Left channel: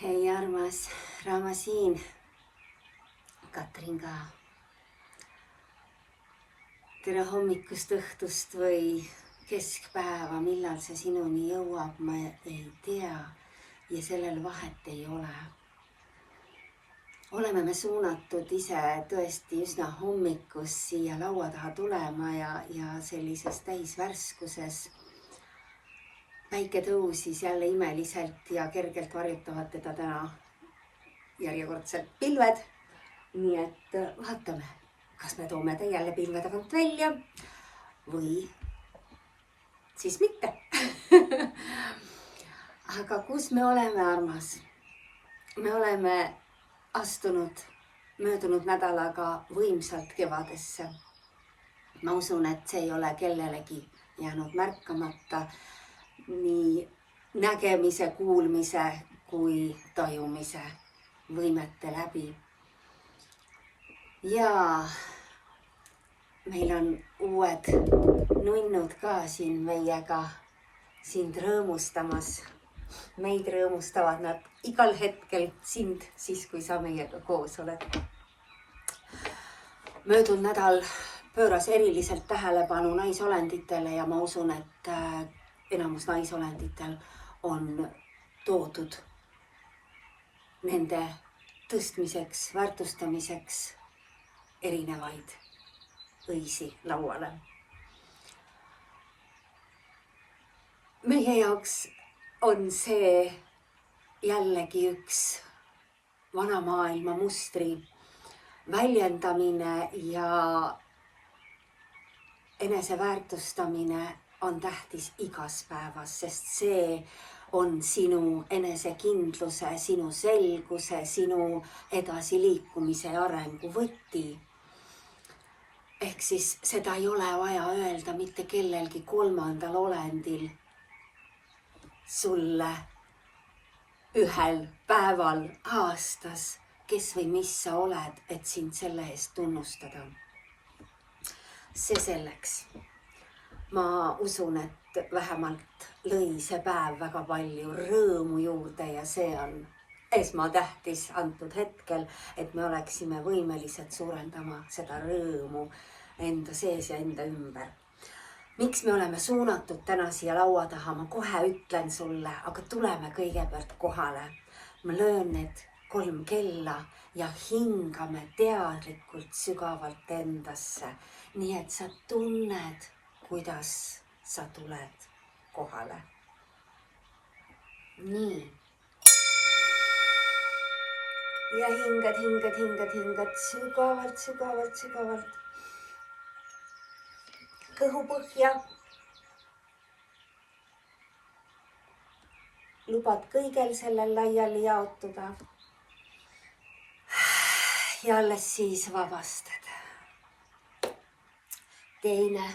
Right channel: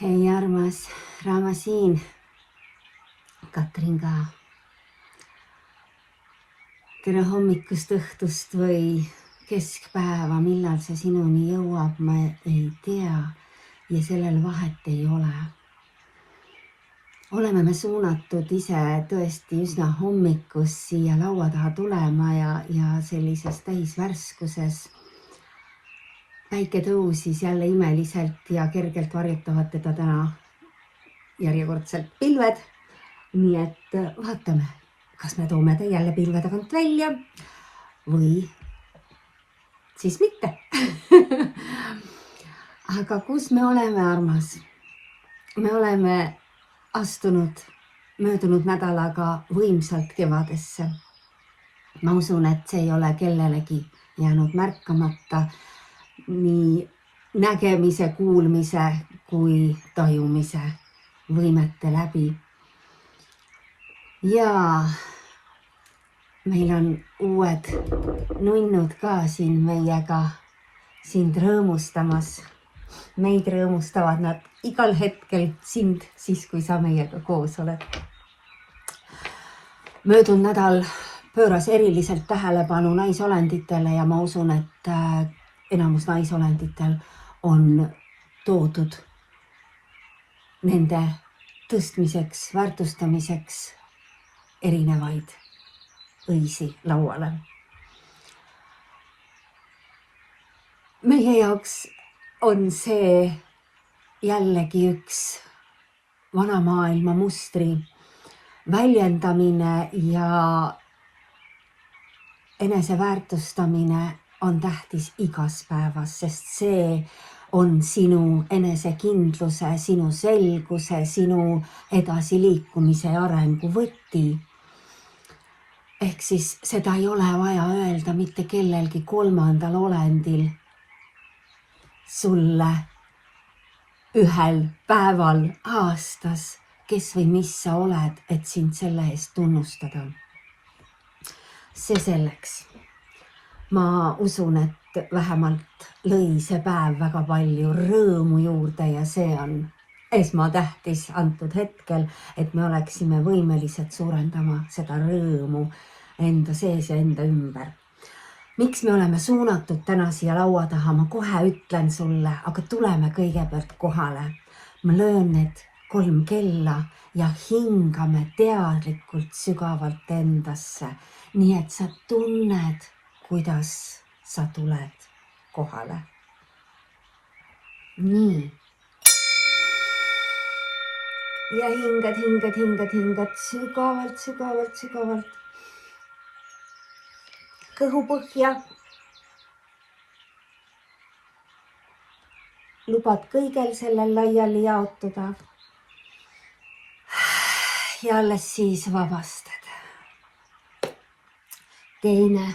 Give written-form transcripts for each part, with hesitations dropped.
Hei armas, Raama siin. Katrin ka. Tere hommikust, õhtust või keskpäeva, millal see sinuni jõuab, ma ei tea ja sellel vahet ei ole. Oleme me suunatud ise tõesti üsna hommikus siia laua taha tulema ja sellises täisvärskuses. Päike tõusis jälle imeliselt ja kergelt varjutavad teda täna järjekordselt pilved. Nii et vaatame, kas me toome ta jälle pilve tagant välja või siis mitte. Aga kus me oleme, armas? Me oleme astunud möödunud nädalaga võimsalt kevadesse. Ma usun, et see ei ole kellelegi jäänud märkamata nii nägemise, kuulmise kui tajumise võimete läbi. Ja meil on uued nunnud ka siin meiega sind rõõmustamas. Meid rõõmustavad nad igal hetkel, sind siis, kui sa meiega koos oled. Möödunud nädal pööras eriliselt tähelepanu naisolenditele ja ma usun, et enamus naisolenditel on toodud nende tõstmiseks, väärtustamiseks erinevaid õisi lauale. Meie jaoks on see jällegi üks vana maailma mustri väljendamine ja eneseväärtustamine on tähtis igas päevas, sest see on sinu enesekindluse, sinu selguse, sinu edasiliikumise ja arengu võti. Ehk siis seda ei ole vaja öelda mitte kellelgi kolmandal olendil sulle ühel päeval aastas, kes või mis sa oled, et sind selle eest tunnustada. See selleks. Ma usun, et vähemalt lõi see päev väga palju rõõmu juurde ja see on esmatähtis antud hetkel, et me oleksime võimelised suurendama seda rõõmu enda sees ja enda ümber. Miks me oleme suunatud täna siia laua taha, ma kohe ütlen sulle, aga tuleme kõigepealt kohale. Ma löön need 3 kella ja hingame teadlikult sügavalt endasse, nii et sa tunned, kuidas sa tuled kohale. Nii. Ja hingad sügavalt. Kõhu põhja. Lubad kõigel sellel laiali jaotuda. Ja alles siis vabastad. Teine.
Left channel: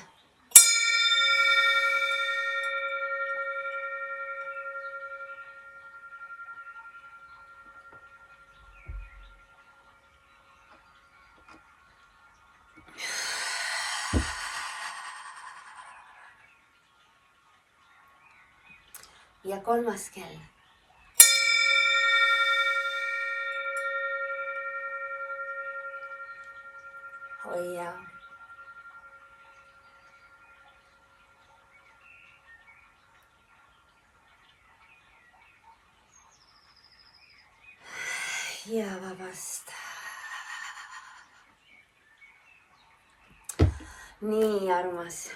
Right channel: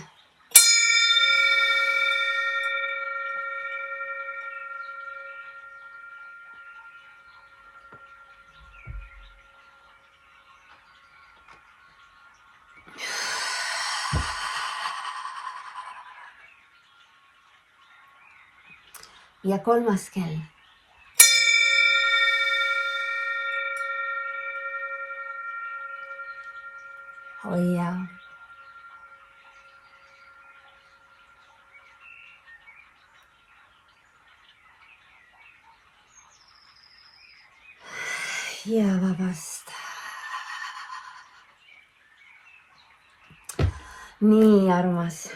Ja 3. kell. Hoia. Ja vabasta. Nii, armas.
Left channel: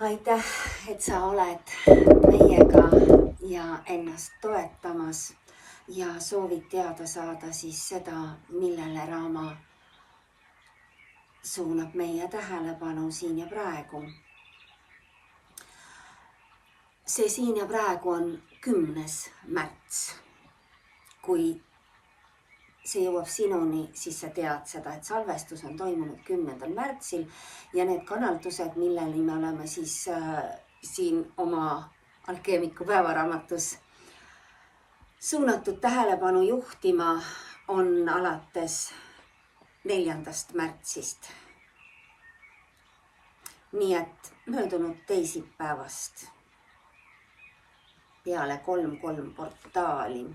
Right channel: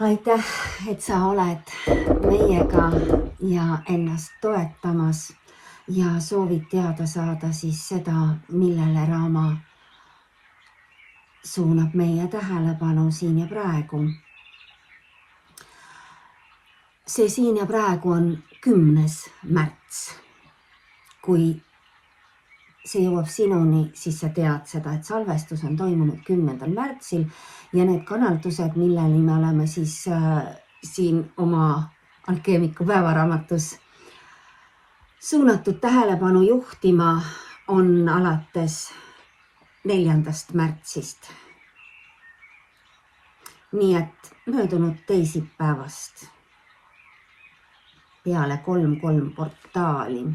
Aitäh, et sa oled meiega ja ennast toetamas ja soovid teada saada siis seda, millele Raama suunab meie tähelepanu siin ja praegu. See siin ja praegu on 10. märts. Kui see jõuab sinuni, siis sa tead seda, et salvestus on toimunud 10. märtsil ja need kanaldused, milleni me oleme siis siin oma alkeemiku päevaraamatus suunatud tähelepanu juhtima, on alates 4. märtsist. Nii et möödunud teisipäevast peale 3-3 portaali.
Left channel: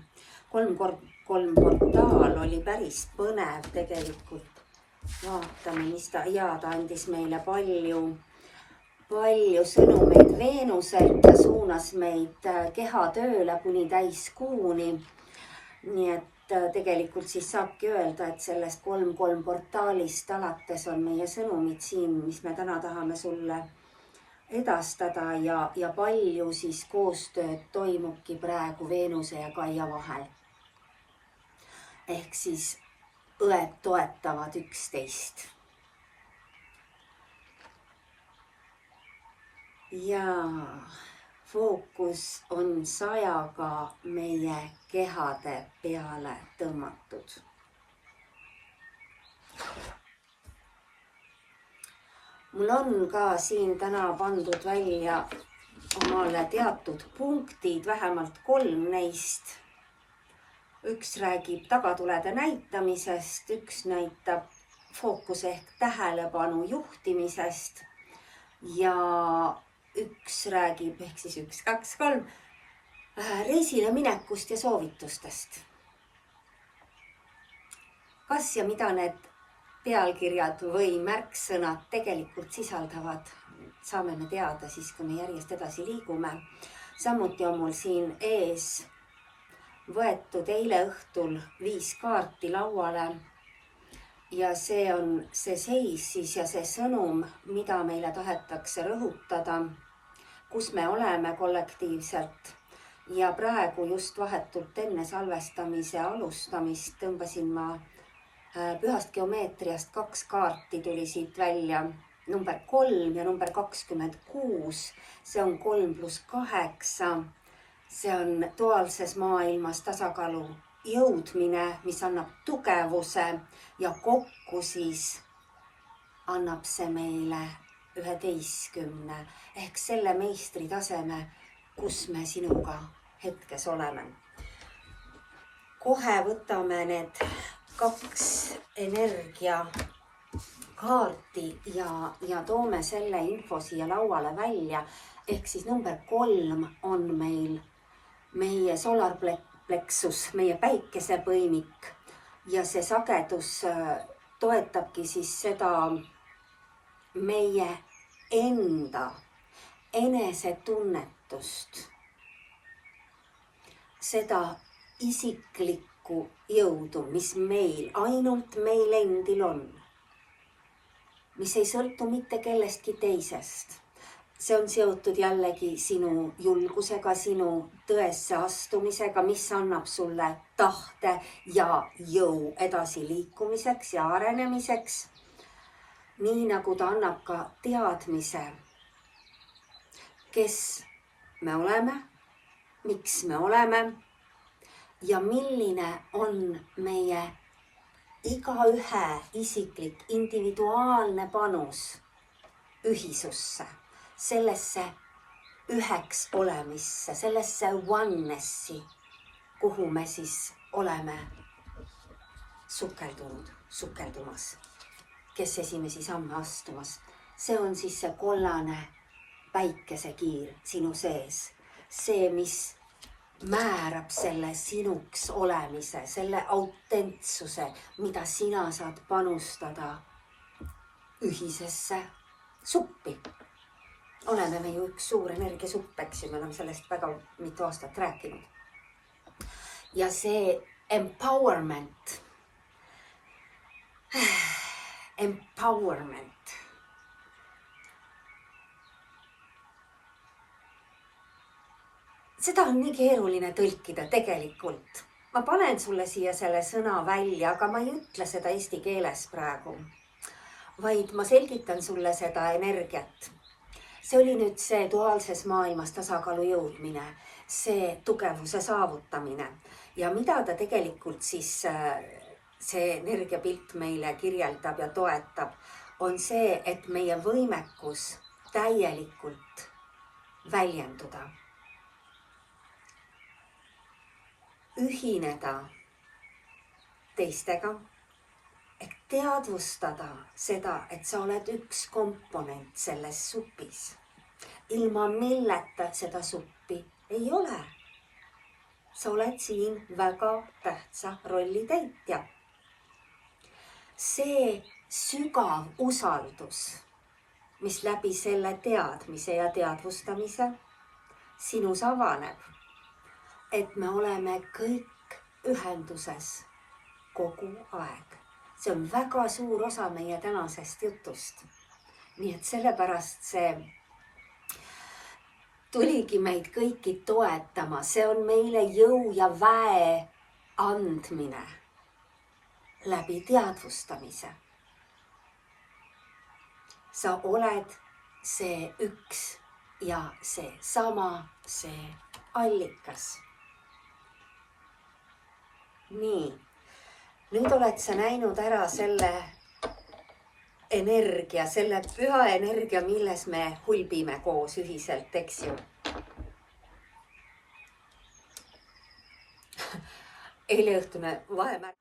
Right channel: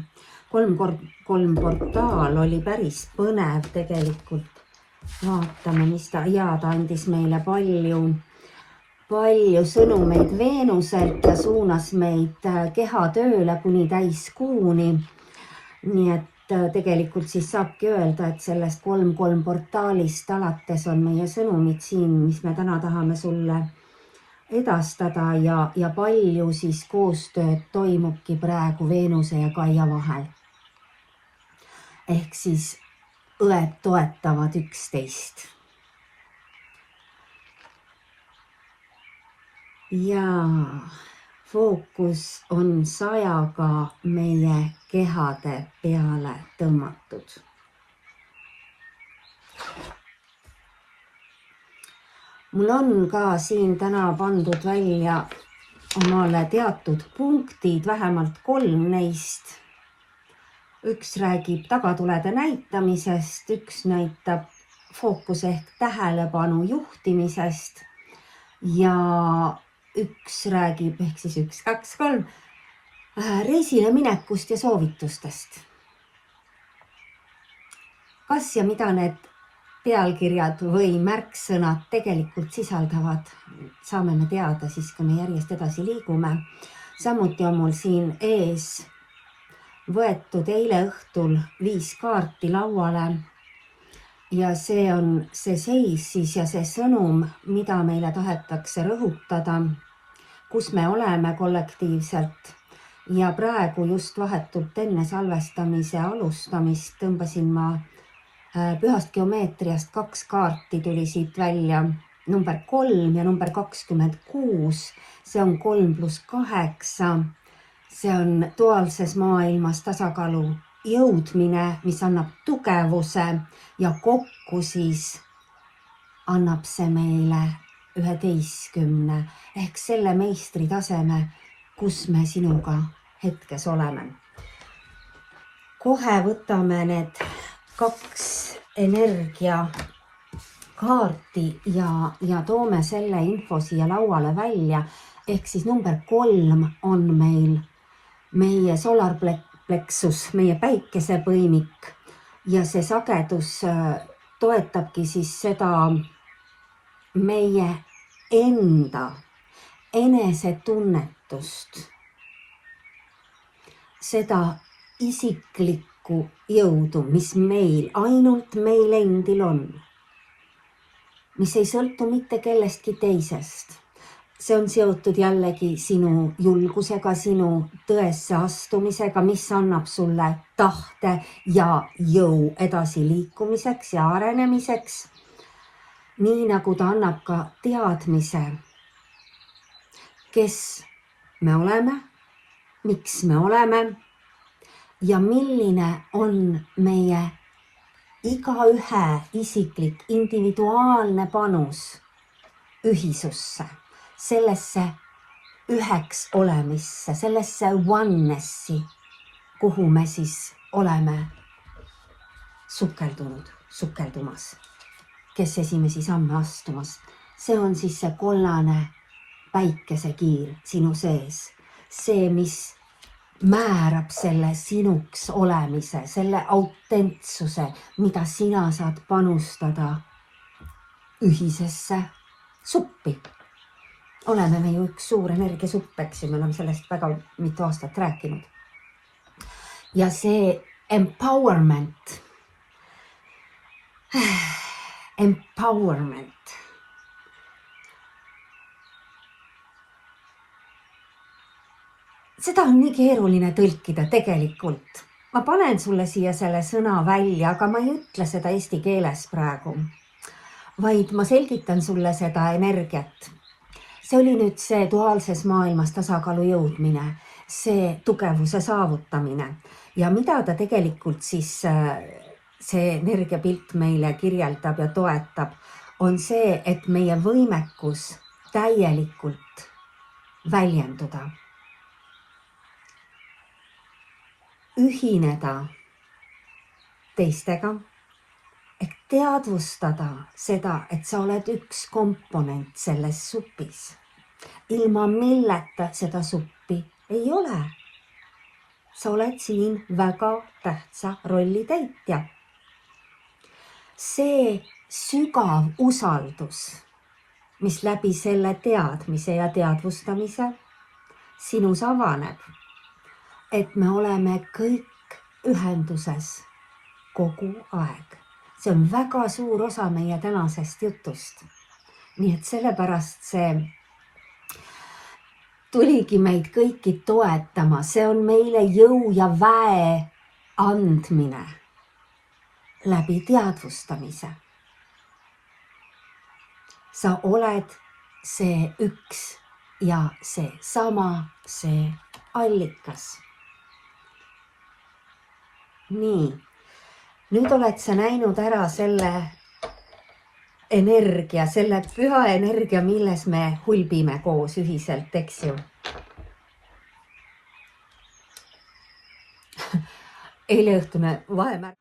3-3 portaal oli päris põnev tegelikult. Vaatame, mis ta andis meile palju sõnumeid Veenuselt ja suunas meid kehatööle kuni täiskuuni. Nii et tegelikult siis saabki öelda, et sellest 3-3 portaalist alates on meie sõnumid siin, mis me täna tahame sulle edastada ja palju siis koostööd toimubki praegu Veenuse ja Kaia vahel. Ehk siis õed toetavad üksteist. Ja fookus on 100-ga meie kehade peale tõmmatud. Mul on ka siin täna pandud välja omale teatud punktid, vähemalt 3 neist. Üks räägib tagatulede näitamisest, üks näitab fookus ehk tähelepanu juhtimisest ja üks räägib ehk siis 1, 2, 3 reisile minekust ja soovitustest. Kas ja mida need pealkirjad või märksõnad tegelikult sisaldavad, saame me teada siis, kui me järjest edasi liigume. Samuti on mul siin ees võetud eile õhtul 5 kaarti lauale ja see on see seis siis ja see sõnum, mida meile tahetakse rõhutada, kus me oleme kollektiivselt. Ja praegu just vahetult enne salvestamise alustamist tõmbasin ma pühast geomeetriast 2 kaarti tuli siit välja, number 3 ja number 26, see on 3+8, see on duaalses maailmas tasakaalu jõudmine, mis annab tugevuse ja kokku siis annab see meile 11 ehk selle meistri taseme, kus me sinuga hetkes oleme. Kohe võtame need 2 energiakaarti ja toome selle info siia lauale välja. Ehk siis number 3 on meil meie solarplexus, meie päikesepõimik ja see sagedus toetabki siis seda meie enda enesetunnetust, seda isiklikku jõudu, mis meil, ainult meil endil on, mis ei sõltu mitte kellestki teisest. See on seotud jällegi sinu julgusega, sinu tõesse astumisega, mis annab sulle tahte ja jõu edasi liikumiseks ja arenemiseks. Nii nagu ta annab ka teadmise, kes me oleme, miks me oleme ja milline on meie igaühe isiklik individuaalne panus ühisusse, sellesse üheks olemisse, sellesse onessi, kuhu me siis oleme sukeldumas, kes esimesi samme astumas. See on siis see kollane päikesekiir sinu sees, see, mis määrab selle sinuks olemise, selle autentsuse, mida sina saad panustada ühisesse suppi. Oleme me ju üks suur energiasupp, eks ju, me oleme sellest väga mitu aastat rääkinud. Ja see empowerment, seda on nii keeruline tõlkida tegelikult. Ma panen sulle siia selle sõna välja, aga ma ei ütle seda eesti keeles praegu, vaid ma selgitan sulle seda energiat. See oli nüüd see duaalses maailmas tasakaalu jõudmine, see tugevuse saavutamine ja mida ta tegelikult siis see energiapilt meile kirjeldab ja toetab, on see, et meie võimekus täielikult väljenduda. Ühineda teistega, ehk teadvustada seda, et sa oled üks komponent selles supis, ilma milleta seda suppi ei ole. sa oled siin väga tähtsa rolli täitja. See sügav usaldus, mis läbi selle teadmise ja teadvustamise sinus avaneb, et me oleme kõik ühenduses kogu aeg. See on väga suur osa meie tänasest jutust. Nii et sellepärast see tuligi meid kõiki toetama. See on meile jõu ja väe andmine läbi teadvustamise. Sa oled see üks ja see sama, see allikas. Nii, nüüd oled sa näinud ära selle energia, selle püha energia, milles me hulbime koos ühiselt, eks ju. Eileõhtune vahemärk.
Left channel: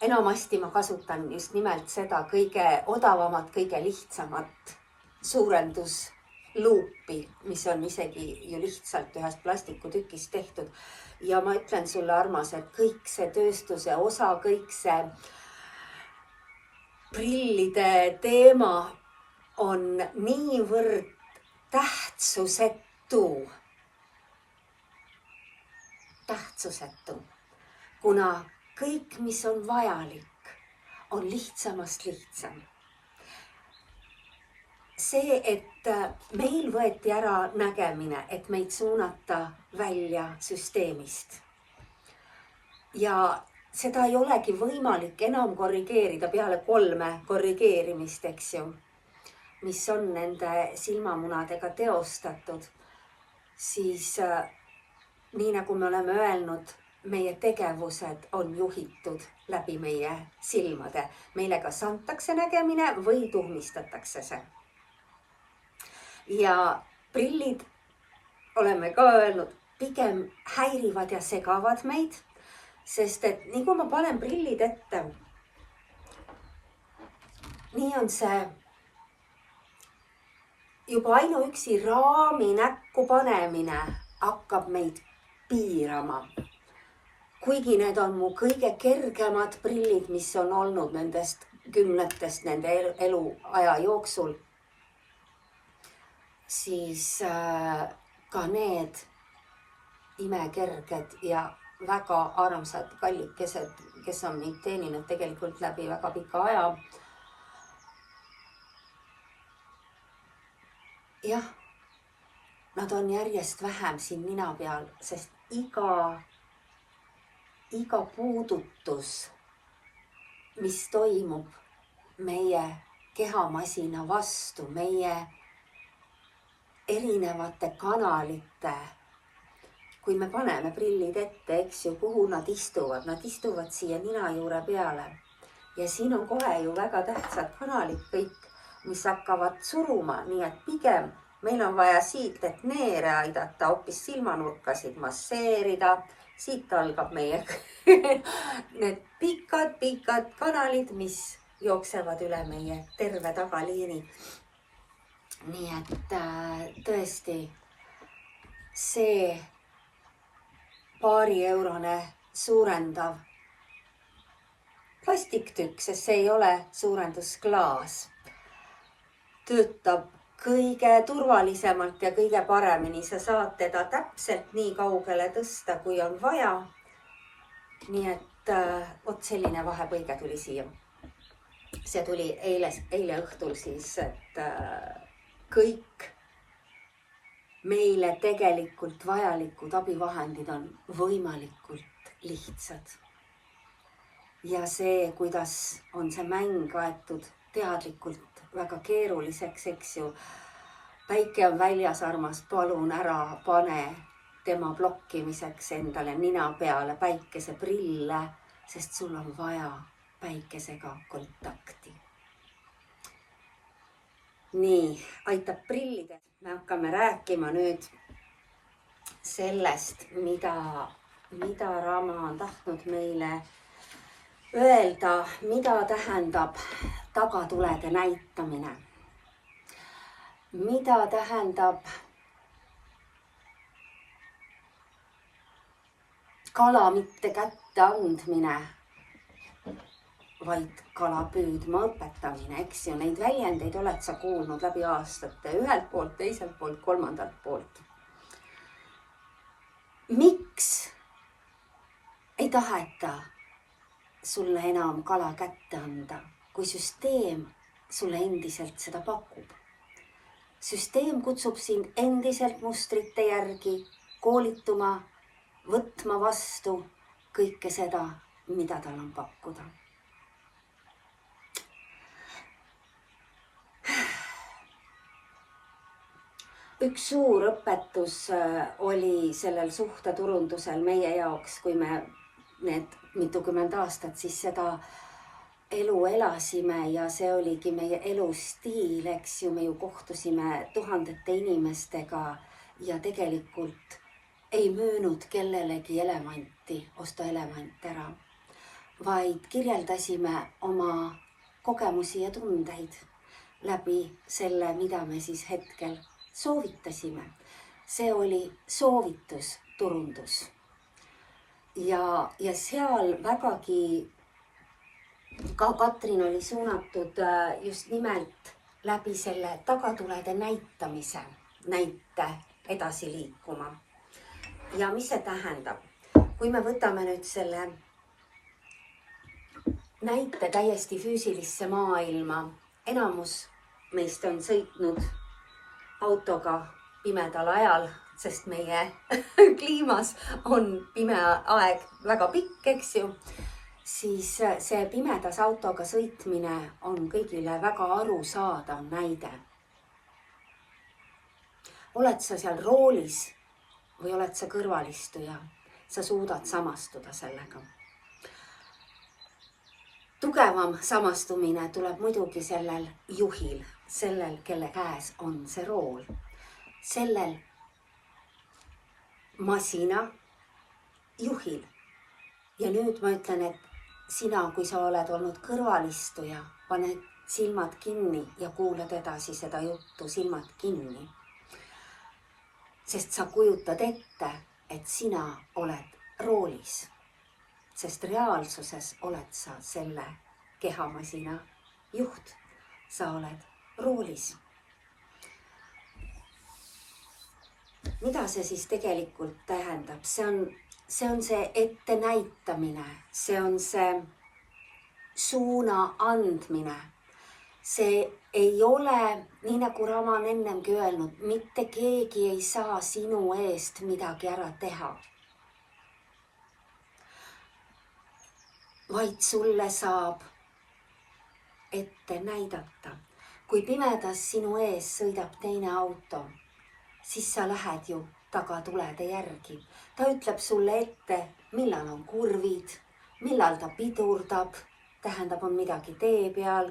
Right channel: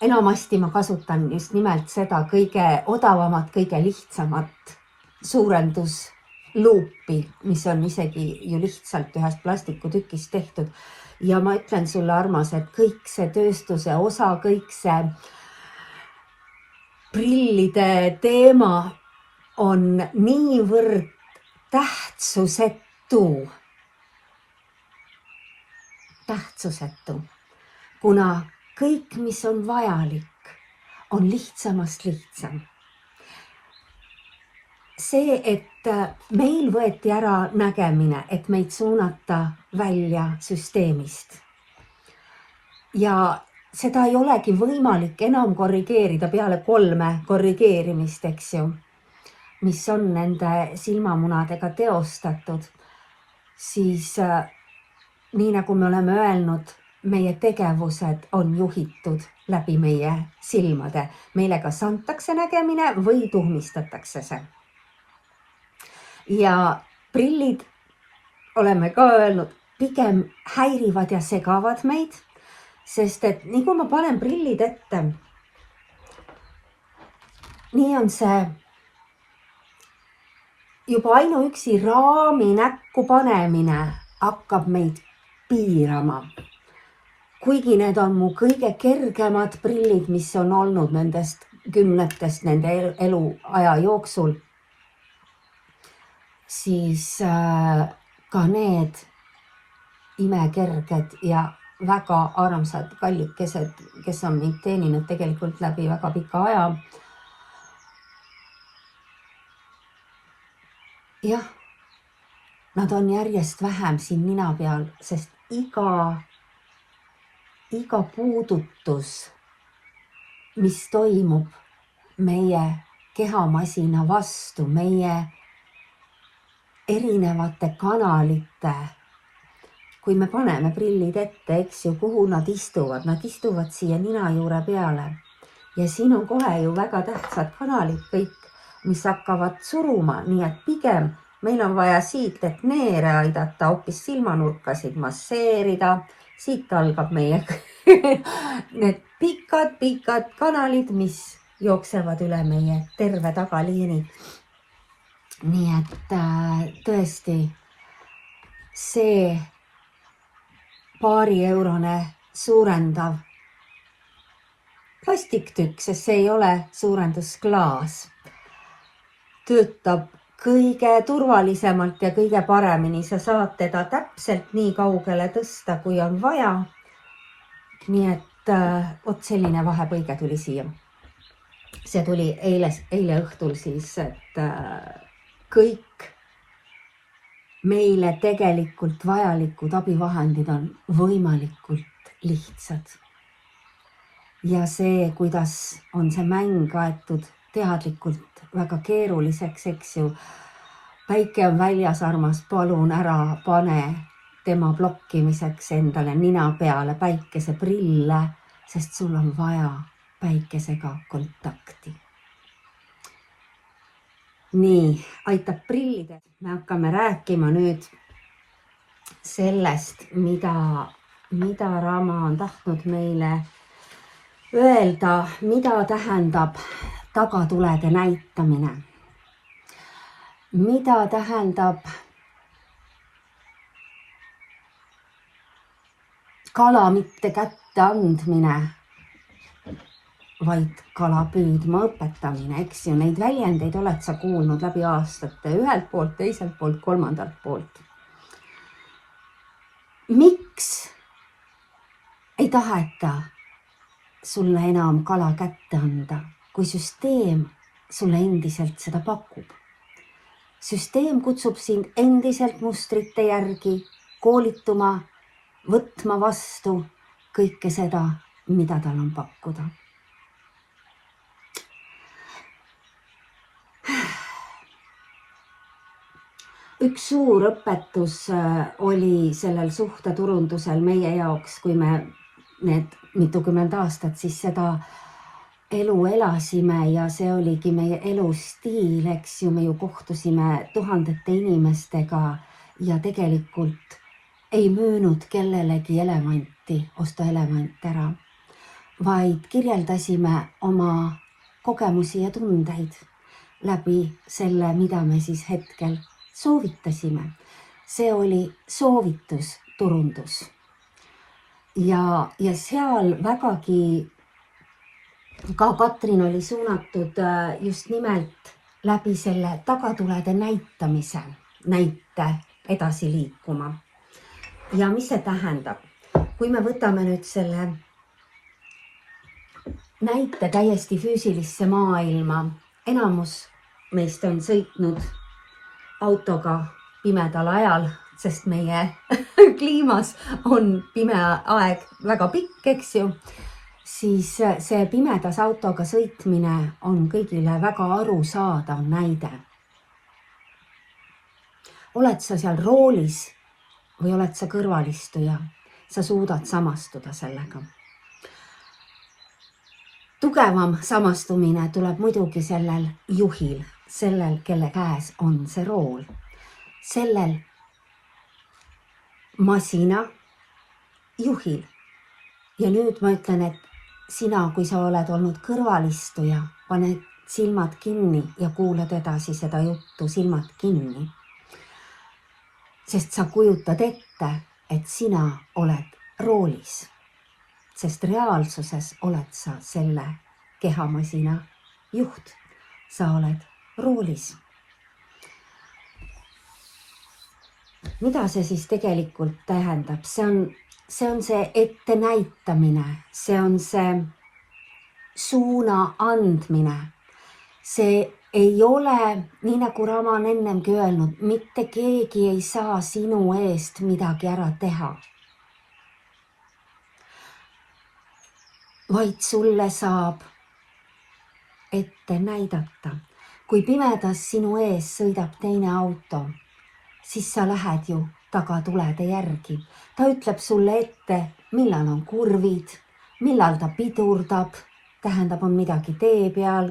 Enamasti ma kasutan just nimelt seda kõige odavamat, kõige lihtsamat suurendusluupi, mis on isegi ju lihtsalt ühest plastikutükist tehtud. Ja ma ütlen sulle, armas, et kõik see tööstuse osa, kõik see prillide teema on niivõrd tähtsusetu, kuna kõik, mis on vajalik, on lihtsamast lihtsam. See, et meil võeti ära nägemine, et meid suunata välja süsteemist. Ja seda ei olegi võimalik enam korrigeerida peale 3 korrigeerimist, eks ju, mis on nende silmamunadega teostatud. Siis nii nagu me oleme öelnud, meie tegevused on juhitud läbi meie silmade. Meile kas antakse nägemine või tuhmistatakse see. Ja prillid, oleme ka öelnud, pigem häirivad ja segavad meid, sest et nii kui ma panen prillid ette, nii on see juba ainuüksi raami näkku panemine hakkab meid piirama. Kuigi need on mu kõige kergemad prillid, mis on olnud nendest 10 nende eluaja jooksul, siis ka need imekerged ja väga armsad kallikesed, kes on mind teeninud tegelikult läbi väga pika aja. Jah, nad on järjest vähem siin nina peal, sest iga puudutus, mis toimub meie kehamasina vastu, meie erinevate kanalite, kui me paneme prillid ette, eks ju, kuhu nad istuvad siia nina juure peale. Ja siin on kohe ju väga tähtsad kanalid kõik, mis hakkavad suruma, nii et pigem meil on vaja siit, et neere aidata, hoopis silmanurkasid masseerida. Siit algab meie need pikad kanalid, mis jooksevad üle meie terve tagaliini. Nii et tõesti see €2 suurendav plastiktükk, sest see ei ole suurendusklaas, töötab kõige turvalisemalt ja kõige paremini. Sa saad teda täpselt nii kaugele tõsta, kui on vaja. Nii et vot selline vahepõige tuli siia. See tuli eile õhtul siis, et kõik meile tegelikult vajalikud abivahendid on võimalikult lihtsad. Ja see, kuidas on see mäng aetud teadlikult väga keeruliseks, eks ju. Päike on väljas, armas, palun ära pane tema blokkimiseks endale nina peale päikeseprille, sest sul on vaja päikesega kontakti. Nii, aitab prillide. Me hakkame rääkima nüüd sellest, mida Rama on tahtnud meile öelda, mida tähendab tagatulede näitamine. Mida tähendab kala mitte kätte andmine, vaid kala püüdma õpetamine, eks ju, neid väljendeid oled sa kuulnud läbi aastate, ühelt poolt, teiselt poolt, kolmandalt poolt. Miks ei taheta sulle enam kala kätte anda, kui süsteem sulle endiselt seda pakub? Süsteem kutsub sind endiselt mustrite järgi koolituma, võtma vastu kõike seda, mida tal on pakkuda. Üks suur õpetus oli sellel suhteturundusel meie jaoks, kui me need mitukümmend aastat siis seda elu elasime ja see oligi meie elustiil, eks ju, me ju kohtusime tuhandete inimestega ja tegelikult ei müünud kellelegi elevanti, osta elevant ära, vaid kirjeldasime oma kogemusi ja tundeid läbi selle, mida me siis hetkel soovitasime. See oli soovitusturundus. Ja seal vägagi ka Katrin oli suunatud just nimelt läbi selle tagatulede näitamise näite edasi liikuma. Ja mis see tähendab? Kui me võtame nüüd selle näite täiesti füüsilisse maailma, enamus meist on sõitnud autoga pimedal ajal, sest meie kliimas on pime aeg väga pikk, eks ju, siis see pimedas autoga sõitmine on kõigile väga arusaadav näide. Oled sa seal roolis või oled sa kõrvalistuja, sa suudad samastuda sellega. Tugevam samastumine tuleb muidugi sellel juhil, sellel, kelle käes on see rool, sellel masina juhil. Ja nüüd ma ütlen, et sina, kui sa oled olnud kõrvalistuja, pane silmad kinni ja kuulad edasi seda juttu, silmad kinni. Sest sa kujutad ette, et sina oled roolis, sest reaalsuses oled sa selle kehamasina juht, sa oled roolis. Mida see siis tegelikult tähendab? See on see ettenäitamine, see on see suuna andmine. See ei ole, nii nagu Rama on ennemgi öelnud, mitte keegi ei saa sinu eest midagi ära teha. Vaid sulle saab ette näidata. Kui pimedas sinu ees sõidab teine auto, siis sa lähed ju tagatulede järgi. Ta ütleb sulle ette, millal on kurvid, millal ta pidurdab, tähendab, on midagi tee peal.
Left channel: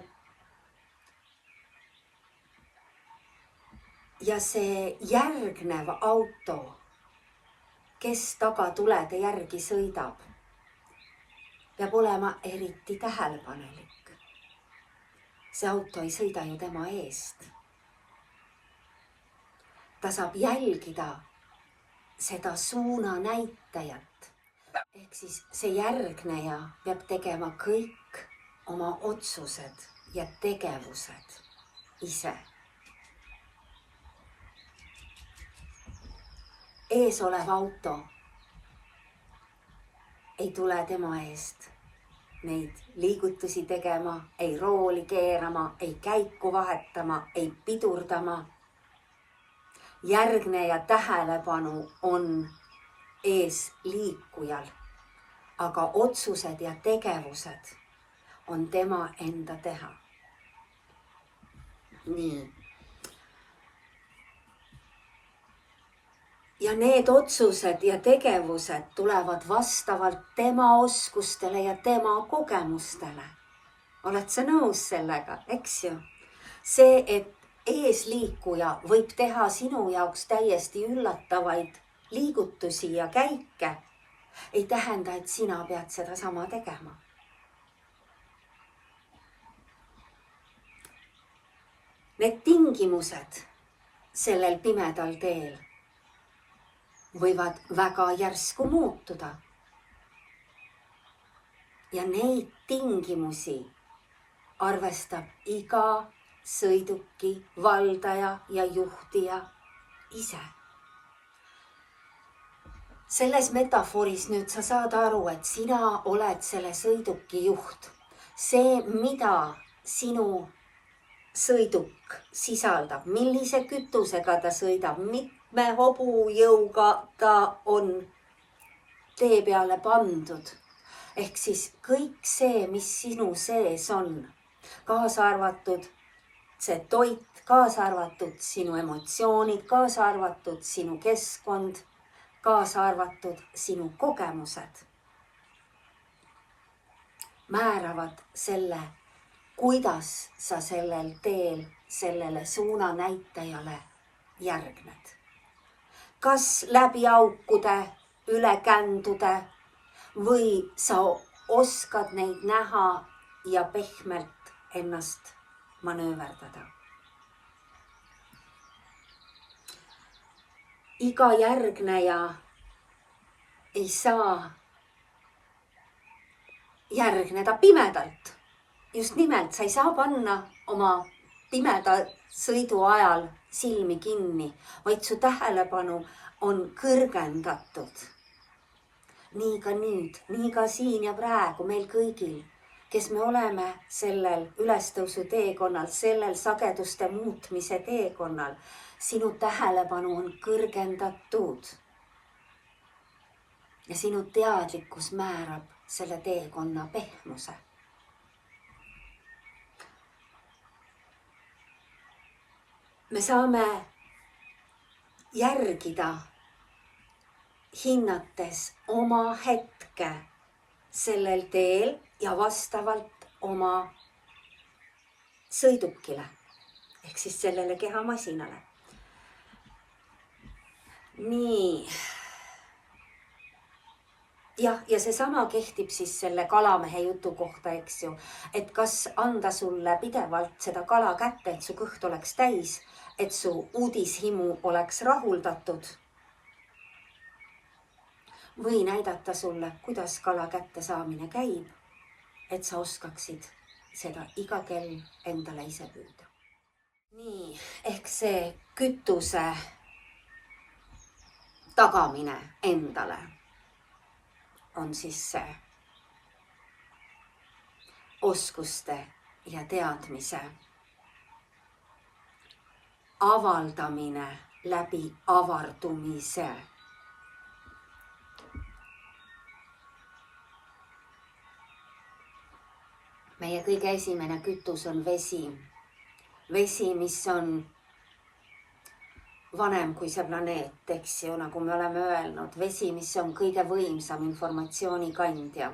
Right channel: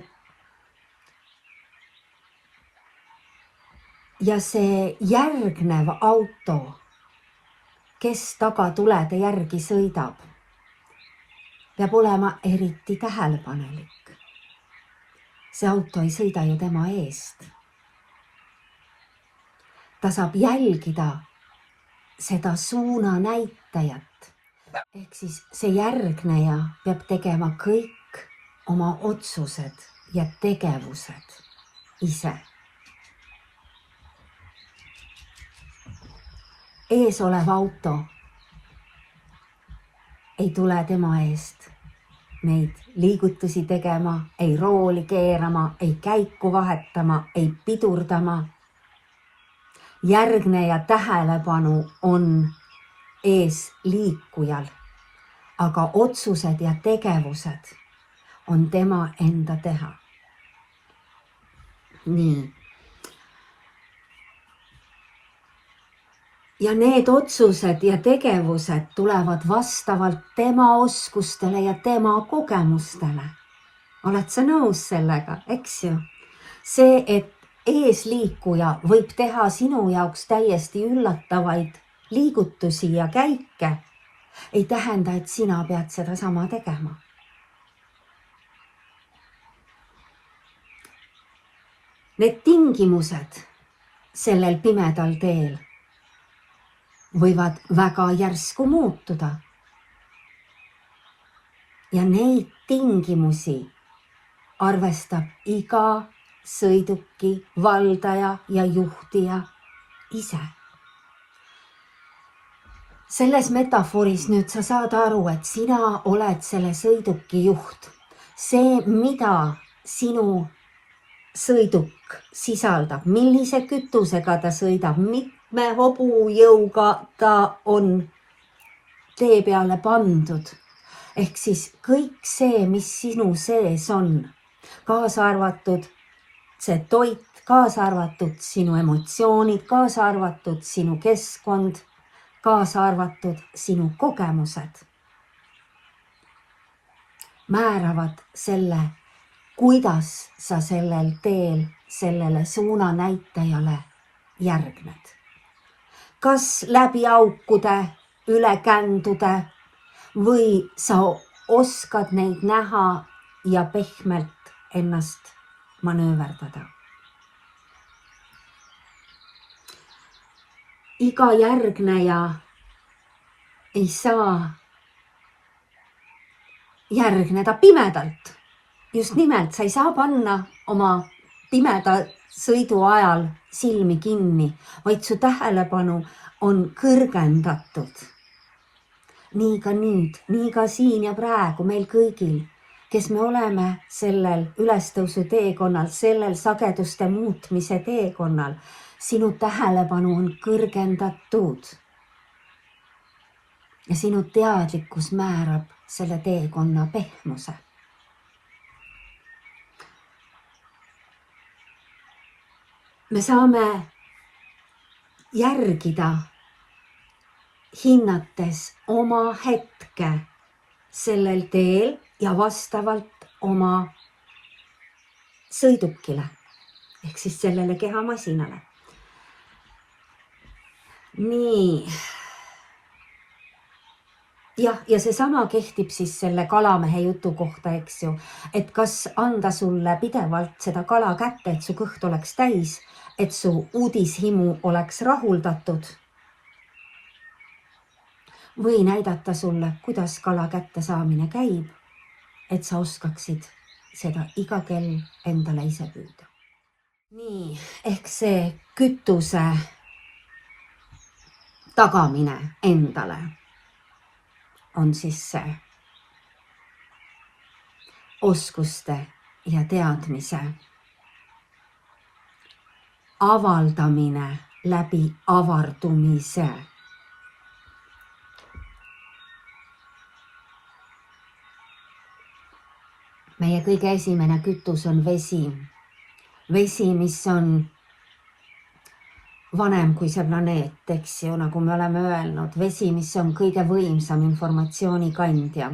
Ja see järgnev auto, kes tagatulede järgi sõidab, peab olema eriti tähelepanelik. See auto ei sõida ju tema eest. Ta saab jälgida seda suuna näitajat. Ehk siis see järgneja peab tegema kõik oma otsused ja tegevused ise. Ees olev auto ei tule tema eest neid liigutusi tegema, ei rooli keerama, ei käiku vahetama, ei pidurdama. Järgneja tähelepanu on ees liikujal, aga otsused ja tegevused on tema enda teha. Nii. Ja need otsused ja tegevused tulevad vastavalt tema oskustele ja tema kogemustele. Oled sa nõus sellega, eks ju? See, et eesliikuja võib teha sinu jaoks täiesti üllatavaid liigutusi ja käike, ei tähenda, et sina pead seda sama tegema. Need tingimused sellel pimedal teel võivad väga järsku muutuda. ja neid tingimusi arvestab iga sõiduki valdaja ja juhtija ise. Selles metafooris nüüd sa saad aru, et sina oled selle sõiduki juht. See, mida sinu sõiduk sisaldab, millise kütusega ta sõidab, mitme hobujõuga ta on tee peale pandud. Ehk siis kõik see, mis sinu sees on, kaasa arvatud see toit, kaasa arvatud sinu emotsioonid, kaasa arvatud sinu keskkond, kaasa arvatud sinu kogemused, määravad selle, kuidas sa sellel teel sellele suunanäitajale järgned. Kas läbi aukude, üle kändude või sa oskad neid näha ja pehmelt ennast manööverdada. Iga järgneja ei saa järgneda pimedalt. Just nimelt, sa ei saa panna oma pimeda sõidu ajal silmi kinni, vaid su tähelepanu on kõrgendatud. Nii ka nüüd, nii ka siin ja praegu meil kõigil, kes me oleme sellel ülestõusu teekonnal, sellel sageduste muutmise teekonnal, sinu tähelepanu on kõrgendatud. Ja sinu teadlikkus määrab selle teekonna pehmuse. Me saame järgida, hinnates oma hetke sellel teel ja vastavalt oma sõidukile ehk siis sellele kehamasinale. Nii. Jah, ja seesama kehtib siis selle kalamehe jutu kohta, eks ju, et kas anda sulle pidevalt seda kala kätte, et su kõht oleks täis, et su uudishimu oleks rahuldatud või näidata sulle, kuidas kala kätte saamine käib, et sa oskaksid seda iga kell endale ise püüda. Nii, ehk see kütuse tagamine endale on siis see oskuste ja teadmise avaldamine läbi avardumise. Meie kõige esimene kütus on vesi. Vesi, mis on vanem kui see planeet, eks ju, nagu me oleme öelnud. Vesi, mis on kõige võimsam informatsiooni kandja.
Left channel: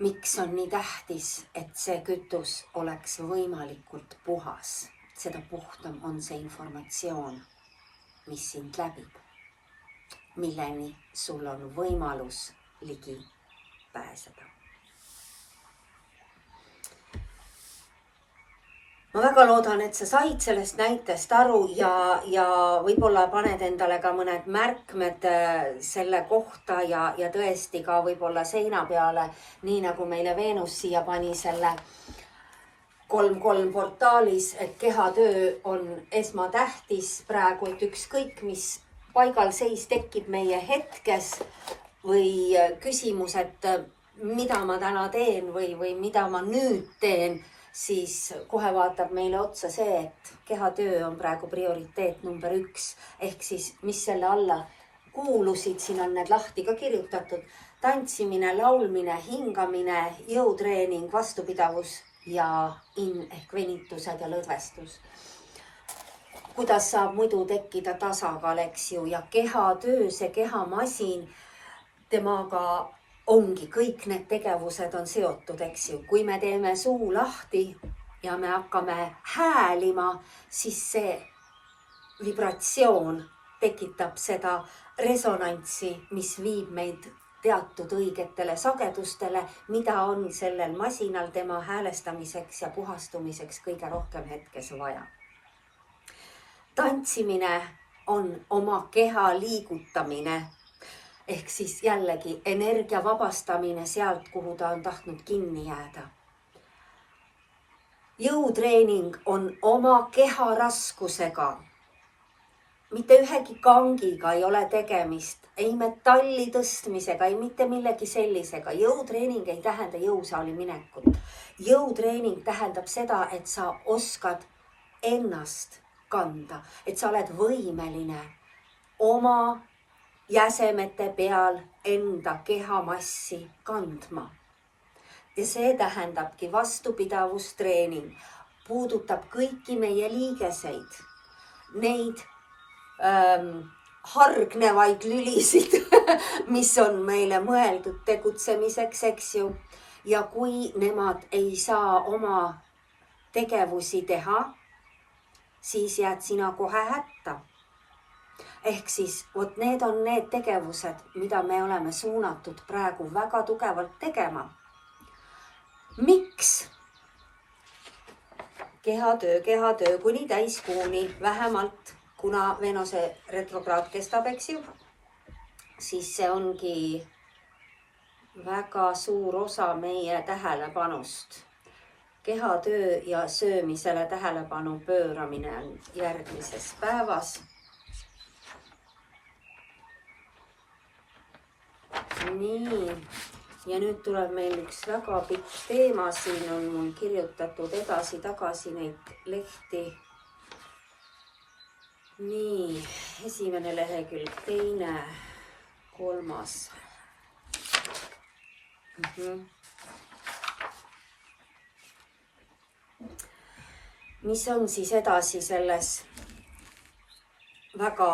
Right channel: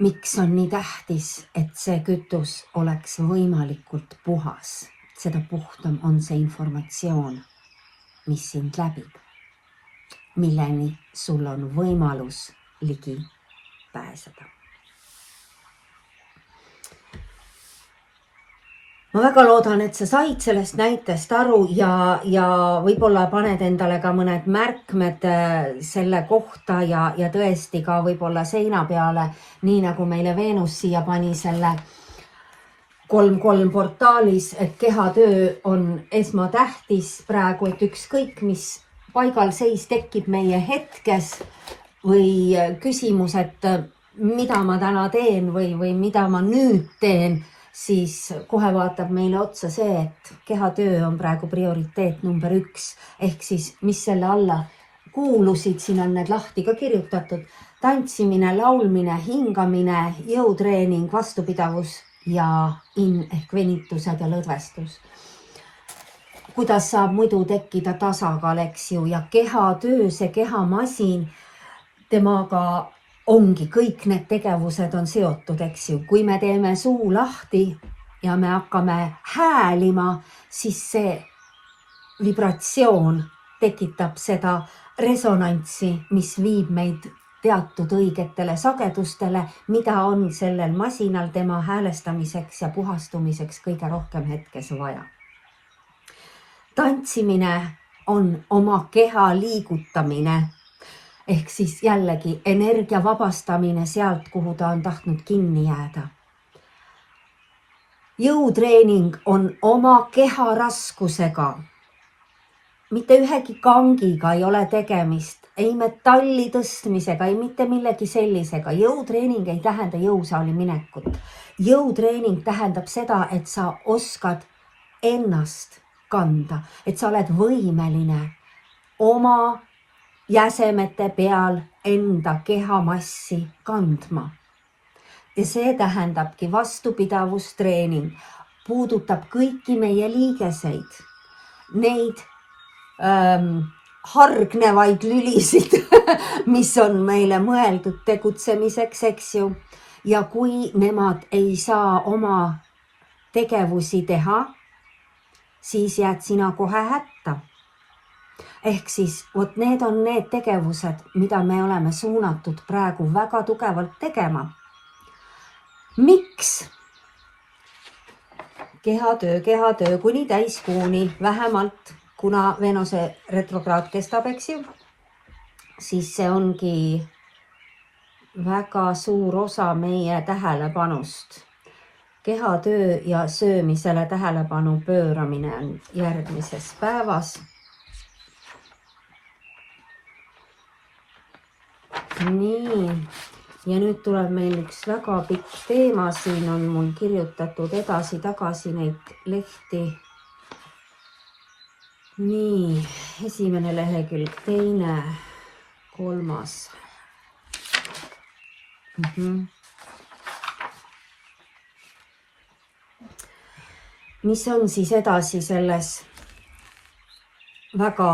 Miks on nii tähtis, et see kütus oleks võimalikult puhas? Seda puhtam on see informatsioon, mis sind läbib, milleni sul on võimalus ligi pääseda. Ma väga loodan, et sa said sellest näitest aru ja võib-olla paned endale ka mõned märkmed selle kohta ja tõesti ka võib-olla seina peale, nii nagu meile Veenus siia pani selle 3.3 portaalis, et kehatöö on esmatähtis praegu, et ükskõik mis paigalseis tekib meie hetkes või küsimus, et mida ma täna teen või mida ma nüüd teen, siis kohe vaatab meile otsa see, et kehatöö on praegu prioriteet number 1. Ehk siis, mis selle alla kuulusid, siin on need lahti ka kirjutatud. Tantsimine, laulmine, hingamine, jõutreening, vastupidavus ja ehk venitused ja lõdvestus. Kuidas saab muidu tekkida tasakaal, eks ju, ja kehatöö, see kehamasin, temaga ongi, kõik need tegevused on seotud, eks ju. Kui me teeme suu lahti ja me hakkame häälima, siis see vibratsioon tekitab seda resonantsi, mis viib meid teatud õigetele sagedustele, mida on sellel masinal tema häälestamiseks ja puhastumiseks kõige rohkem hetkes vaja. Tantsimine on oma keha liigutamine. Ehk siis jällegi energia vabastamine sealt, kuhu ta on tahtnud kinni jääda. Jõutreening on oma keha raskusega. Mitte ühegi kangiga ei ole tegemist, ei metalli tõstmisega, ei mitte millegi sellisega. Jõutreening ei tähenda jõusaali minekut. Jõutreening tähendab seda, et sa oskad ennast kanda, et sa oled võimeline oma jäsemete peal enda kehamassi kandma. Ja see tähendabki vastupidavustreening, puudutab kõiki meie liigeseid, neid hargnevaid lülisid, mis on meile mõeldud tegutsemiseks, eks ju. Ja kui nemad ei saa oma tegevusi teha, siis jääd sina kohe hätta. Ehk siis need on need tegevused, mida me oleme suunatud praegu väga tugevalt tegema. Miks? Kehatöö kuni täiskuuni vähemalt, kuna Venuse retrokraad kestab, eks ju, siis see ongi väga suur osa meie tähelepanust. Kehatöö ja söömisele tähelepanu pööramine on järgmises päevas. Nii, ja nüüd tuleb meil üks väga pikk teema, siin on mul kirjutatud edasi-tagasi neid lehti. Nii, esimene lehekülg, teine, kolmas. Mis on siis edasi selles väga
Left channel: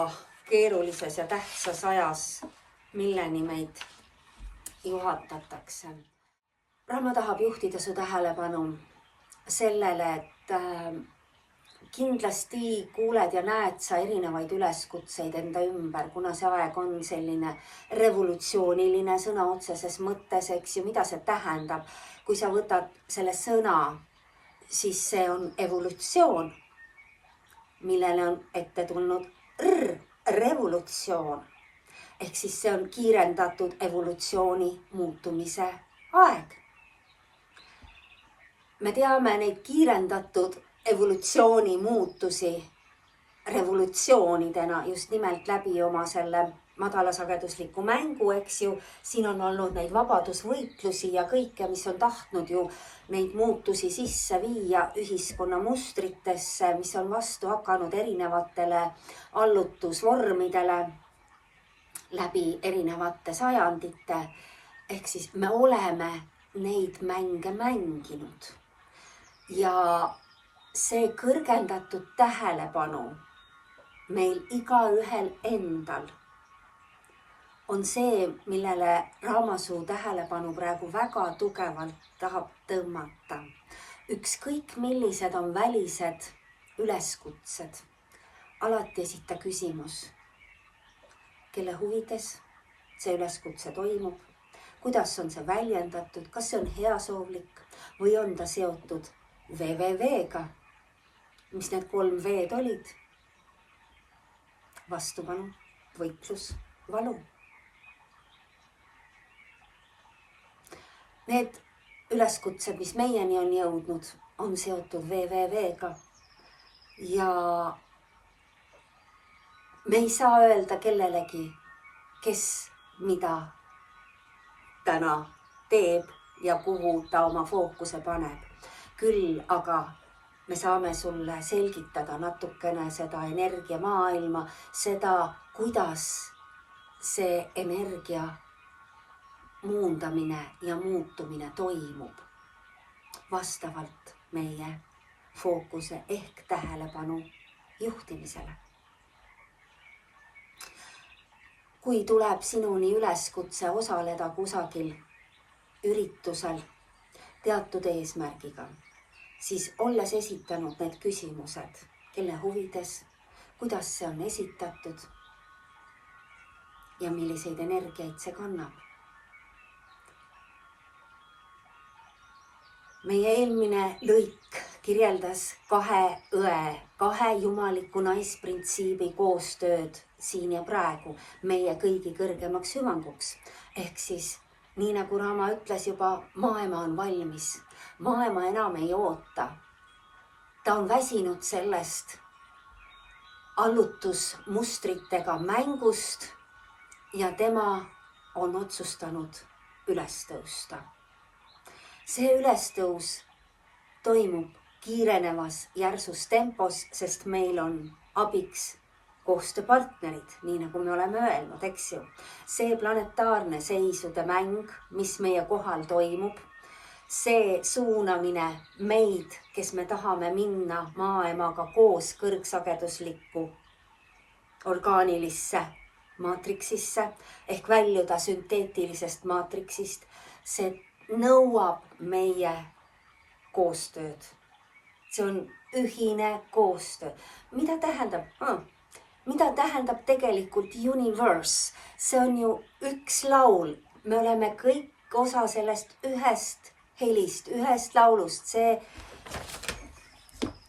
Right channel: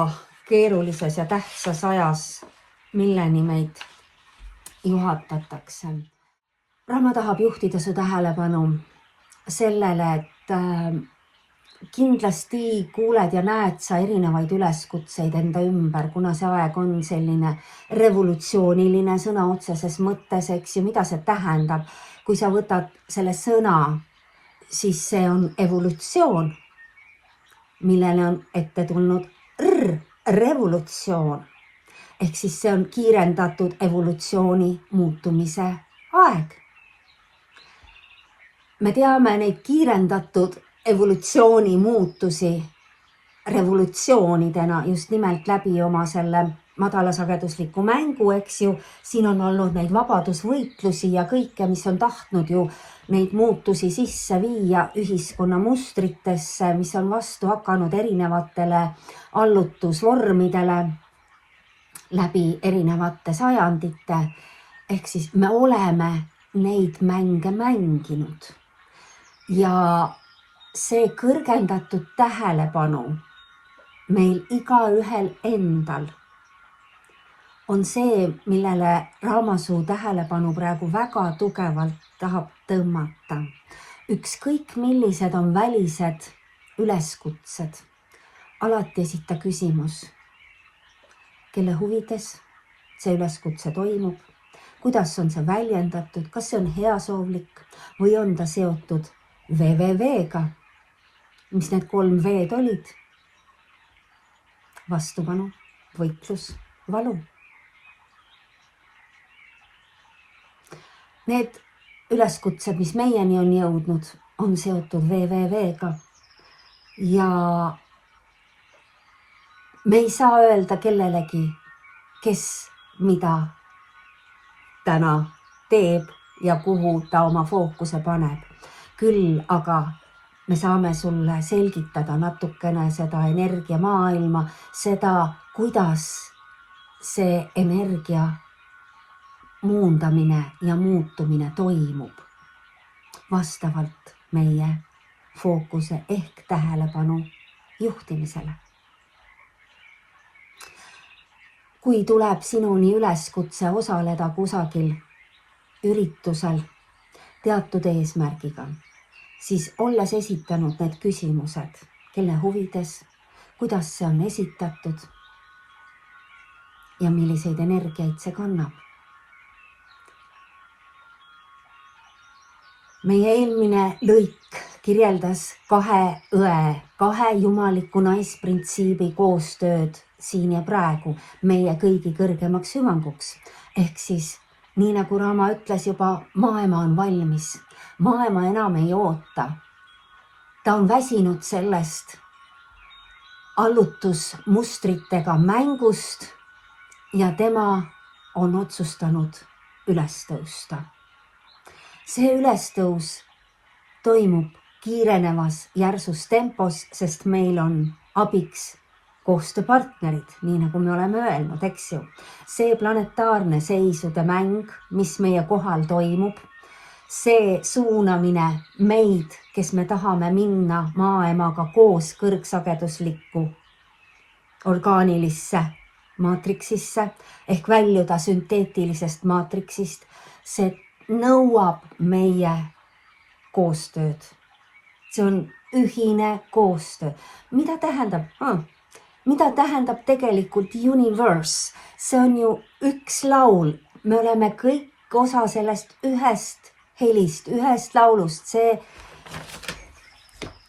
keerulises ja tähtsas ajas, milleni meid juhatatakse? Rama tahab juhtida su tähelepanu sellele, et kindlasti kuuled ja näed sa erinevaid üleskutseid enda ümber, kuna see aeg on selline revolutsiooniline sõna otseses mõttes, eks ju, mida see tähendab. Kui sa võtad selle sõna, siis see on evolutsioon, millele on ette tulnud revolutsioon. Ehk siis see on kiirendatud evolutsiooni muutumise aeg. Me teame neid kiirendatud evolutsiooni muutusi revolutsioonidena just nimelt läbi oma selle madalasagedusliku mängu, eks ju. Siin on olnud neid vabadusvõitlusi ja kõike, mis on tahtnud ju neid muutusi sisse viia ühiskonna mustritesse, mis on vastu hakanud erinevatele allutusvormidele läbi erinevate sajandite. Ehk siis me oleme neid mänge mänginud ja see kõrgendatud tähelepanu meil igaühel endal on see, millele Raamasuu tähelepanu praegu väga tugevalt tahab tõmmata. Ükskõik millised on välised üleskutsed, alati esita küsimus, kelle huvides see üleskutse toimub, kuidas on see väljendatud, kas see on heasoovlik või on ta seotud VVV-ga. Mis need 3 V-d olid? Vastupanu, võitlus, valu. Need üleskutsed, mis meieni on jõudnud, on seotud VVV-ga. Ja me ei saa öelda kellelegi, kes mida täna teeb ja kuhu ta oma fookuse paneb. Küll aga me saame sulle selgitada natukene seda energiamaailma, seda, kuidas see energia muundamine ja muutumine toimub vastavalt meie fookuse ehk tähelepanu juhtimisele. Kui tuleb sinuni üleskutse osaleda kusagil üritusel teatud eesmärgiga, siis olles esitanud need küsimused, kelle huvides, kuidas see on esitatud ja milliseid energiaid see kannab. Meie eelmine lõik kirjeldas kahe õe, kahe jumaliku naisprintsiibi koostööd siin ja praegu meie kõigi kõrgemaks hüvanguks. Ehk siis, nii nagu Raama ütles juba, maailma on valmis, maailma enam ei oota. Ta on väsinud sellest allutusmustritega mängust ja tema on otsustanud üles tõusta. See ülestõus toimub kiirenevas järsus tempos, sest meil on abiks koostööpartnerid, nii nagu me oleme öelnud, eks ju. See planetaarne seisude mäng, mis meie kohal toimub, see suunamine meid, kes me tahame minna maailmaga koos kõrgsageduslikku orgaanilisse maatriksisse ehk väljuda sünteetilisest maatriksist, see nõuab meie koostööd. See on ühine koostöö. Mida tähendab? Mida tähendab tegelikult universe? See on ju üks laul. Me oleme kõik osa sellest ühest helist, ühest laulust.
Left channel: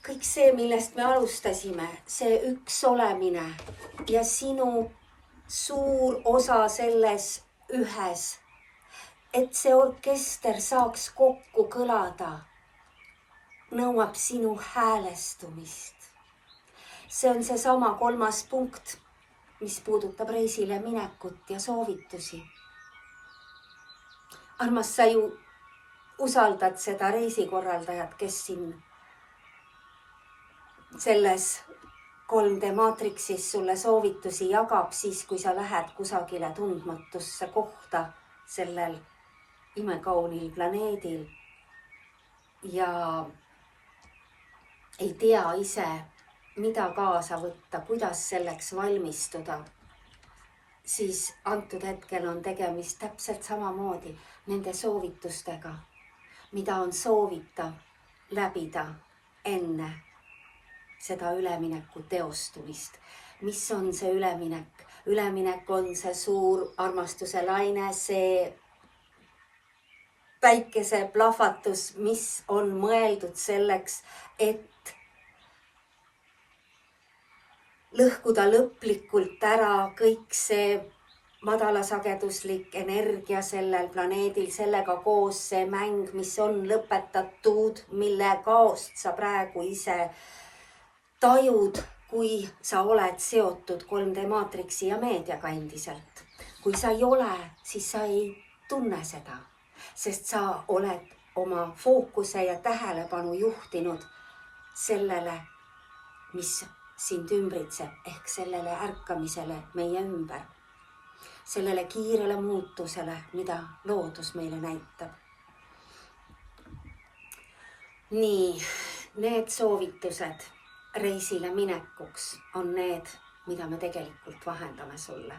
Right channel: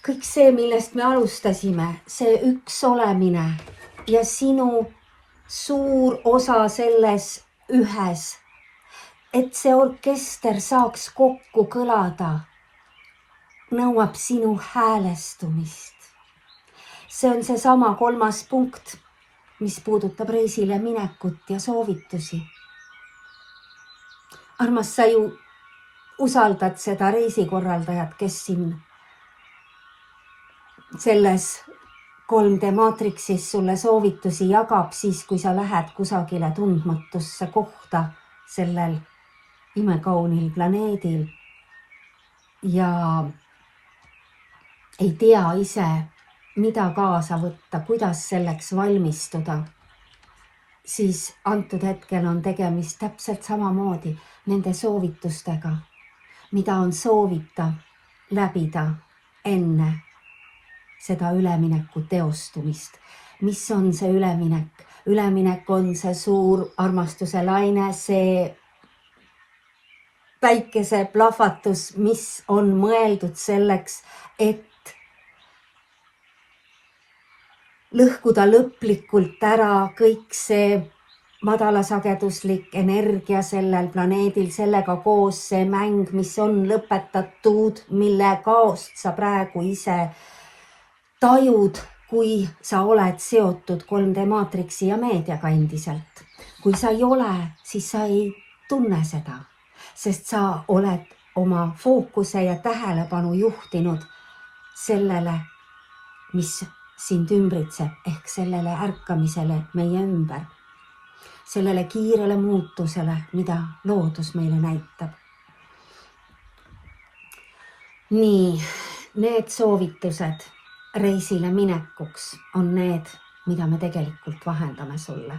Kõik see, millest me alustasime, see üks olemine ja sinu suur osa selles ühes, et see orkester saaks kokku kõlada, nõuab sinu häälestumist. See on seesama 3. punkt, mis puudutab reisile minekut ja soovitusi. Armas, sa ju usaldad seda reisikorraldajat, kes siin selles 3D maatriksis sulle soovitusi jagab siis, kui sa lähed kusagile tundmatusse kohta sellel imekaunil planeedil ja ei tea ise, mida kaasa võtta, kuidas selleks valmistuda, siis antud hetkel on tegemist täpselt samamoodi nende soovitustega, mida on soovitav läbida enne seda ülemineku teostumist. Mis on see üleminek? Üleminek on see suur armastuse laine, see päikese plahvatus, mis on mõeldud selleks, et lõhkuda lõplikult ära kõik see madalasageduslik energia sellel planeedil, sellega koos see mäng, mis on lõpetatud, mille kaost sa praegu ise tajud, kui sa oled seotud 3D maatriksi ja meediaga endiselt. Kui sa ei ole, siis sa ei tunne seda, sest sa oled oma fookuse ja tähelepanu juhtinud sellele, mis sind ümbritseb ehk sellele ärkamisele meie ümber, sellele kiirele muutusele, mida loodus meile näitab. Nii, need soovitused reisile minekuks on need, mida me tegelikult vahendame sulle.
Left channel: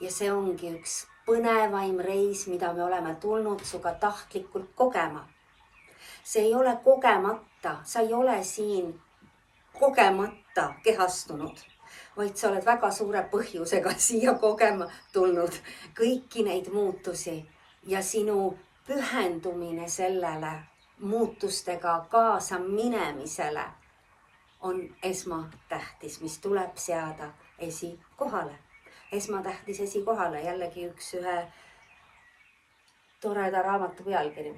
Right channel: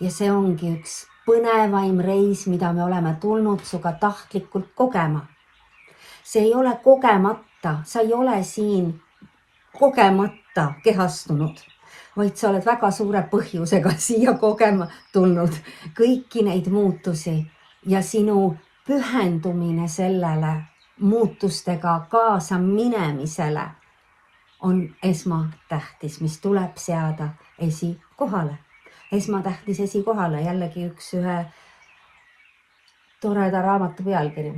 Ja see ongi üks põnevaim reis, mida me oleme tulnud suga tahtlikult kogema. See ei ole kogemata, sa ei ole siin kogemata kehastunud, vaid sa oled väga suure põhjusega siia kogema tulnud kõiki neid muutusi ja sinu pühendumine sellele muutustega kaasa minemisele on esmatähtis, mis tuleb seada esikohale. Esmatähtis esikohale, jällegi ühe toreda raamatu pealkiri.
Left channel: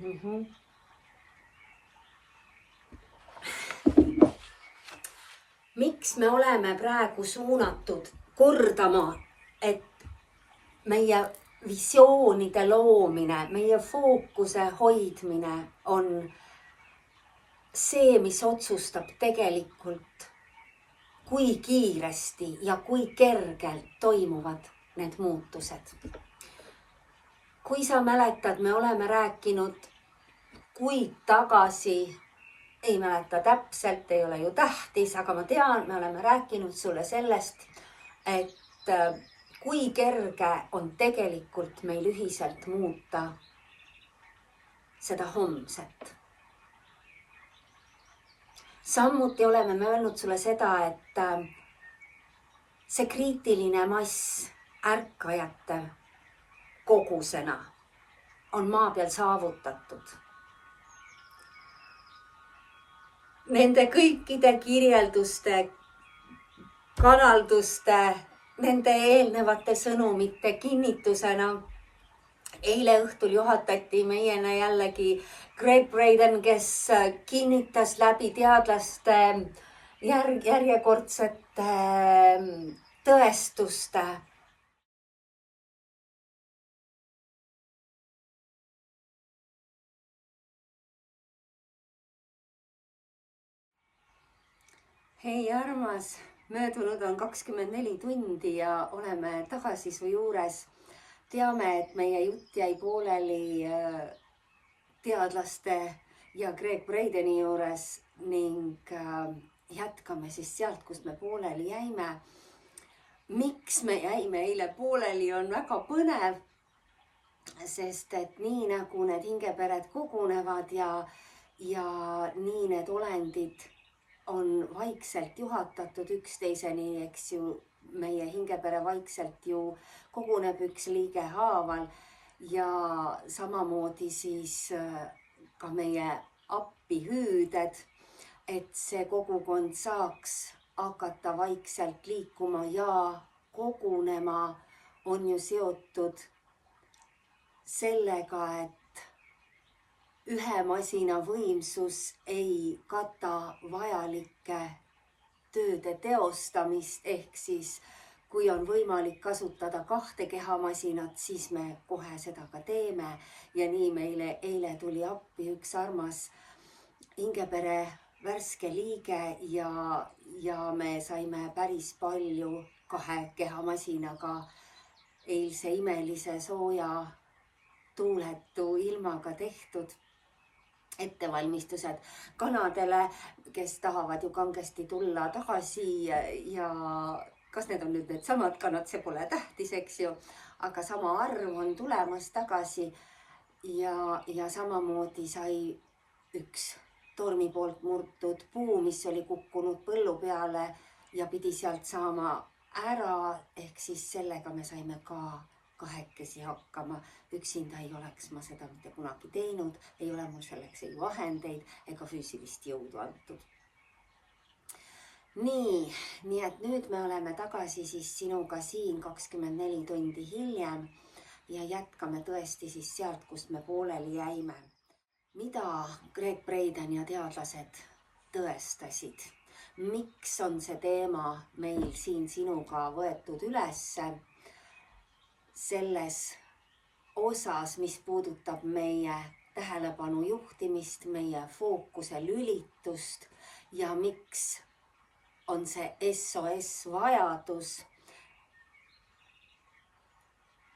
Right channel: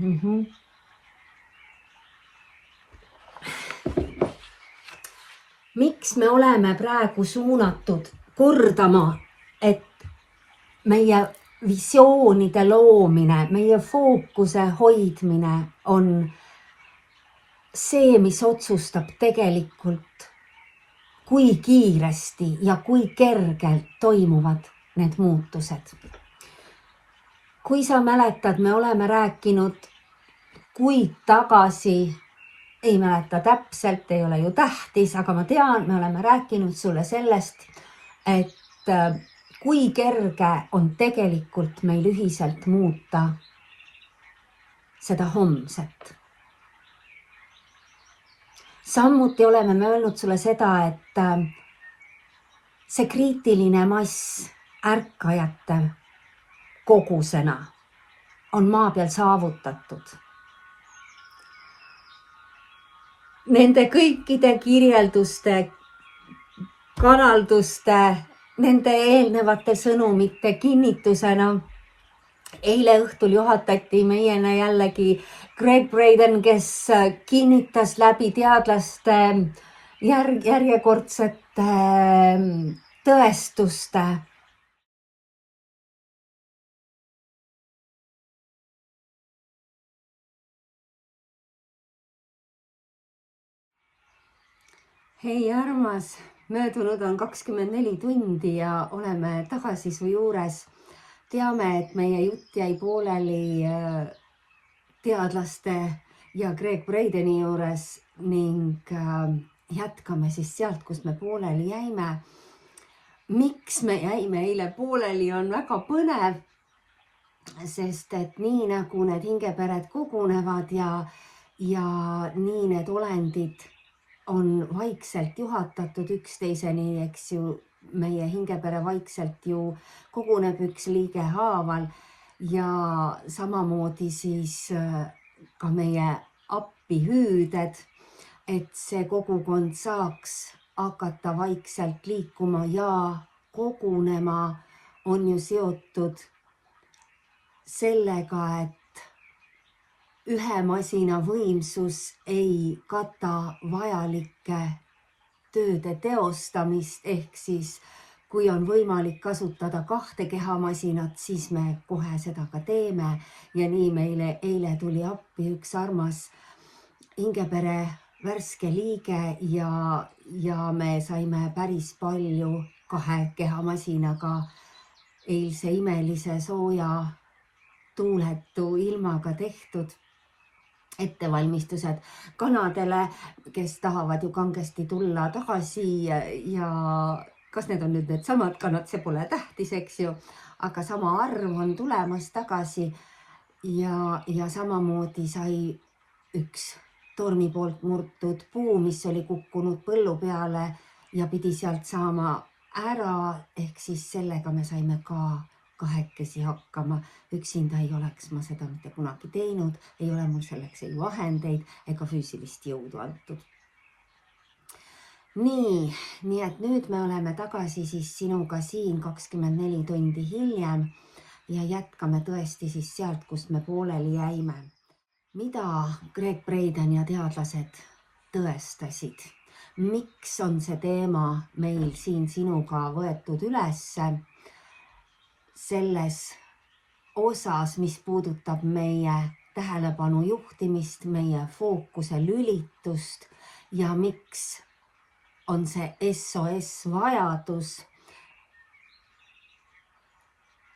Miks me oleme praegu suunatud kordama, et meie visioonide loomine, meie fookuse hoidmine on see, mis otsustab tegelikult, kui kiiresti ja kui kergelt toimuvad need muutused. Kui sa mäletad, me oleme rääkinud kuid tagasi, ei mäleta täpselt, ei ole ju tähtis, aga ma tean, me oleme rääkinud sulle sellest, et kui kerge on tegelikult meil ühiselt muuta seda homset. Samuti oleme me öelnud sulle seda, et see kriitiline mass ärkajate kogusena on maa peal saavutatud. nende kõikide kirjelduste, kanalduste, nende eelnevate sõnumite kinnitusena eile õhtul juhatati meieni jällegi Greg Braden, kes kinnitas läbi teadlaste järjekordsete tõestuste hei armas, möödunud on 24 tundi ja oleme tagasi su juures. Teame, et meie jutt jäi pooleli teadlaste ja Greg Bradeni juures ning jätkame siis sealt, kust me pooleli jäime. Miks me jäime eile pooleli, on väga põnev, sest et nii nagu need hingepered kogunevad ja nii need olendid on vaikselt juhatatud üksteiseni, eks ju, meie hingepere vaikselt ju koguneb üks liige haaval ja samamoodi siis ka meie appihüüded, et see kogukond saaks hakata vaikselt liikuma ja kogunema, on ju seotud sellega, et ühe masina võimsus ei kata vajalike tööde teostamist, ehk siis kui on võimalik kasutada 2 kehamasinat, siis me kohe seda ka teeme ja nii meile eile tuli appi üks armas hingepere värske liige ja me saime päris palju 2 kehamasinaga eilse imelise sooja tuuletu ilmaga tehtud ettevalmistused kanadele, kes tahavad ju kangesti tulla tagasi ja kas need on nüüd need samad kanad, see pole tähtis, eks ju, aga sama arv on tulemas tagasi ja samamoodi sai üks tormi poolt murtud puu, mis oli kukkunud põllu peale ja pidi sealt saama ära, ehk siis sellega me saime ka kahekesi hakkama. Üksinda ei oleks ma seda mitte kunagi teinud, ei ole mul selleks ei vahendeid ega füüsilist jõudu antud. Nii et nüüd me oleme tagasi siis sinuga siin 24 tundi hiljem ja jätkame tõesti siis sealt, kust me pooleli jäime. Mida Greg Braden ja teadlased tõestasid? Miks on see teema meil siin sinuga võetud ülesse? Selles osas, mis puudutab meie tähelepanu juhtimist, meie fookuse lülitust ja miks on see SOS vajadus,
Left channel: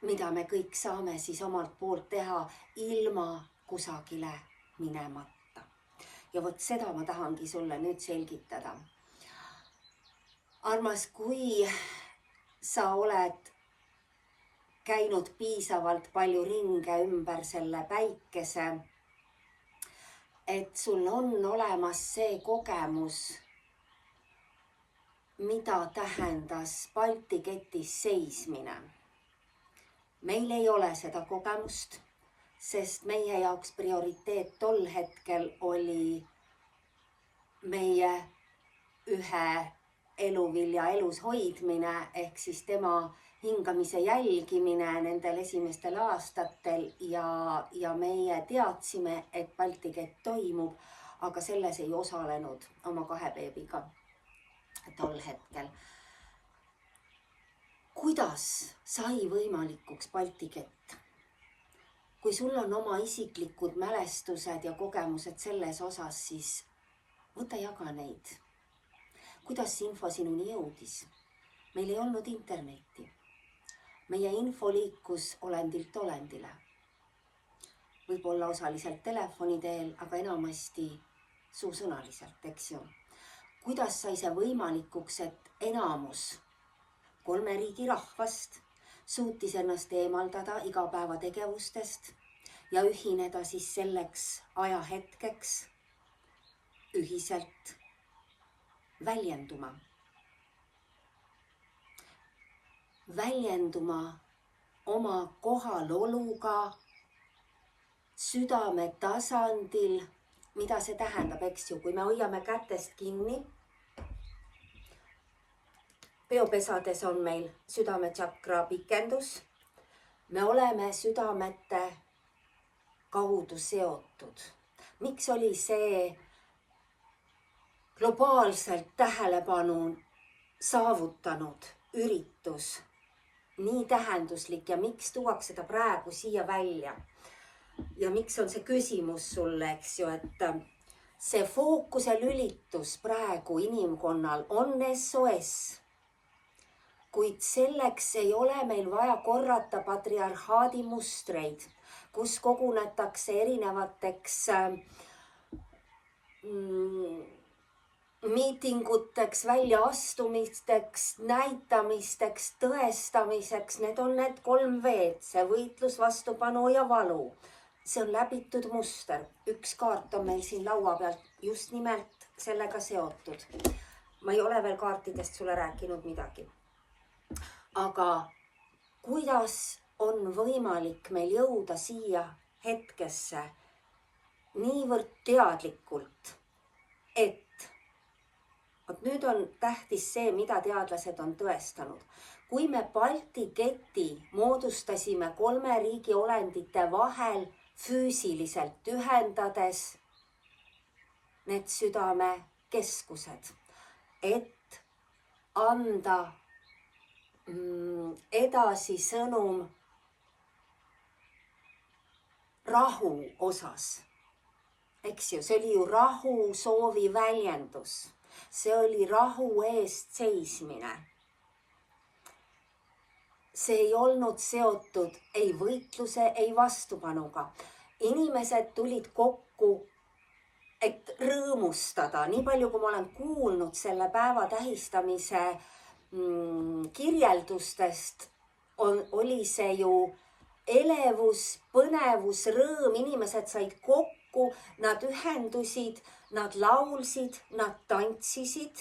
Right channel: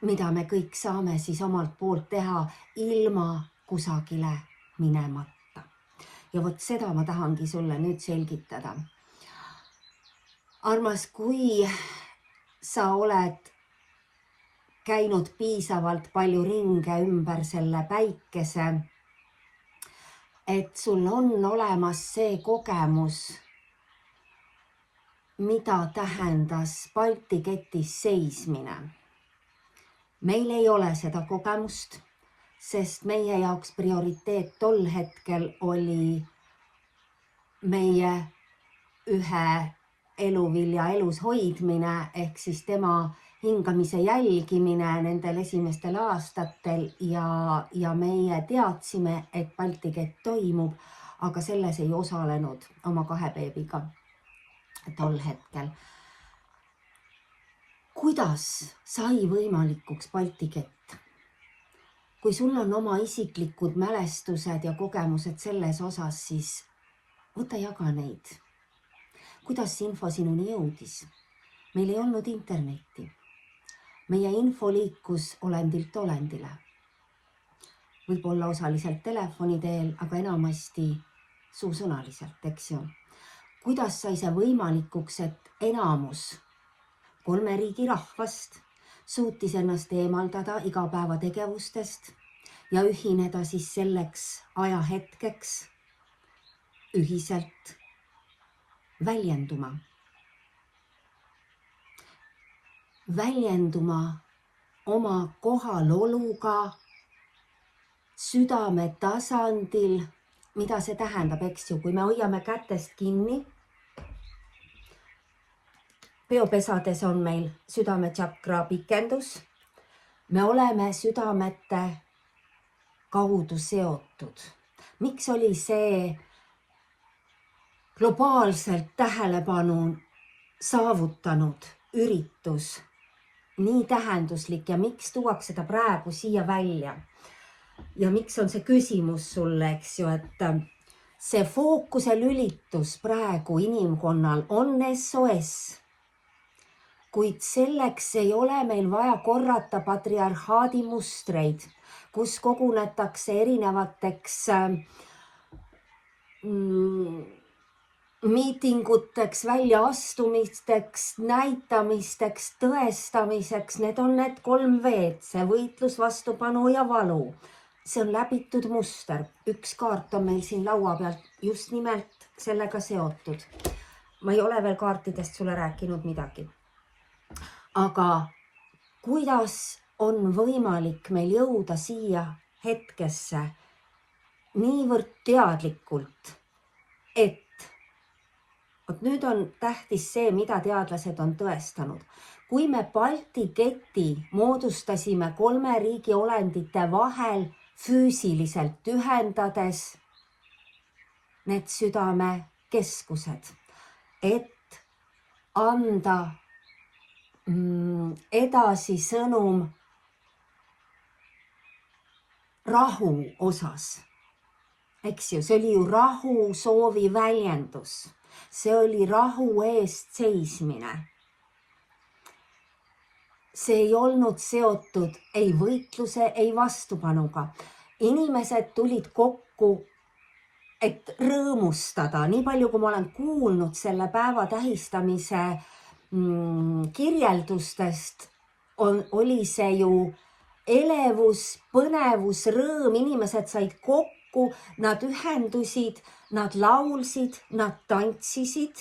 mida me kõik saame siis omalt poolt teha ilma kusagile minemata. Ja vot seda ma tahangi sulle nüüd selgitada. Armas, kui sa oled käinud piisavalt palju ringe ümber selle päikese, et sul on olemas see kogemus, mida tähendas Balti ketis seismine. Meil ei ole seda kogemust, sest meie jaoks prioriteet tol hetkel oli meie ühe eluvilja elus hoidmine, ehk siis tema hingamise jälgimine nendel esimestel aastatel ja meie teadsime, et Balti kett toimub, aga selles ei osalenud oma 2 beebiga tol hetkel. Kuidas sai võimalikuks Balti kett? Kui sul on oma isiklikud mälestused ja kogemused selles osas, siis võta jaga neid. Kuidas see info sinuni jõudis? Meil ei olnud internetti. Meie info liikus olendilt olendile. Võib-olla osaliselt telefoni teel, aga enamasti suusõnaliselt, eks ju. Kuidas sai see võimalikuks, et enamus 3 riigi rahvast suutis ennast eemaldada igapäevategevustest ja ühineda siis selleks ajahetkeks ühiselt väljenduma oma kohaloluga südame tasandil mida see tähendab, eks ju, kui me hoiame kätest kinni. Peopesades on meil südametšakra pikendus. Me oleme südamete kaudu seotud. Miks oli see globaalselt tähelepanu saavutanud üritus nii tähenduslik ja miks tuuakse ta praegu siia välja? Ja miks on see küsimus sulle, eks ju, et see fookuse lülitus praegu inimkonnal on SOS, kuid selleks ei ole meil vaja korrata patriarhaadi mustreid, kus kogunetakse erinevateks miitinguteks, väljaastumisteks, näitamisteks, tõestamiseks. Need on need 3 V-d, see võitlus, vastupanu ja valu. See on läbitud muster. Üks kaart on meil siin laua peal just nimelt sellega seotud. Ma ei ole veel kaartidest sulle rääkinud midagi. Aga kuidas on võimalik meil jõuda siia hetkesse niivõrd teadlikult, et nüüd on tähtis see, mida teadlased on tõestanud. Kui me Balti keti moodustasime 3 riigi olendite vahel füüsiliselt ühendades need südamekeskused, et anda edasi sõnum rahu osas. Eks ju, see oli ju rahu soovi väljendus. See oli rahu eest seismine. See ei olnud seotud ei võitluse, ei vastupanuga. Inimesed tulid kokku, et rõõmustada. Nii palju, kui ma olen kuulnud selle päeva tähistamise kirjeldustest, oli see ju elevus, põnevus, rõõm. Inimesed said kokku. Nad ühendusid, nad laulsid, nad tantsisid.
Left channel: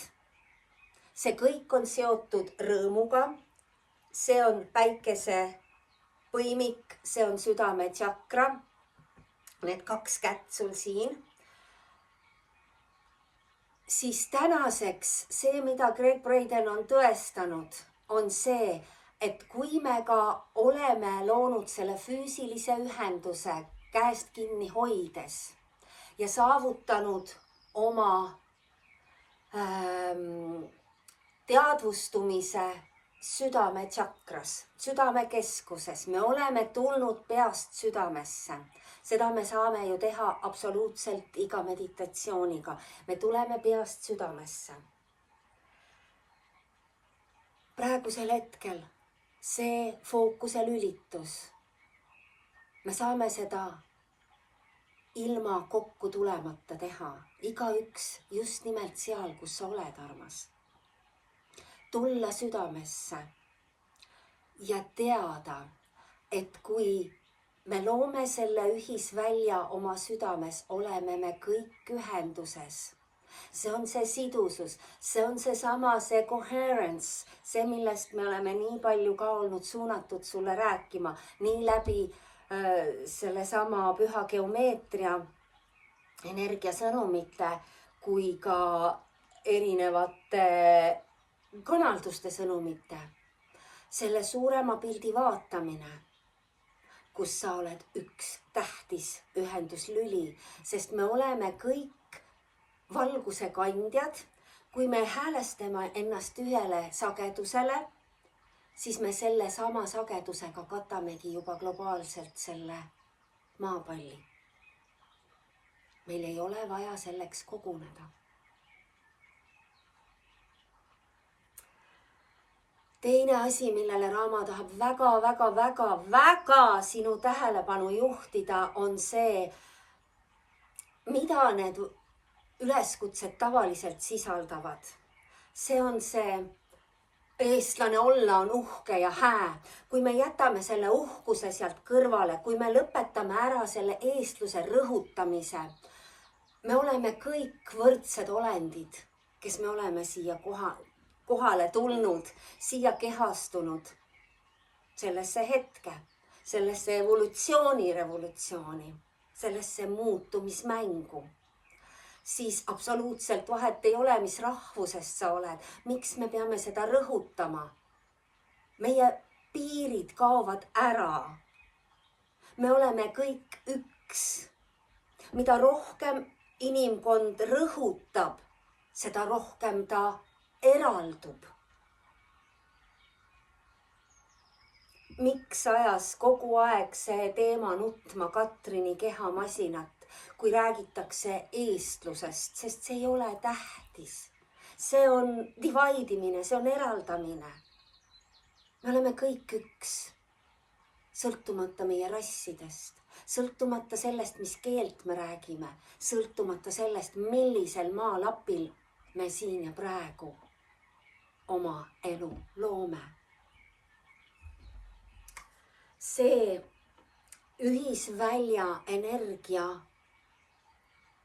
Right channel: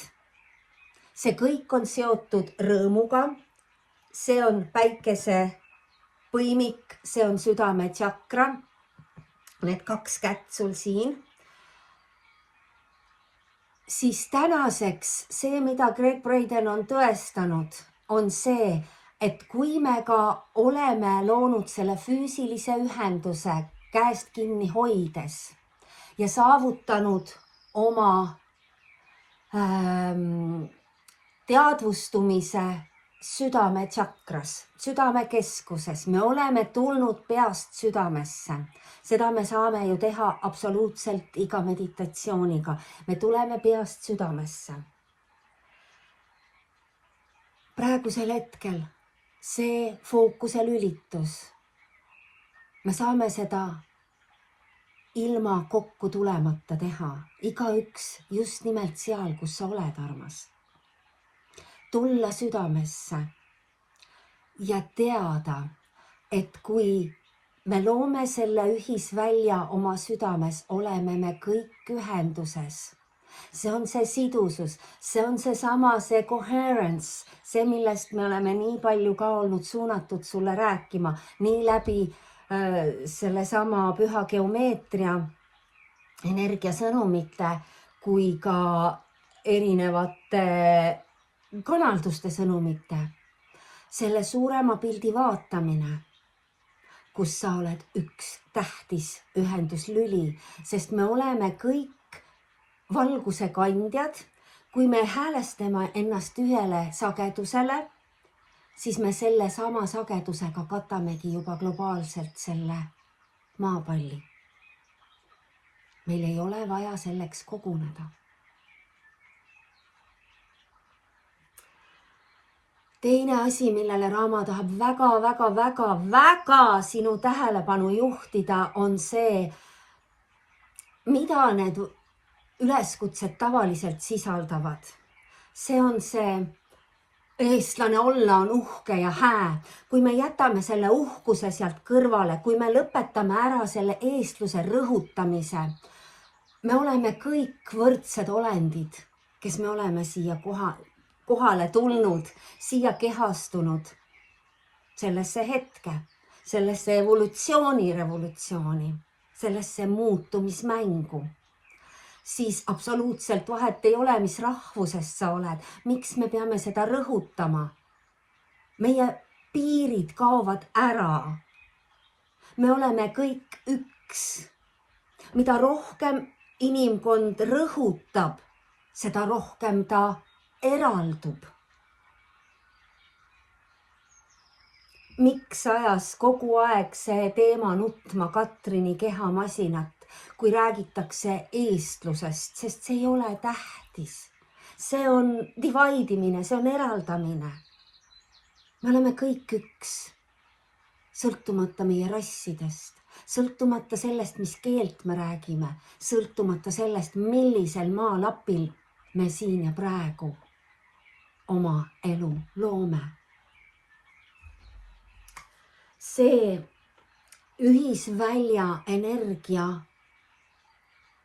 See kõik on seotud rõõmuga. See on päikese põimik, see on südametšakra. Need 2 kätt sul siin. Siis tänaseks see, mida Gregg Braden on tõestanud, on see, et kui me ka oleme loonud selle füüsilise ühenduse käest kinni hoides ja saavutanud oma teadvustumise südametšakras, südamekeskuses. Me oleme tulnud peast südamesse. Seda me saame ju teha absoluutselt iga meditatsiooniga. Me tuleme peast südamesse. Praegusel hetkel see fookuse lülitus. Me saame seda ilma kokku tulemata teha. Igaüks just nimelt seal, kus sa oled, armas. Tulla südamesse ja teada, et kui me loome selle ühisvälja oma südames, oleme me kõik ühenduses. See on see sidusus, see on see coherence, see, millest me oleme nii palju ka olnud suunatud sulle rääkima, nii läbi sellesama püha geomeetria, energiasõnumite kui ka erinevate kanalduste sõnumite. Selle suurema pildi vaatamine, kus sa oled üks tähtis ühenduslüli, sest me oleme kõik valguse kandjad. Kui me häälestame ennast ühele sagedusele, siis me selle sama sagedusega katamegi juba globaalselt selle maapalli. Meil ei ole vaja selleks koguneda. Teine asi, millele Raama tahab väga sinu tähelepanu juhtida, on see, mida need üleskutsed tavaliselt sisaldavad. See on see eestlane olla on uhke ja hää. Kui me jätame selle uhkuse sealt kõrvale, kui me lõpetame ära selle eestluse rõhutamise, me oleme kõik võrdsed olendid, kes me oleme siia kohale tulnud, siia kehastunud sellesse hetke, sellesse evolutsiooni, sellesse muutumismängu. siis absoluutselt vahet ei ole, mis rahvusest sa oled. Miks me peame seda rõhutama? Meie piirid kaovad ära. Me oleme kõik üks. Mida rohkem inimkond rõhutab, seda rohkem ta eraldub. Miks ajas kogu aeg see teema nutma Katrini kehamasinat, kui räägitakse eestlusest, sest see ei ole tähtis. See on divaidimine, see on eraldamine. Me oleme kõik üks, sõltumata meie rassidest, sõltumata sellest, mis keelt me räägime, sõltumata sellest, millisel maalapil me siin ja praegu oma elu loome. See ühisvälja energia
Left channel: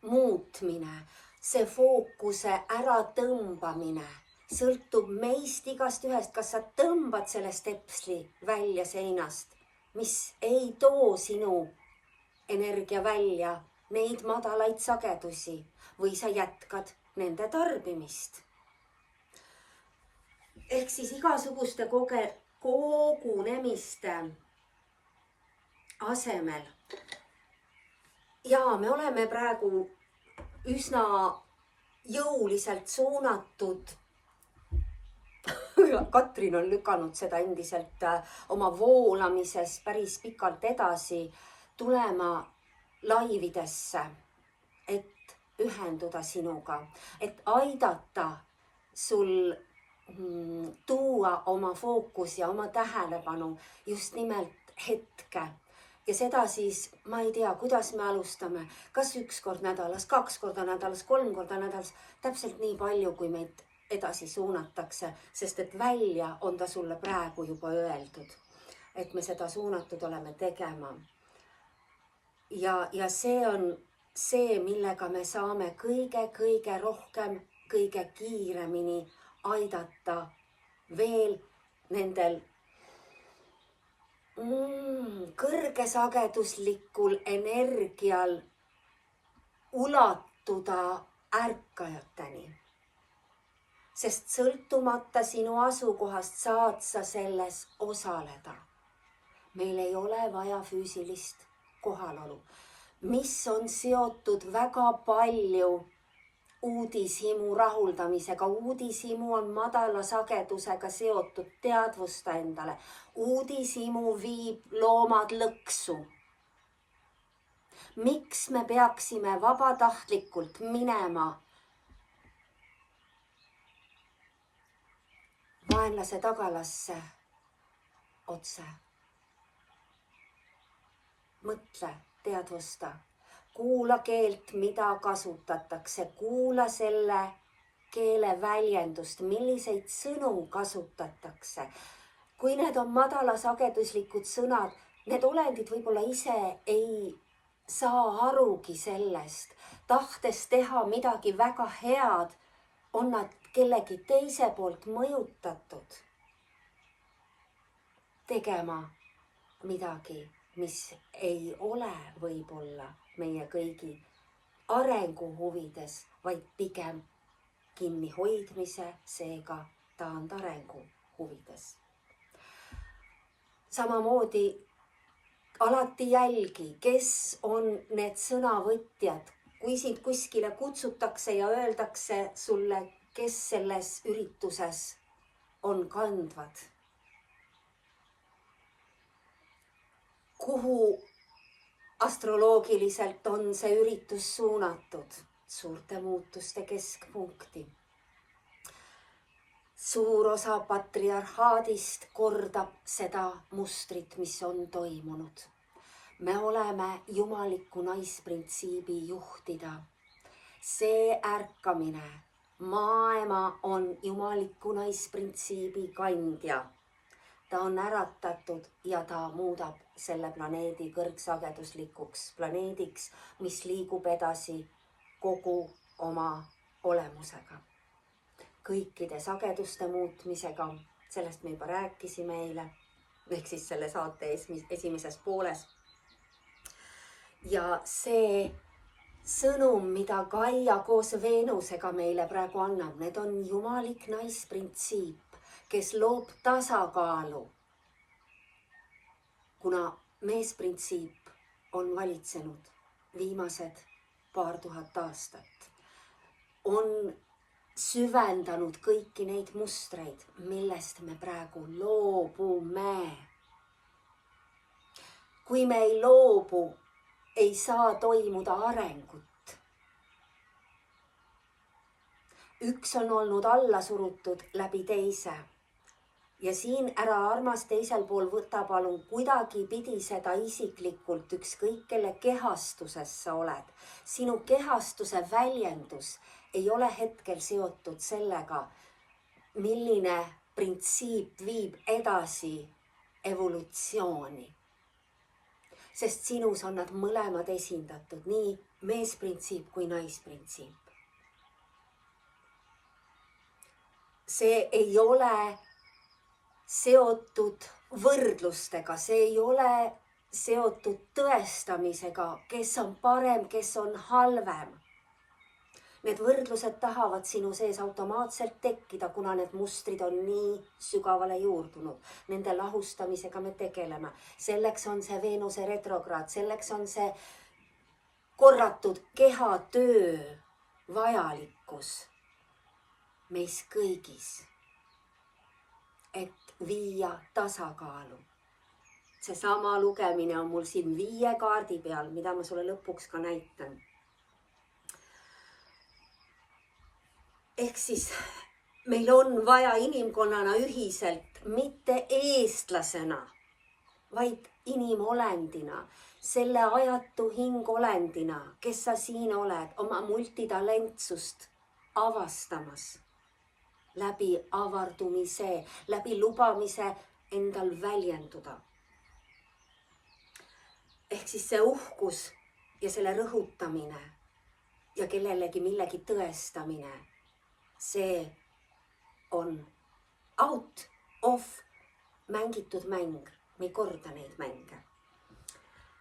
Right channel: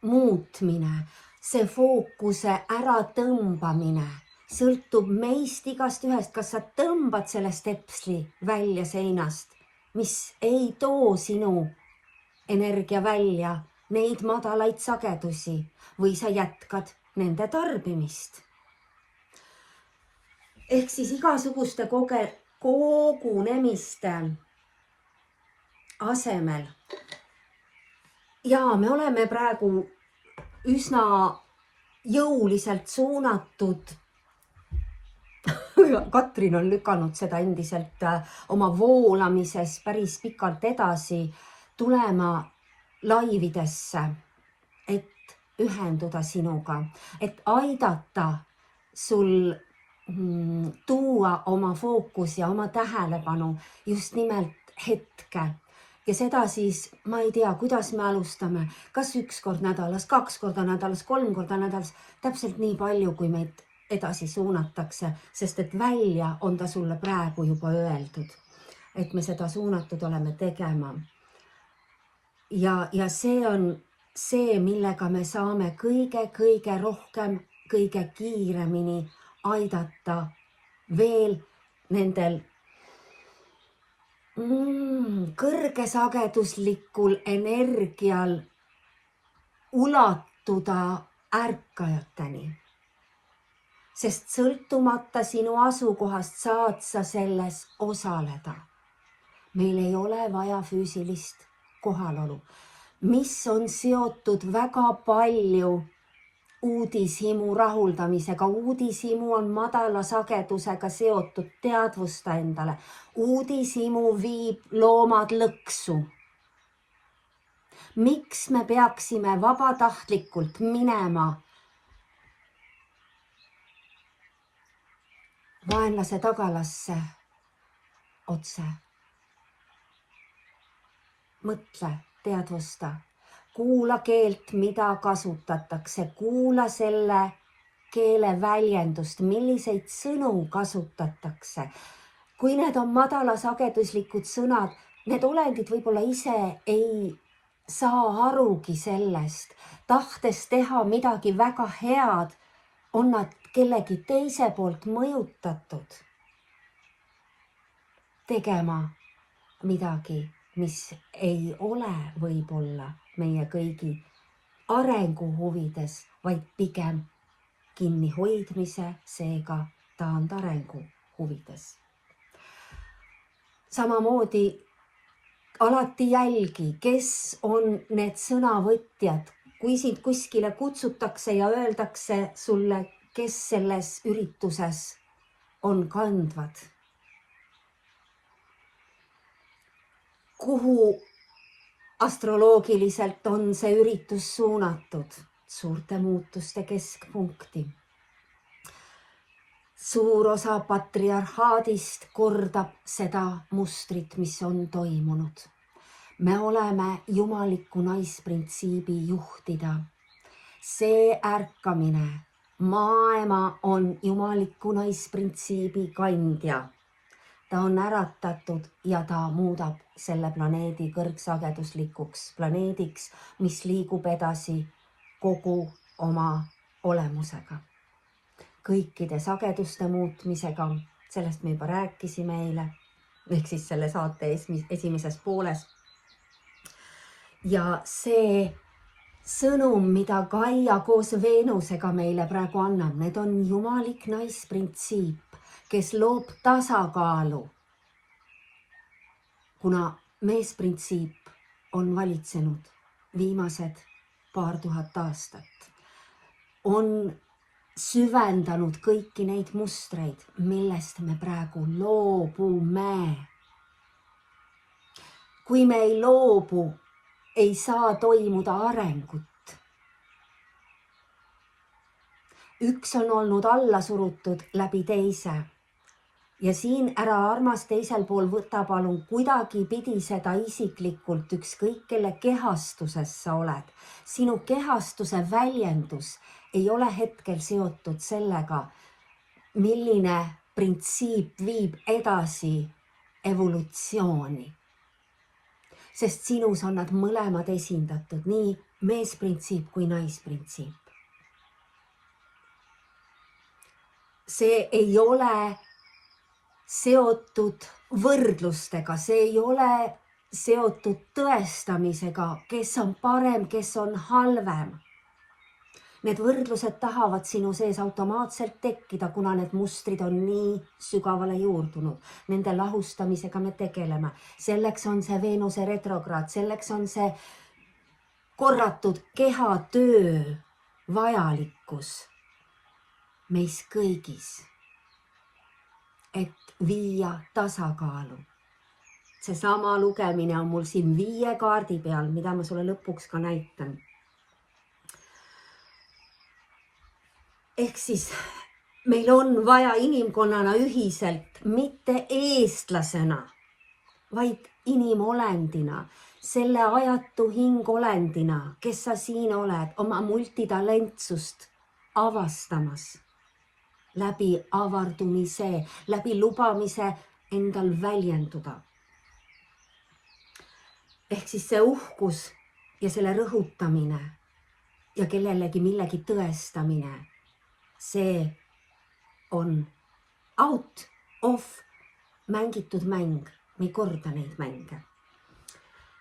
muutmine, see fookuse äratõmbamine sõltub meist igast ühest, kas sa tõmbad selle stepsli välja seinast, mis ei too sinu energia välja, neid madalaid sagedusi, või sa jätkad nende tarbimist. Ehk siis igasuguste kogunemiste asemel. Ja me oleme praegu üsna jõuliselt suunatud. Katrin on lükanud seda endiselt oma voolamises päris pikalt edasi tulema laividesse, et ühenduda sinuga, et aidata sul tuua oma fookus ja oma tähelepanu just nimelt hetke. Ja seda siis, ma ei tea, kuidas me alustame, kas 1 kord nädalas, 2 korda nädalas, 3 korda nädalas, täpselt nii palju, kui meid edasi suunatakse, sest et välja on ta sulle praegu juba öeldud, et me seda suunatud oleme tegema. Ja see on see, millega me saame kõige rohkem, kõige kiiremini aidata veel nendel kõrgesageduslikul energial ulatuda ärkajateni. Sest sõltumata sinu asukohast saad sa selles osaleda. Meil ei ole vaja füüsilist kohalolu, mis on seotud väga palju uudishimu rahuldamisega. Uudishimu on madala sagedusega seotud, teadvusta endale. Uudishimu viib loomad lõksu. Miks me peaksime vabatahtlikult minema vaenlase tagalasse otse? Mõtle, teadvusta. Kuula keelt, mida kasutatakse, kuula selle keele väljendust, milliseid sõnu kasutatakse. Kui need on madalasageduslikud sõnad, need olendid võib-olla ise ei saa arugi sellest, tahtes teha midagi väga head, on nad kellegi teise poolt mõjutatud tegema midagi, mis ei ole võib-olla meie kõigi arengu huvides, vaid pigem kinnihoidmise, seega taandarengu huvides. Samamoodi alati jälgi, kes on need sõnavõtjad, kui sind kuskile kutsutakse ja öeldakse sulle, kes selles ürituses on kandvad. Kuhu astroloogiliselt on see üritus suunatud? Suurte muutuste keskpunkti. Suur osa patriarhaadist kordab seda mustrit, mis on toimunud. Me oleme jumaliku naisprintsiibi juhtida. See ärkamine, maailma on jumaliku naisprintsiibi kandja. Ta on äratatud ja ta muudab selle planeedi kõrgsageduslikuks planeediks, mis liigub edasi kogu oma olemusega. Kõikide sageduste muutmisega, sellest me juba rääkisime eile, ehk siis selle saate esimeses pooles. Ja see sõnum, mida Gaia koos Veenusega meile praegu annab, need on jumalik naisprintsiip, kes loob tasakaalu. Kuna meesprintsiip on valitsenud viimased 2000 aastat, on süvendanud kõiki neid mustreid, millest me praegu loobume. Kui me ei loobu, ei saa toimuda arengut. Üks on olnud alla surutud läbi teise. Ja siin ära armas teisel pool võta palun kuidagi pidi seda isiklikult, ükskõik kelle kehastuses sa oled. Sinu kehastuse väljendus ei ole hetkel seotud sellega, milline printsiip viib edasi evolutsiooni. Sest sinus on nad mõlemad esindatud, nii meesprintsiip kui naisprintsiip. See ei ole seotud võrdlustega, see ei ole seotud tõestamisega, kes on parem, kes on halvem. Need võrdlused tahavad sinu sees automaatselt tekkida, kuna need mustrid on nii sügavale juurdunud. Nende lahustamisega me tegeleme. Selleks on see Veenuse retrokraad, selleks on see korratud kehatöö vajalikkus meis kõigis, et viia tasakaalu. Seesama lugemine on mul siin 5 kaardi peal, mida ma sulle lõpuks ka näitan. Ehk siis meil on vaja inimkonnana ühiselt, mitte eestlasena, vaid inimolendina, selle ajatu hingolendina, kes sa siin oled, oma multitalentsust avastamas, läbi avardumise, läbi lubamise endal väljenduda. Ehk siis see uhkus ja selle rõhutamine ja kellelegi millegi tõestamine, see on out of mängitud mäng, me ei korda neid mänge.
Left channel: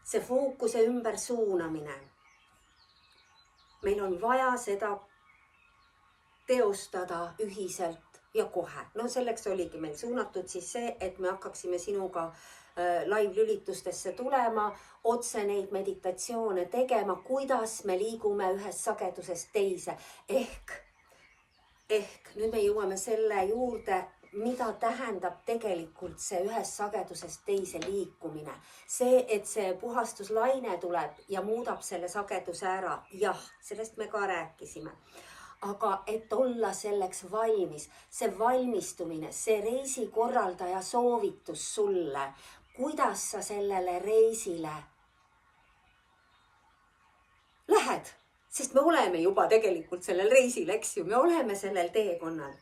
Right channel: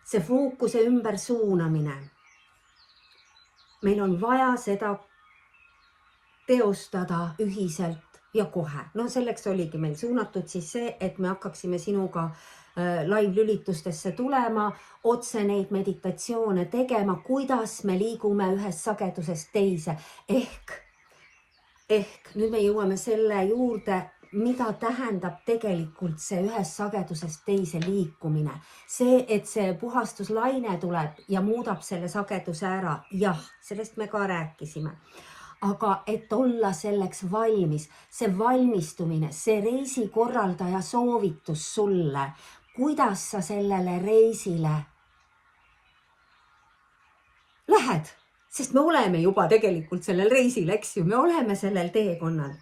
See fookuse ümber suunamine, meil on vaja seda teostada ühiselt ja kohe. No selleks oligi meil suunatud siis see, et me hakkaksime sinuga live-lülitustesse tulema, otse neid meditatsioone tegema, kuidas me liigume ühest sagedusest teise. Ehk nüüd me jõuame selle juurde, mida tähendab tegelikult see ühest sagedusest teise liikumine. See, et see puhastuslaine tuleb ja muudab selle sageduse ära. Jah, sellest me ka rääkisime. Aga et olla selleks valmis, see valmistumine, see reisikorraldaja soovitus sulle, kuidas sa sellele reisile lähed. Sest me oleme juba tegelikult sellel reisil, eks ju, me oleme sellel teekonnal.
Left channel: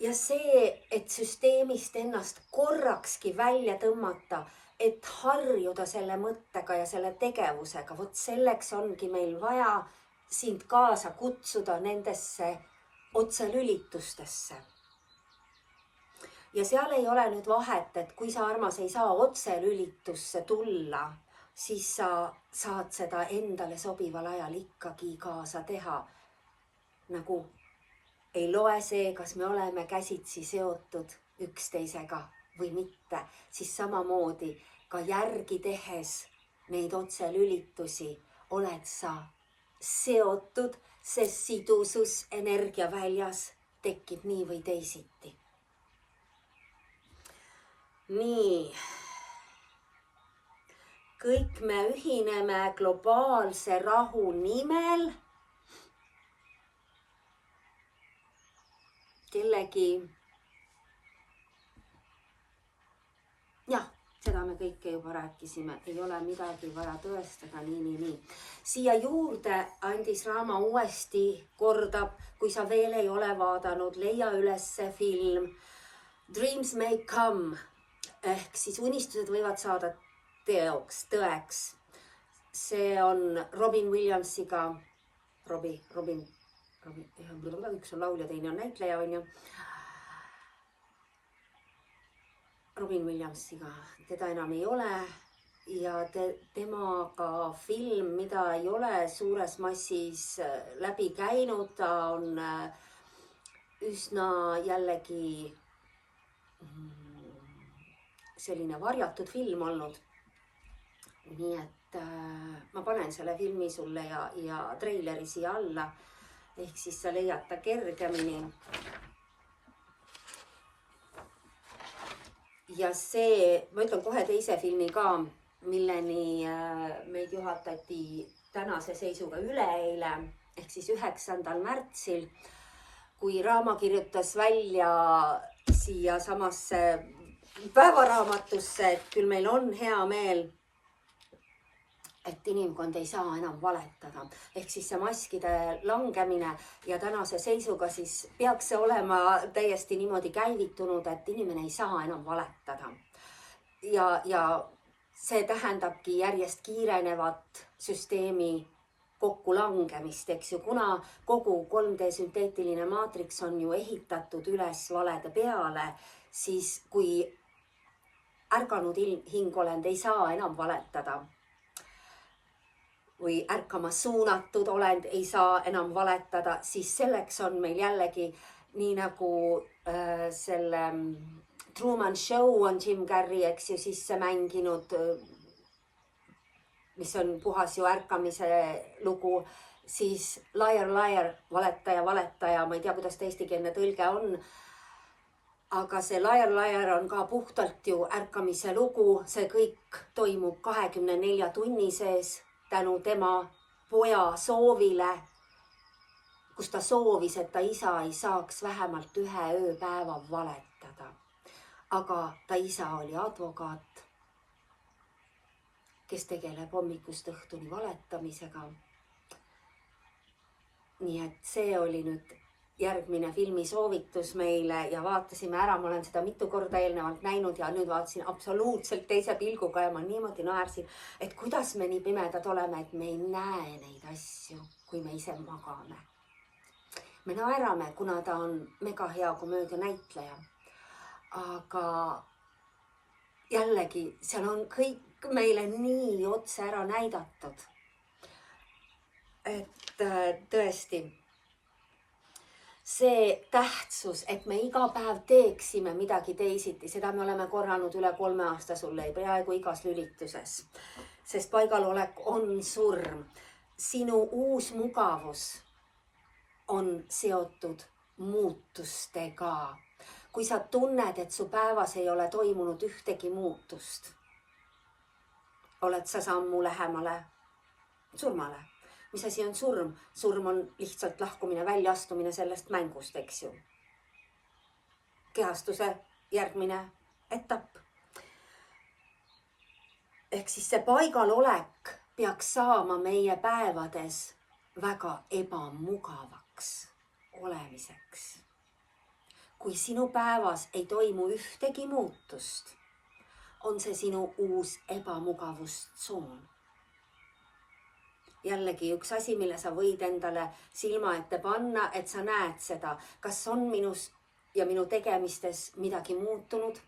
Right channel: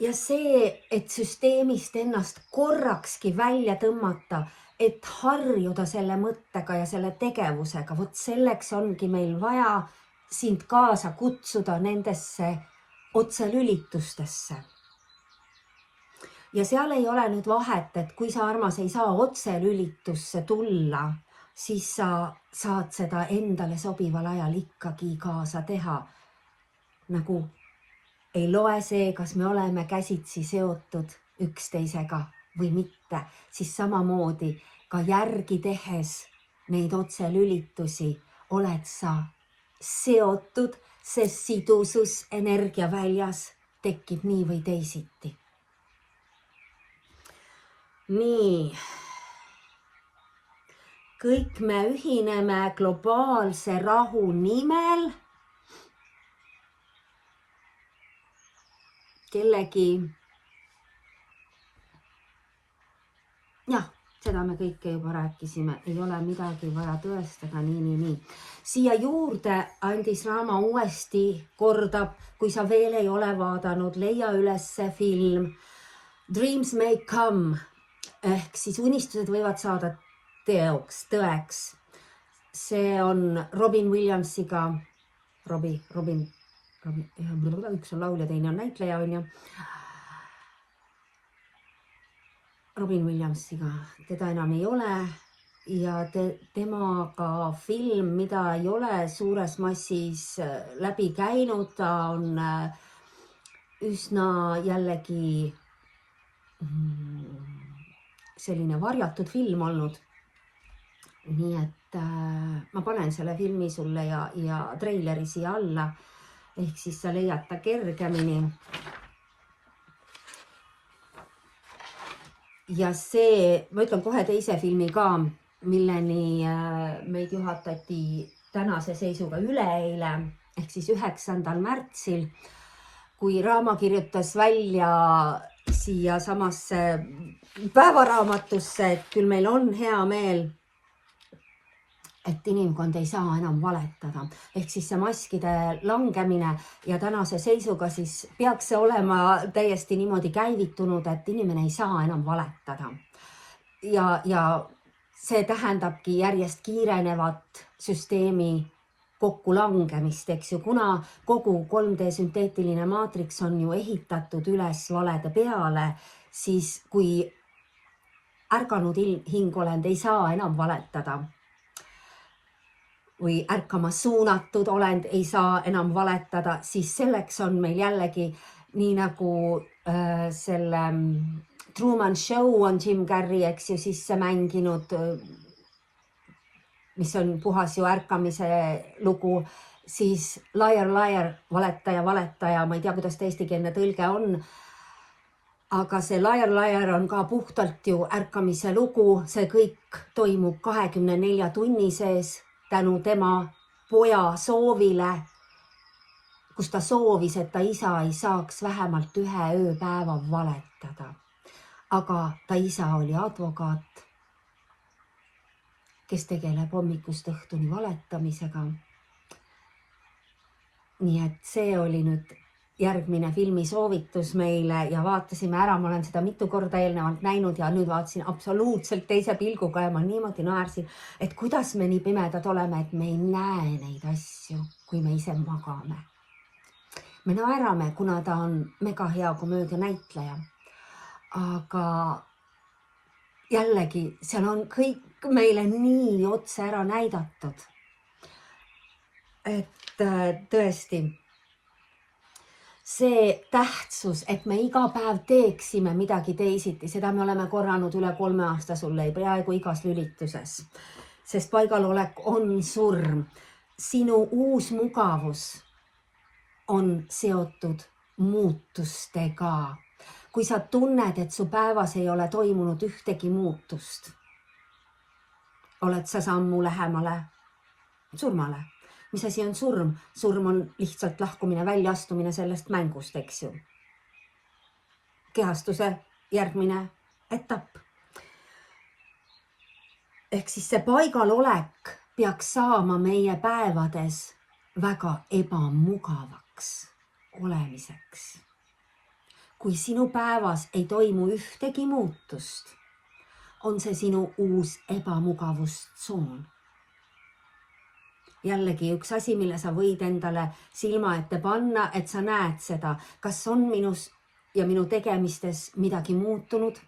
Ja see, et süsteemist ennast korrakski välja tõmmata, et harjuda selle mõttega ja selle tegevusega, vot selleks ongi meil vaja sind kaasa kutsuda nendesse otselülitustesse. Ja seal ei ole nüüd vahet, et kui sa, armas, ei saa otselülitusse tulla, siis sa saad seda endale sobival ajal ikkagi kaasa teha. Nagu ei loe see, kas me oleme käsitsi seotud üksteisega või mitte, siis samamoodi ka järgi tehes neid otselülitusi oled sa seotud, sest sidusus energiaväljas tekib nii või teisiti. Nii, kõik me ühineme globaalse rahu nimel. Kellegi, jah, seda me kõike juba rääkisime, ei ole midagi vaja tõestada, nii. Siia juurde andis Raama uuesti kordab, kui sa veel ei ole vaadanud, leia üles see film Dreams May Come. Ehk siis unistused võivad saada tõeks. See on Robin Williamsiga, Robin, üks on laulja, teine on näitleja, on ju. Robin Williamsiga, teda enam ei ole ja temaga film, mida ei ole suures massis läbi käinud, ta on üsna jällegi selline varjatud film olnud. Nii et ma panen selle filmi sulle ja treileri siia alla, ehk siis sa leiad ta kergemini. Ja see, ma ütlen kohe teise filmi ka, milleni meid juhatati tänase seisuga üleeile, ehk siis 9. märtsil, kui Raama kirjutas välja siia samasse päevaraamatusse, et küll meil on hea meel, et inimkond ei saa enam valetada. Ehk siis see maskide langemine ja tänase seisuga siis peaks see olema täiesti niimoodi käivitunud, et inimene ei saa enam valetada. Ja see tähendabki järjest kiirenevat süsteemi kokkulangemist, eks ju, kuna kogu 3D sünteetiline maatriks on ju ehitatud üles valede peale, siis kui ärganud hingolend ei saa enam valetada või ärkama suunatud olend ei saa enam valetada, siis selleks on meil jällegi nii nagu selle Truman Show on Jim Carrey, eks ju, sisse mänginud, mis on puhas ju ärkamise lugu, siis liar, liar, valetaja, valetaja, ma ei tea, kuidas ta eestikeelne tõlge on, aga see liar, liar on ka puhtalt ju ärkamise lugu, see kõik toimub 24 tunni sees tänu tema poja soovile, kus ta soovis, et ta isa ei saaks vähemalt ühe ööpäeva valetada. Aga ta isa oli advokaat, kes tegeleb hommikust õhtuni valetamisega. Nii et see oli nüüd järgmine filmisoovitus meile ja vaatasime ära, ma olen seda mitu korda eelnevalt näinud ja nüüd vaatasin absoluutselt teise pilguga ja ma niimoodi naersin, et kuidas me nii pimedad oleme, et me ei näe neid asju, kui me ise magame. Me naerame, kuna ta on mega hea komöödia näitleja. Aga jällegi, seal on kõik meile nii otse ära näidatud. Et tõesti, see tähtsus, et me iga päev teeksime midagi teisiti, seda me oleme korranud üle 3 aasta sulle peaaegu igas lülituses. Sest paigalolek on surm. Sinu uus mugavus on seotud muutustega. Kui sa tunned, et su päevas ei ole toimunud ühtegi muutust, oled sa sammu lähemale surmale. Mis asi on surm? Surm on lihtsalt lahkumine, väljaastumine sellest mängust, eks ju. Kehastuse järgmine etapp. Ehk siis see paigalolek peaks saama meie päevades väga ebamugavaks olemiseks. Kui sinu päevas ei toimu ühtegi muutust, on see sinu uus ebamugavustsoon. Jällegi üks asi, mille sa võid endale silma ette panna, et sa näed seda, kas on minus ja minu tegemistes midagi muutunud,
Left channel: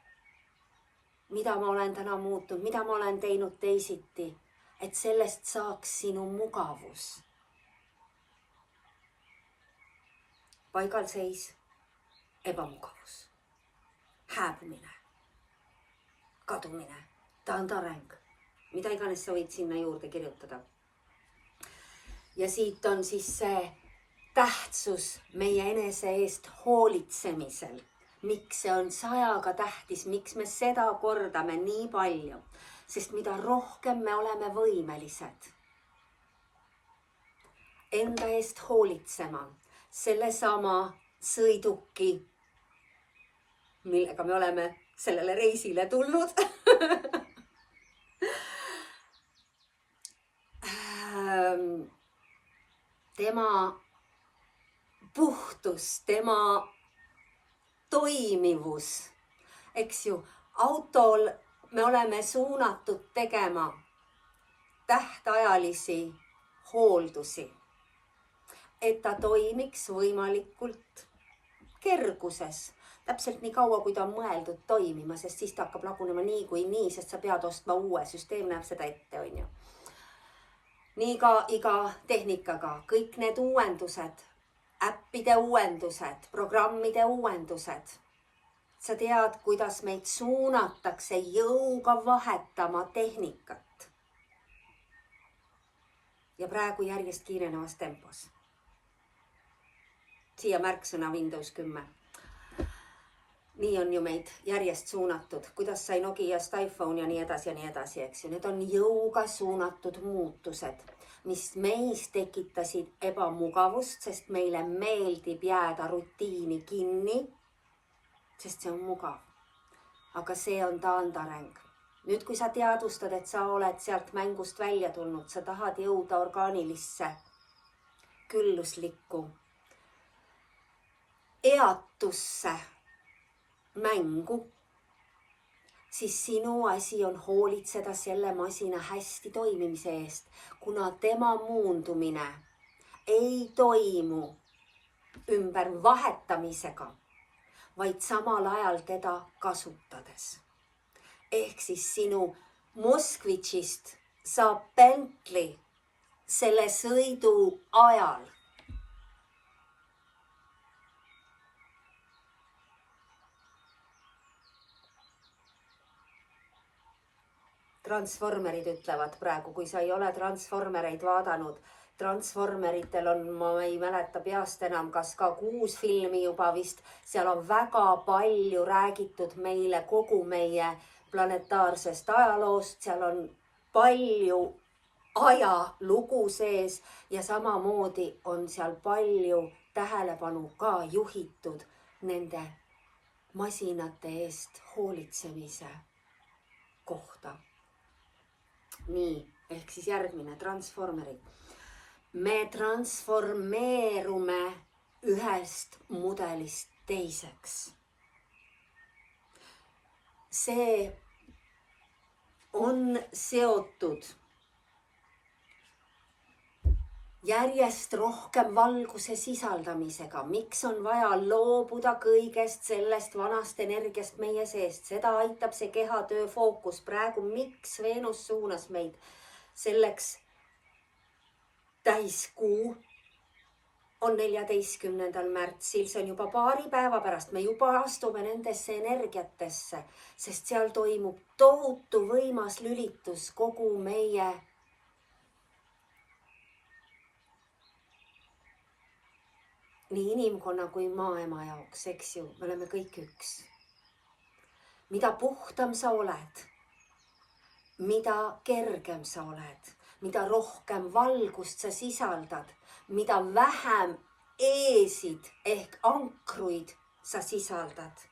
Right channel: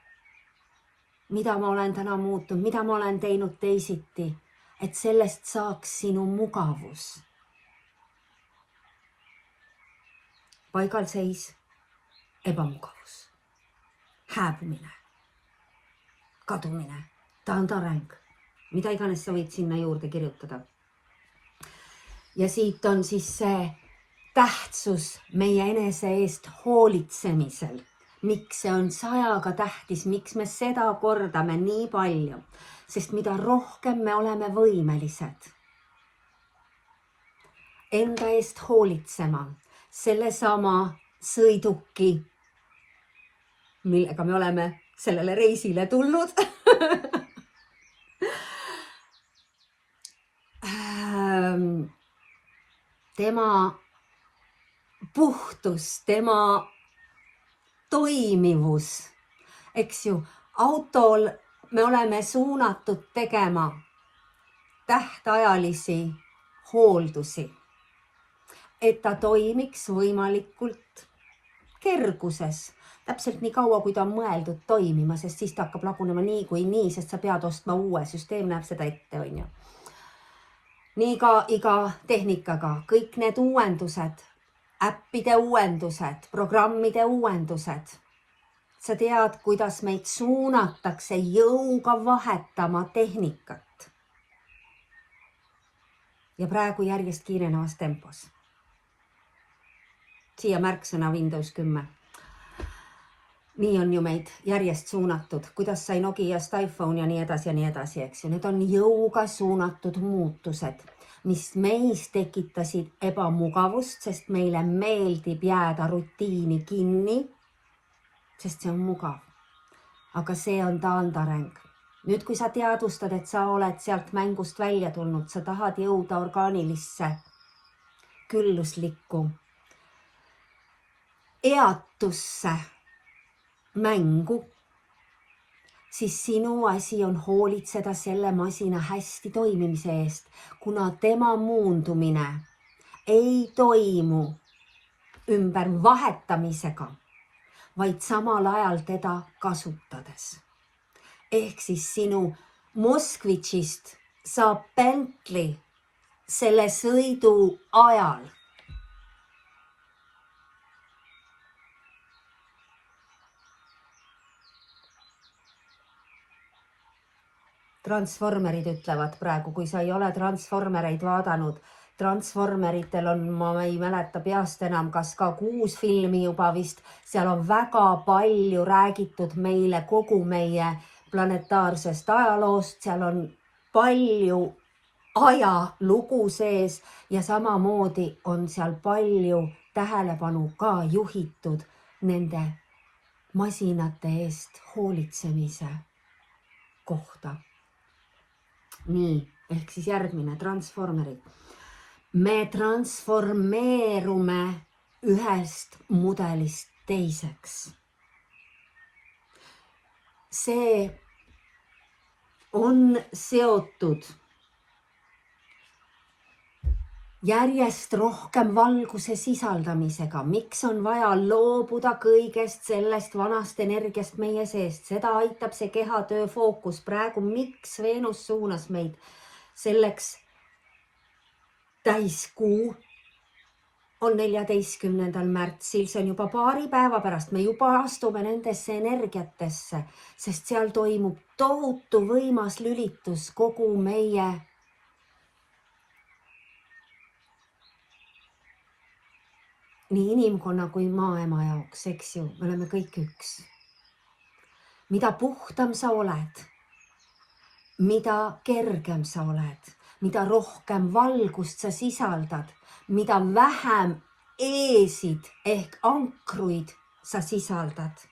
mida ma olen täna muutunud, mida ma olen teinud teisiti, et sellest saaks sinu mugavus. Paigalseis, ebamugavus, hääbumine, kadumine, taandareng, mida iganes sa võid sinna juurde kirjutada. Ja siit on siis see tähtsus meie enese eest hoolitsemisel. Miks see on 100 tähtis, miks me seda kordame nii palju? Sest mida rohkem me oleme võimelised enda eest hoolitsema, sellesama sõiduki, millega me oleme sellele reisile tulnud, tema puhtus, tema toimivus, eks ju, autol me oleme suunatud tegema tähtajalisi hooldusi, et ta toimiks võimalikult kerguses. täpselt nii kaua, kui ta on mõeldud toimima, sest siis ta hakkab lagunema nii kui nii, sest sa pead ostma uue, süsteem näeb seda ette, on ju. Nii ka iga tehnikaga, kõik need uuendused, äppide uuendused, programmide uuendused. Sa tead, kuidas meid suunatakse jõuga vahetama tehnikat. Ja praegu järjest kiirenevas tempos. Siia märksõna Windows 10. Nii on ju meid järjest suunatud, kuidas sai Nokiast iPhone ja nii edasi, eks ju. Need on jõuga suunatud muutused, mis meis tekitasid ebamugavust, sest meile meeldib jääda rutiini kinni, sest see on mugav. Aga see on taandareng. Nüüd, kui sa teadvustad, et sa oled sealt mängust välja tulnud, sa tahad jõuda orgaanilisse, külluslikku, eatusse mängu, siis sinu asi on hoolitseda selle masina hästi toimimise eest, kuna tema muundumine ei toimu ümber vahetamisega, vaid samal ajal teda kasutades. Ehk siis sinu Moskvitšist saab Bentley selle sõidu ajal. Transformerid ütlevad praegu, kui sa ei ole Transformereid vaadanud, Transformeritel on, ma ei mäleta peast enam, kas ka 6 filmi juba vist, seal on väga palju räägitud meile kogu meie planetaarsest ajaloost, seal on palju ajalugu sees ja samamoodi on seal palju tähelepanu ka juhitud nende masinate eest hoolitsemise kohta. Nii, ehk siis järgmine, Transformerid. Me transformeerume ühest mudelist teiseks. See on seotud järjest rohkem valguse sisaldamisega. Miks on vaja loobuda kõigest sellest vanast energiast meie seest? Seda aitab see kehatöö fookus. Praegu miks Veenus suunas meid selleks täiskuu on 14. märtsil, see on juba paari päeva pärast, me juba astume nendesse energiatesse, sest seal toimub tohutu võimas lülitus kogu meie nii inimkonna kui maaema jaoks, eks ju, me oleme kõik üks. Mida puhtam sa oled, mida kergem sa oled, mida rohkem valgust sa sisaldad, mida vähem eesid ehk ankruid sa sisaldad,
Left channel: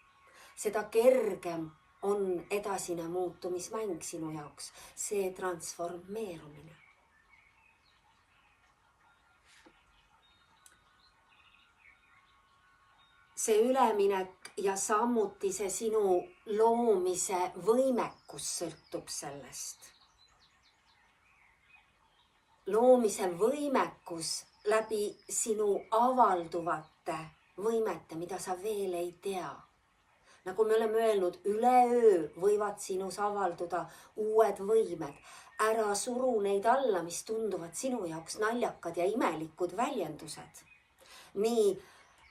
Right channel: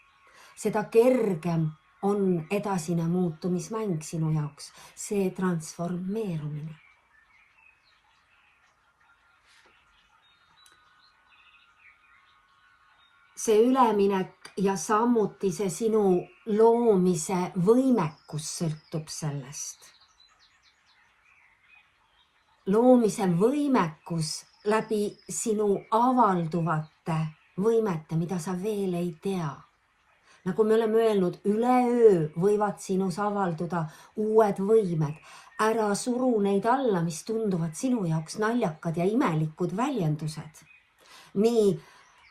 seda kergem on edasine muutumismäng sinu jaoks, see transformeerumine. See üleminek ja samuti see sinu loomise võimekus sõltub sellest. Loomise võimekus läbi sinu avalduvate võimete, mida sa veel ei tea. Nagu me oleme öelnud, üleöö võivad sinus avalduda uued võimed. Ära suru neid alla, mis tunduvad sinu jaoks naljakad ja imelikud väljendused. Nii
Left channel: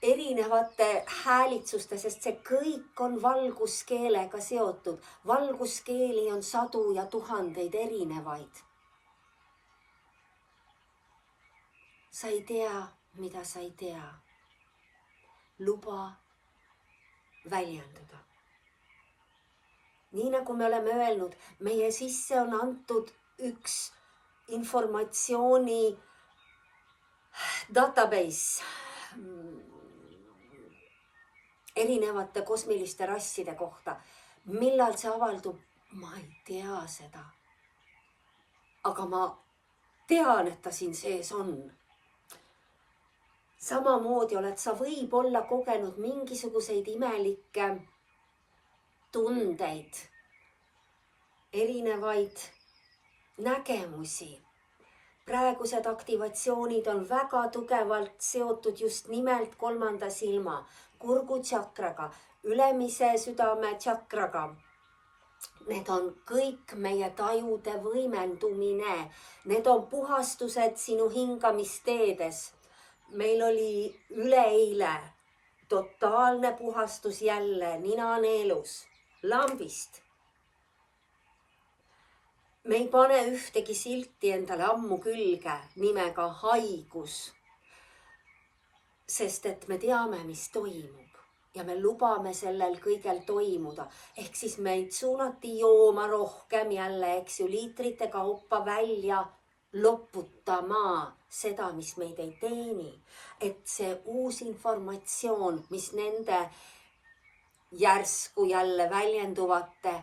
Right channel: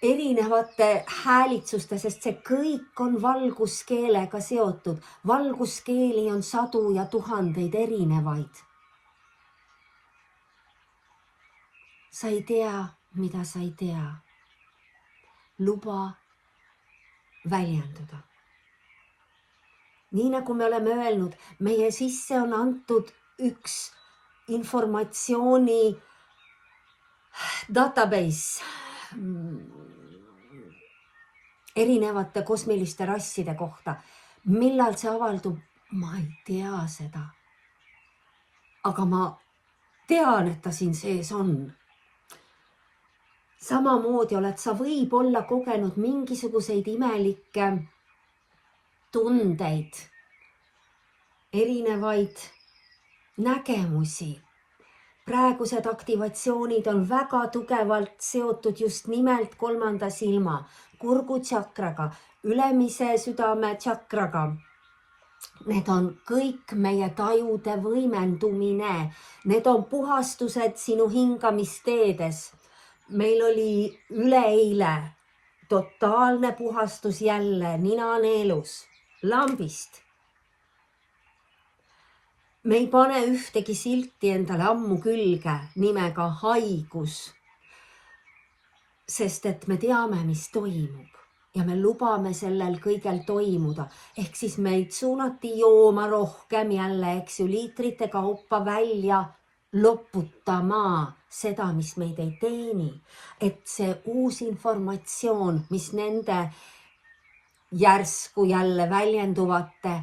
erinevate häälitsuste, sest see kõik on valguskeelega seotud. Valguskeeli on 100 ja 1000 erinevaid. Sa ei tea, mida sa ei tea. Luba väljenduda. Nii nagu me oleme öelnud, meie sisse on antud üks informatsiooni database erinevate kosmiliste rasside kohta. Millal see avaldub? Ma ei tea seda. Aga ma tean, et ta siin sees on. Samamoodi oled sa võib-olla kogenud mingisuguseid imelikke tundeid, erinevaid nägemusi. Praegused aktivatsioonid on väga tugevalt seotud just nimelt 3. silma. kurgutšakraga, ülemise südame tšakraga. Need on kõik meie tajude võimendumine. Need on puhastused sinu hingamisteedes. Meil oli üleeile totaalne puhastus jälle ninaneelus, lambist. Me ei pane ühtegi silti endale ammu külge nimega haigus, sest et me teame, mis toimub ja me lubame sellel kõigel toimuda. Ehk siis meid suunati jooma rohkem jälle, eks ju, liitrite kaupa välja loputama seda, mis meid ei teeni. Et see uus informatsioon, mis nende järsku jälle väljenduvate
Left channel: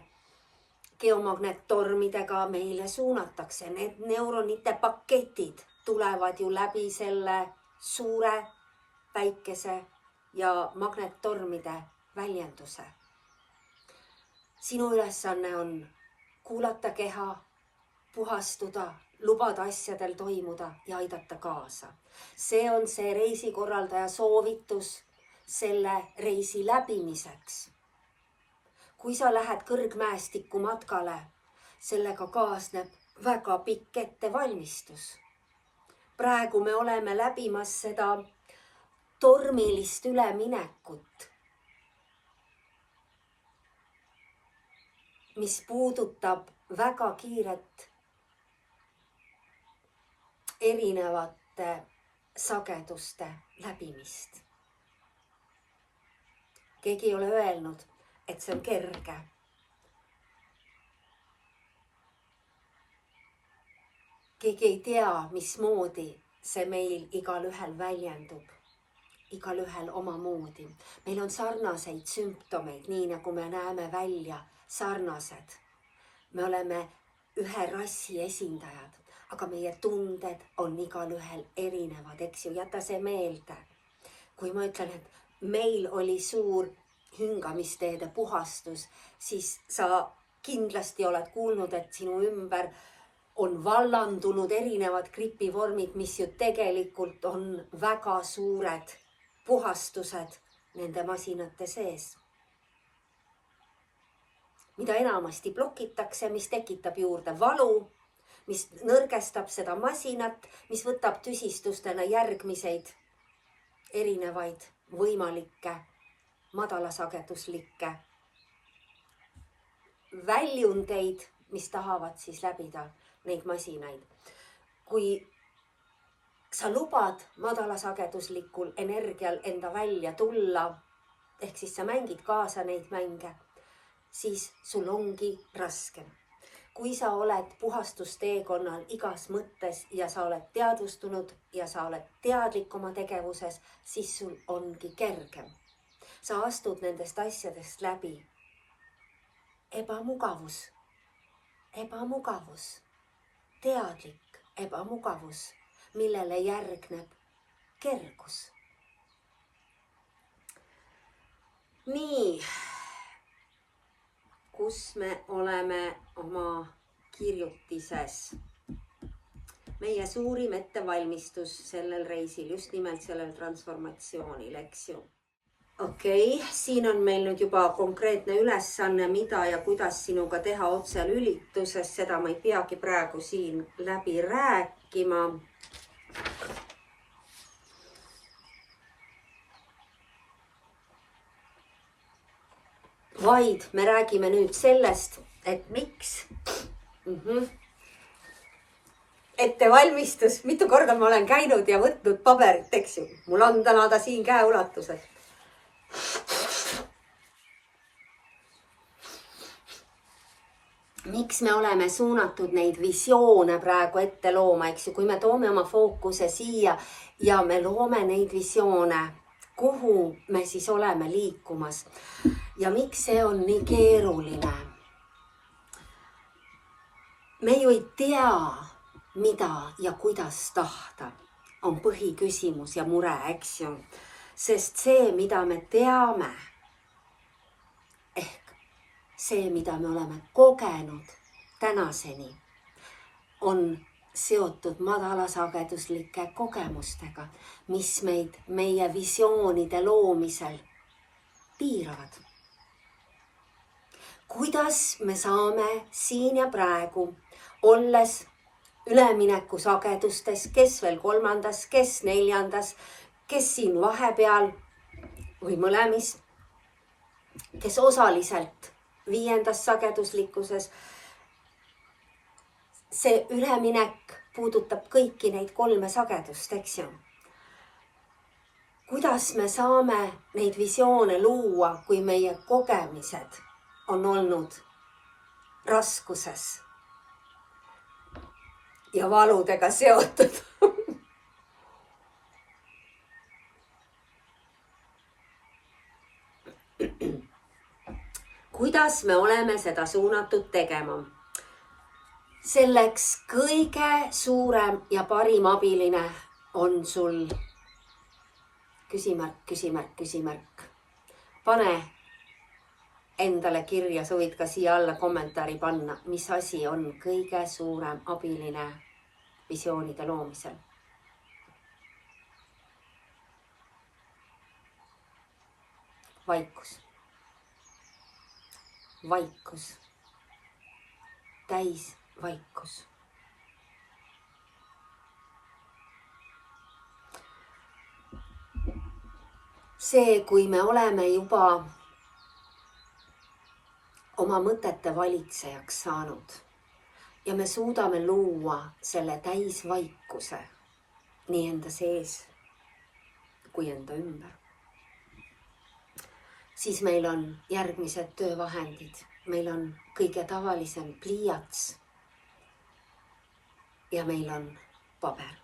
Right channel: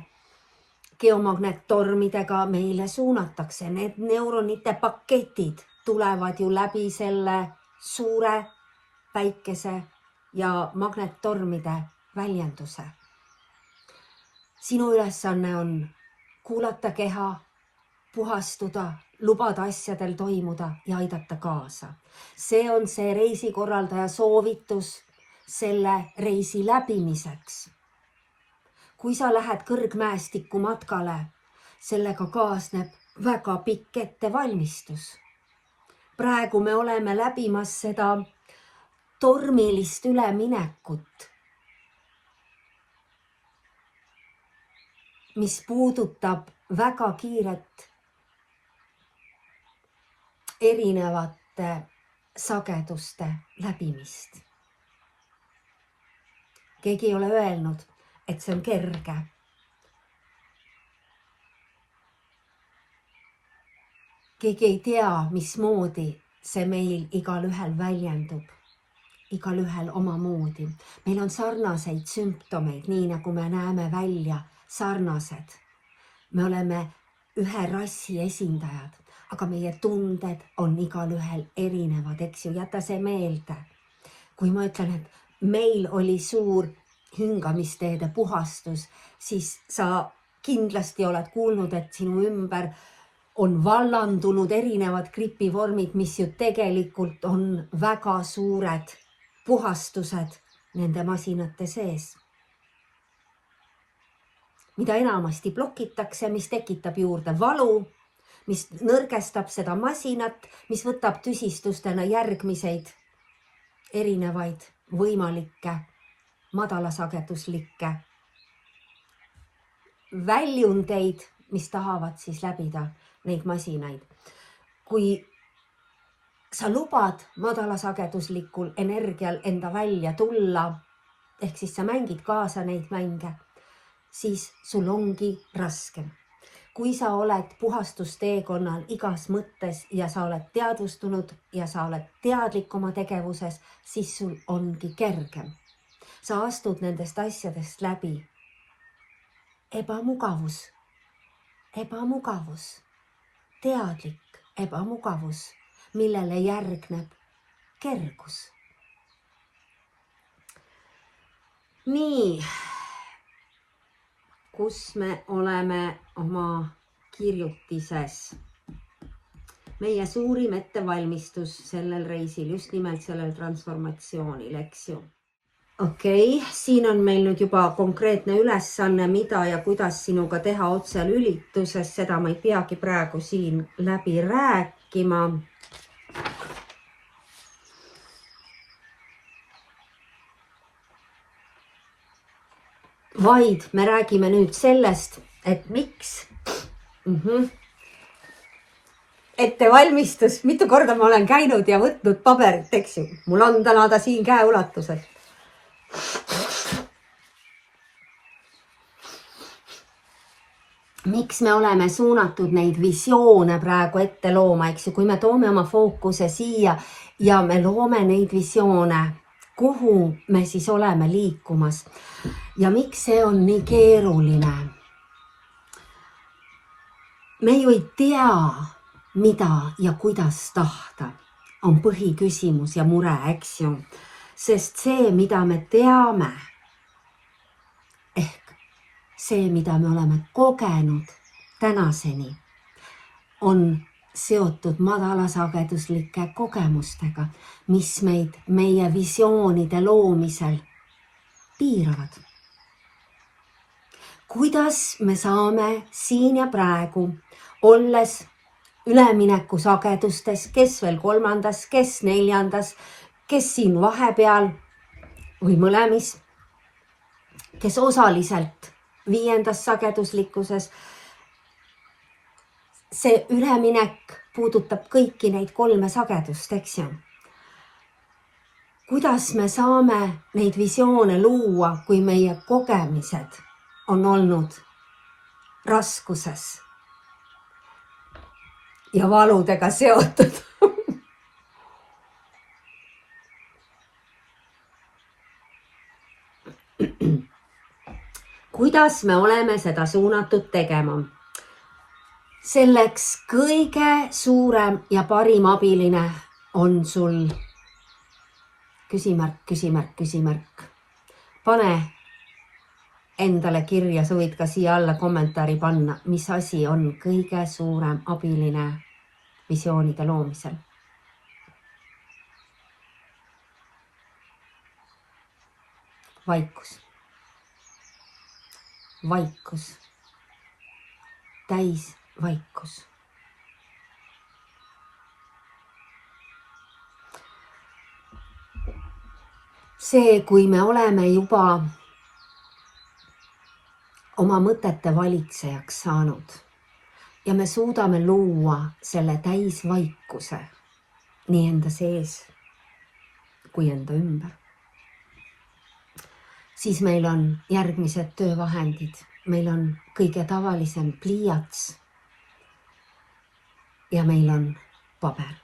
geomagnettormidega meile suunatakse. Need neuronite paketid tulevad ju läbi selle suure päikese ja magnettormide väljenduse. Sinu ülesanne on kuulata keha, puhastuda, lubada asjadel toimuda ja aidata kaasa. See on see reisikorraldaja soovitus selle reisi läbimiseks. Kui sa lähed kõrgmäestiku matkale, sellega kaasneb väga pikk ettevalmistus. Praegu me oleme läbimas seda tormilist üleminekut, mis puudutab väga kiiret erinevate sageduste läbimist. Keegi ei ole öelnud, et see on kerge. Keegi ei tea, mismoodi see meil igalühel väljendub. Igalühel omamoodi. Meil on sarnaseid sümptomeid, nii nagu me näeme välja, sarnased. Me oleme ühe rassi esindajad, aga meie tunded on igalühel erinevad, eks ju, jäta see meelde. Kui ma ütlen, et meil oli suur hingamisteede puhastus, siis sa kindlasti oled kuulnud, et sinu ümber on vallandunud erinevad gripivormid, mis ju tegelikult on väga suured puhastused nende masinate sees. Mida enamasti blokitakse, mis tekitab juurde valu, mis nõrgestab seda masinat, mis võtab tüsistustena järgmiseid erinevaid võimalikke madalasageduslikke väljundeid, mis tahavad siis läbida neid masinaid. Kui sa lubad madalasageduslikul energial enda välja tulla, ehk siis sa mängid kaasa neid mänge, siis sul ongi raskem. Kui sa oled puhastusteekonnal igas mõttes ja sa oled teadvustunud ja sa oled teadlik oma tegevuses, siis sul ongi kergem. Sa astud nendest asjadest läbi. Ebamugavus, teadlik ebamugavus, millele järgneb kergus. Nii, kus me oleme oma kirjutises? Meie suurim ettevalmistus sellel reisil, just nimelt sellel transformatsioonil, eks ju. Okei, siin on meil nüüd juba konkreetne ülesanne, mida ja kuidas sinuga teha otselülituses. Seda ma ei peagi praegu siin läbi rääkima. Vaid me räägime nüüd sellest, et miks ettevalmistus, mitu korda ma olen käinud ja võtnud paberit, eks ju. Mul on täna ta siin käeulatusel. Miks me oleme suunatud neid visioone praegu ette looma, eks ju, kui me toome oma fookuse siia ja me loome neid visioone, kuhu me siis oleme liikumas ja miks see on nii keeruline? Me ju ei tea, mida ja kuidas tahta, on põhiküsimus ja mure, eks ju. Sest see, mida me teame, ehk see, mida me oleme kogenud tänaseni, on seotud madalasageduslike kogemustega, mis meid meie visioonide loomisel piiravad. Kuidas me saame siin ja praegu, olles ülemineku sagedustes, kes veel 3., kes 4., kes siin vahepeal või mõlemis, kes osaliselt 5. sageduslikkuses. See üleminek puudutab kõiki neid 3 sagedust, eks ju. Kuidas me saame neid visioone luua, kui meie kogemised on olnud raskuses ja valudega seotud? Kuidas me oleme seda suunatud tegema? Selleks kõige suurem ja parim abiline on sul küsimärk, küsimärk, küsimärk. Pane endale kirja, sa võid ka siia alla kommentaari panna, mis asi on kõige suurem abiline visioonide loomisel. Vaikus. Vaikus. Täis vaikus. See, kui me oleme juba oma mõtete valitsejaks saanud ja me suudame luua selle täisvaikuse nii enda sees kui enda ümber, siis meil on järgmised töövahendid. Meil on kõige tavalisem pliiats ja meil on paber.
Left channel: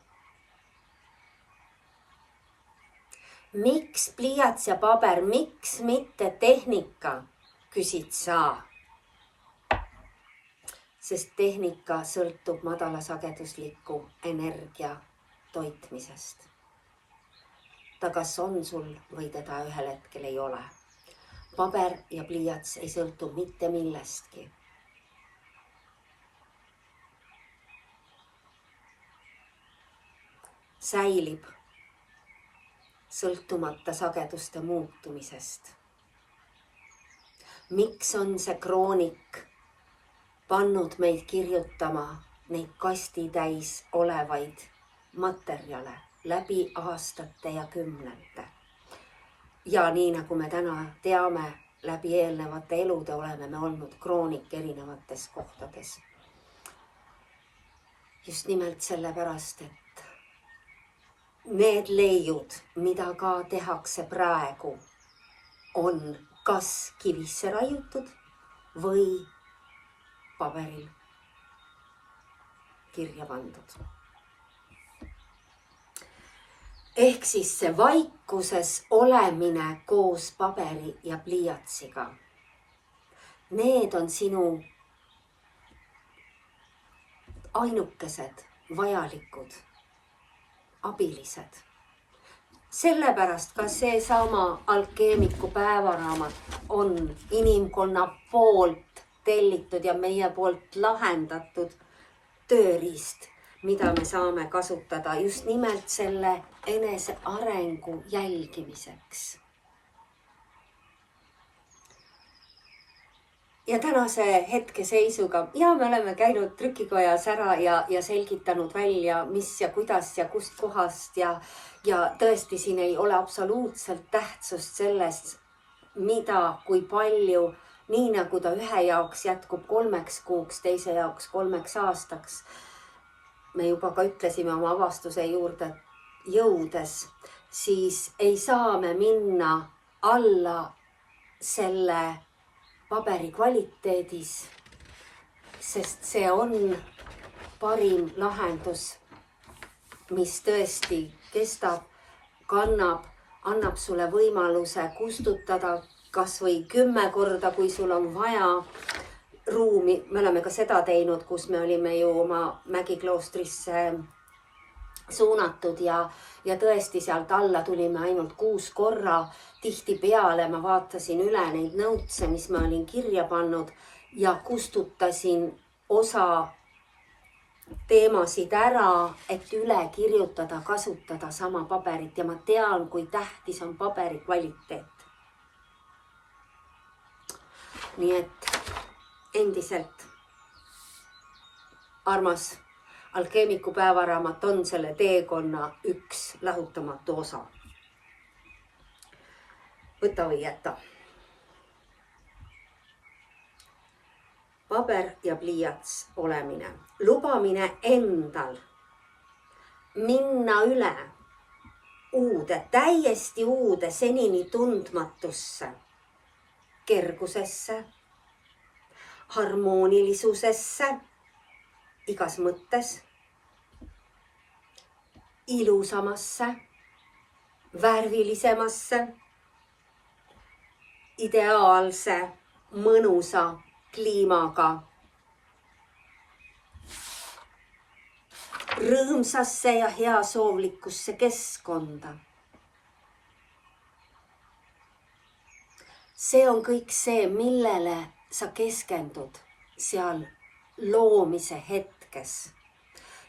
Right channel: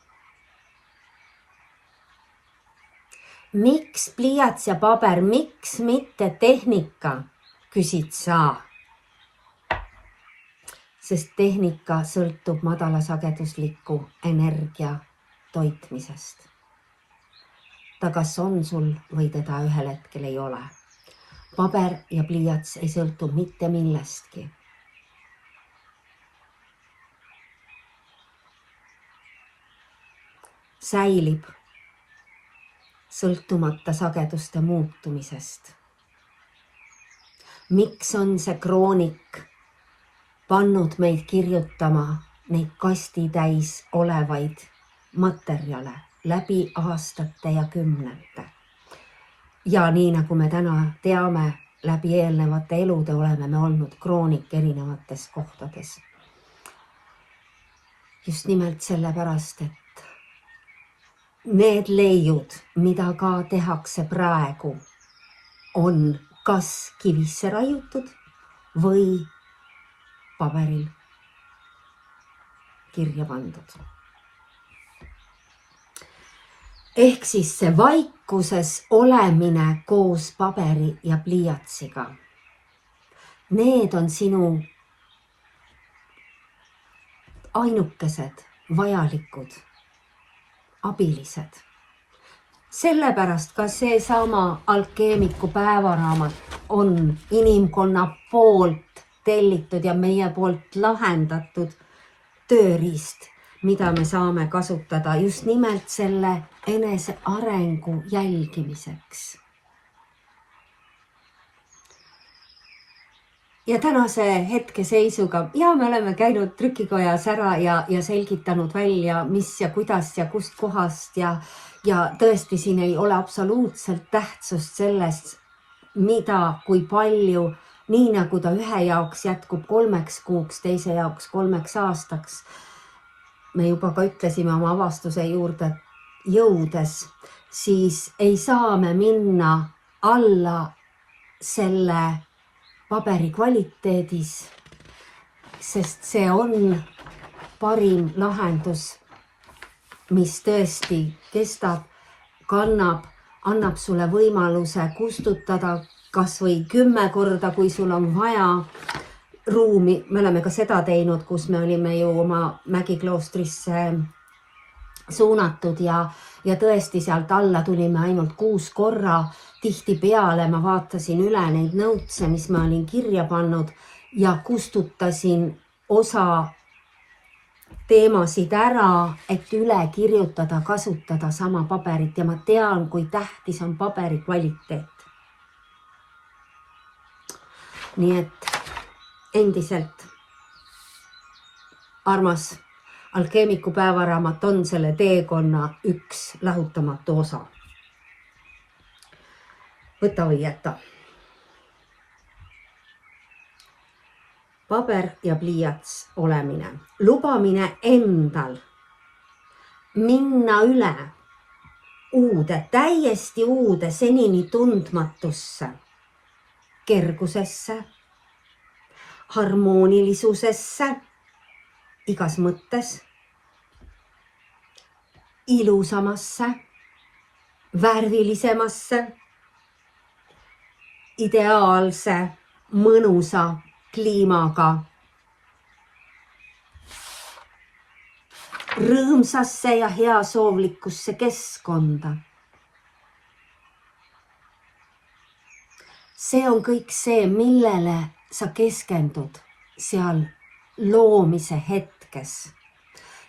Miks pliiats ja paber, miks mitte tehnika, küsid sa? Sest tehnika sõltub madalasagedusliku energia toitmisest. Ta kas on sul või teda ühel hetkel ei ole. Paber ja pliiats ei sõltu mitte millestki. Säilib sõltumata sageduste muutumisest. Miks on see kroonik pannud meid kirjutama neid kastitäis olevaid materjale läbi aastate ja kümnete? Ja nii nagu me täna teame, läbi eelnevate elude oleme me olnud kroonik erinevates kohtades. Just nimelt sellepärast, et need leiud, mida ka tehakse praegu, on kas kivisse raiutud või paberil kirja pandud. Ehk siis see vaikuses olemine koos paberi ja pliiatsiga. Need on sinu ainukesed vajalikud abilised. Sellepärast ka seesama alkeemiku päevaraamat on inimkonna poolt tellitud ja meie poolt lahendatud tööriist, mida me saame kasutada just nimelt selle enese arengu jälgimiseks. Ja tänase hetkeseisuga, ja me oleme käinud trükikojas ära ja selgitanud välja, mis ja kuidas ja kust kohast ja tõesti siin ei ole absoluutselt tähtsust sellest, mida, kui palju, nii nagu ta ühe jaoks jätkub 3 kuuks, teise jaoks 3 aastaks. Me juba ka ütlesime oma avastuse juurde jõudes, siis ei saa me minna alla selle paberi kvaliteedis, sest see on parim lahendus, mis tõesti kestab, kannab, annab sulle võimaluse kustutada kas või 10 korda, kui sul on vaja ruumi. Me oleme ka seda teinud, kus me olime ju oma Mägikloostrisse suunatud ja tõesti sealt alla tulime ainult 6 korra. Tihtipeale ma vaatasin üle neid nõutse, mis ma olin kirja pannud ja kustutasin osa teemasid ära, et üle kirjutada, kasutada sama paberit ja ma tean, kui tähtis on paberi kvaliteet. nii et endiselt armas alkeemiku päevaraamat on selle teekonna üks lahutamatu osa. Võta või jäta. Paber ja pliiats olemine. Lubamine endal minna üle uude, täiesti uude, senini tundmatusse, kergusesse, harmoonilisusesse, igas mõttes, ilusamasse, värvilisemasse, ideaalse, mõnusa kliimaga, rõõmsasse ja heasoovlikkusse keskkonda. See on kõik see, millele sa keskendud seal loomise hetkes.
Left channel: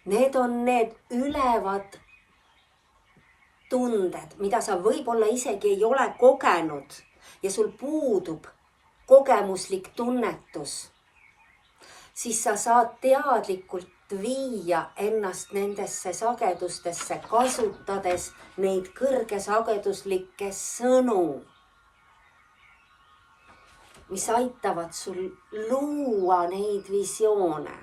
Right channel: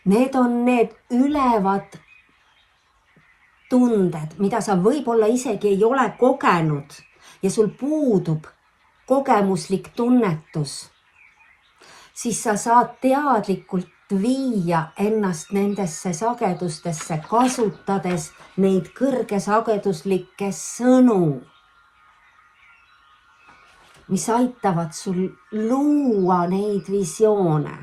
Need on need ülevad tunded, mida sa võib-olla isegi ei ole kogenud ja sul puudub kogemuslik tunnetus. Siis sa saad teadlikult viia ennast nendesse sagedustesse, kasutades neid kõrgesageduslikke sõnu, mis aitavad sul luua neid visioone.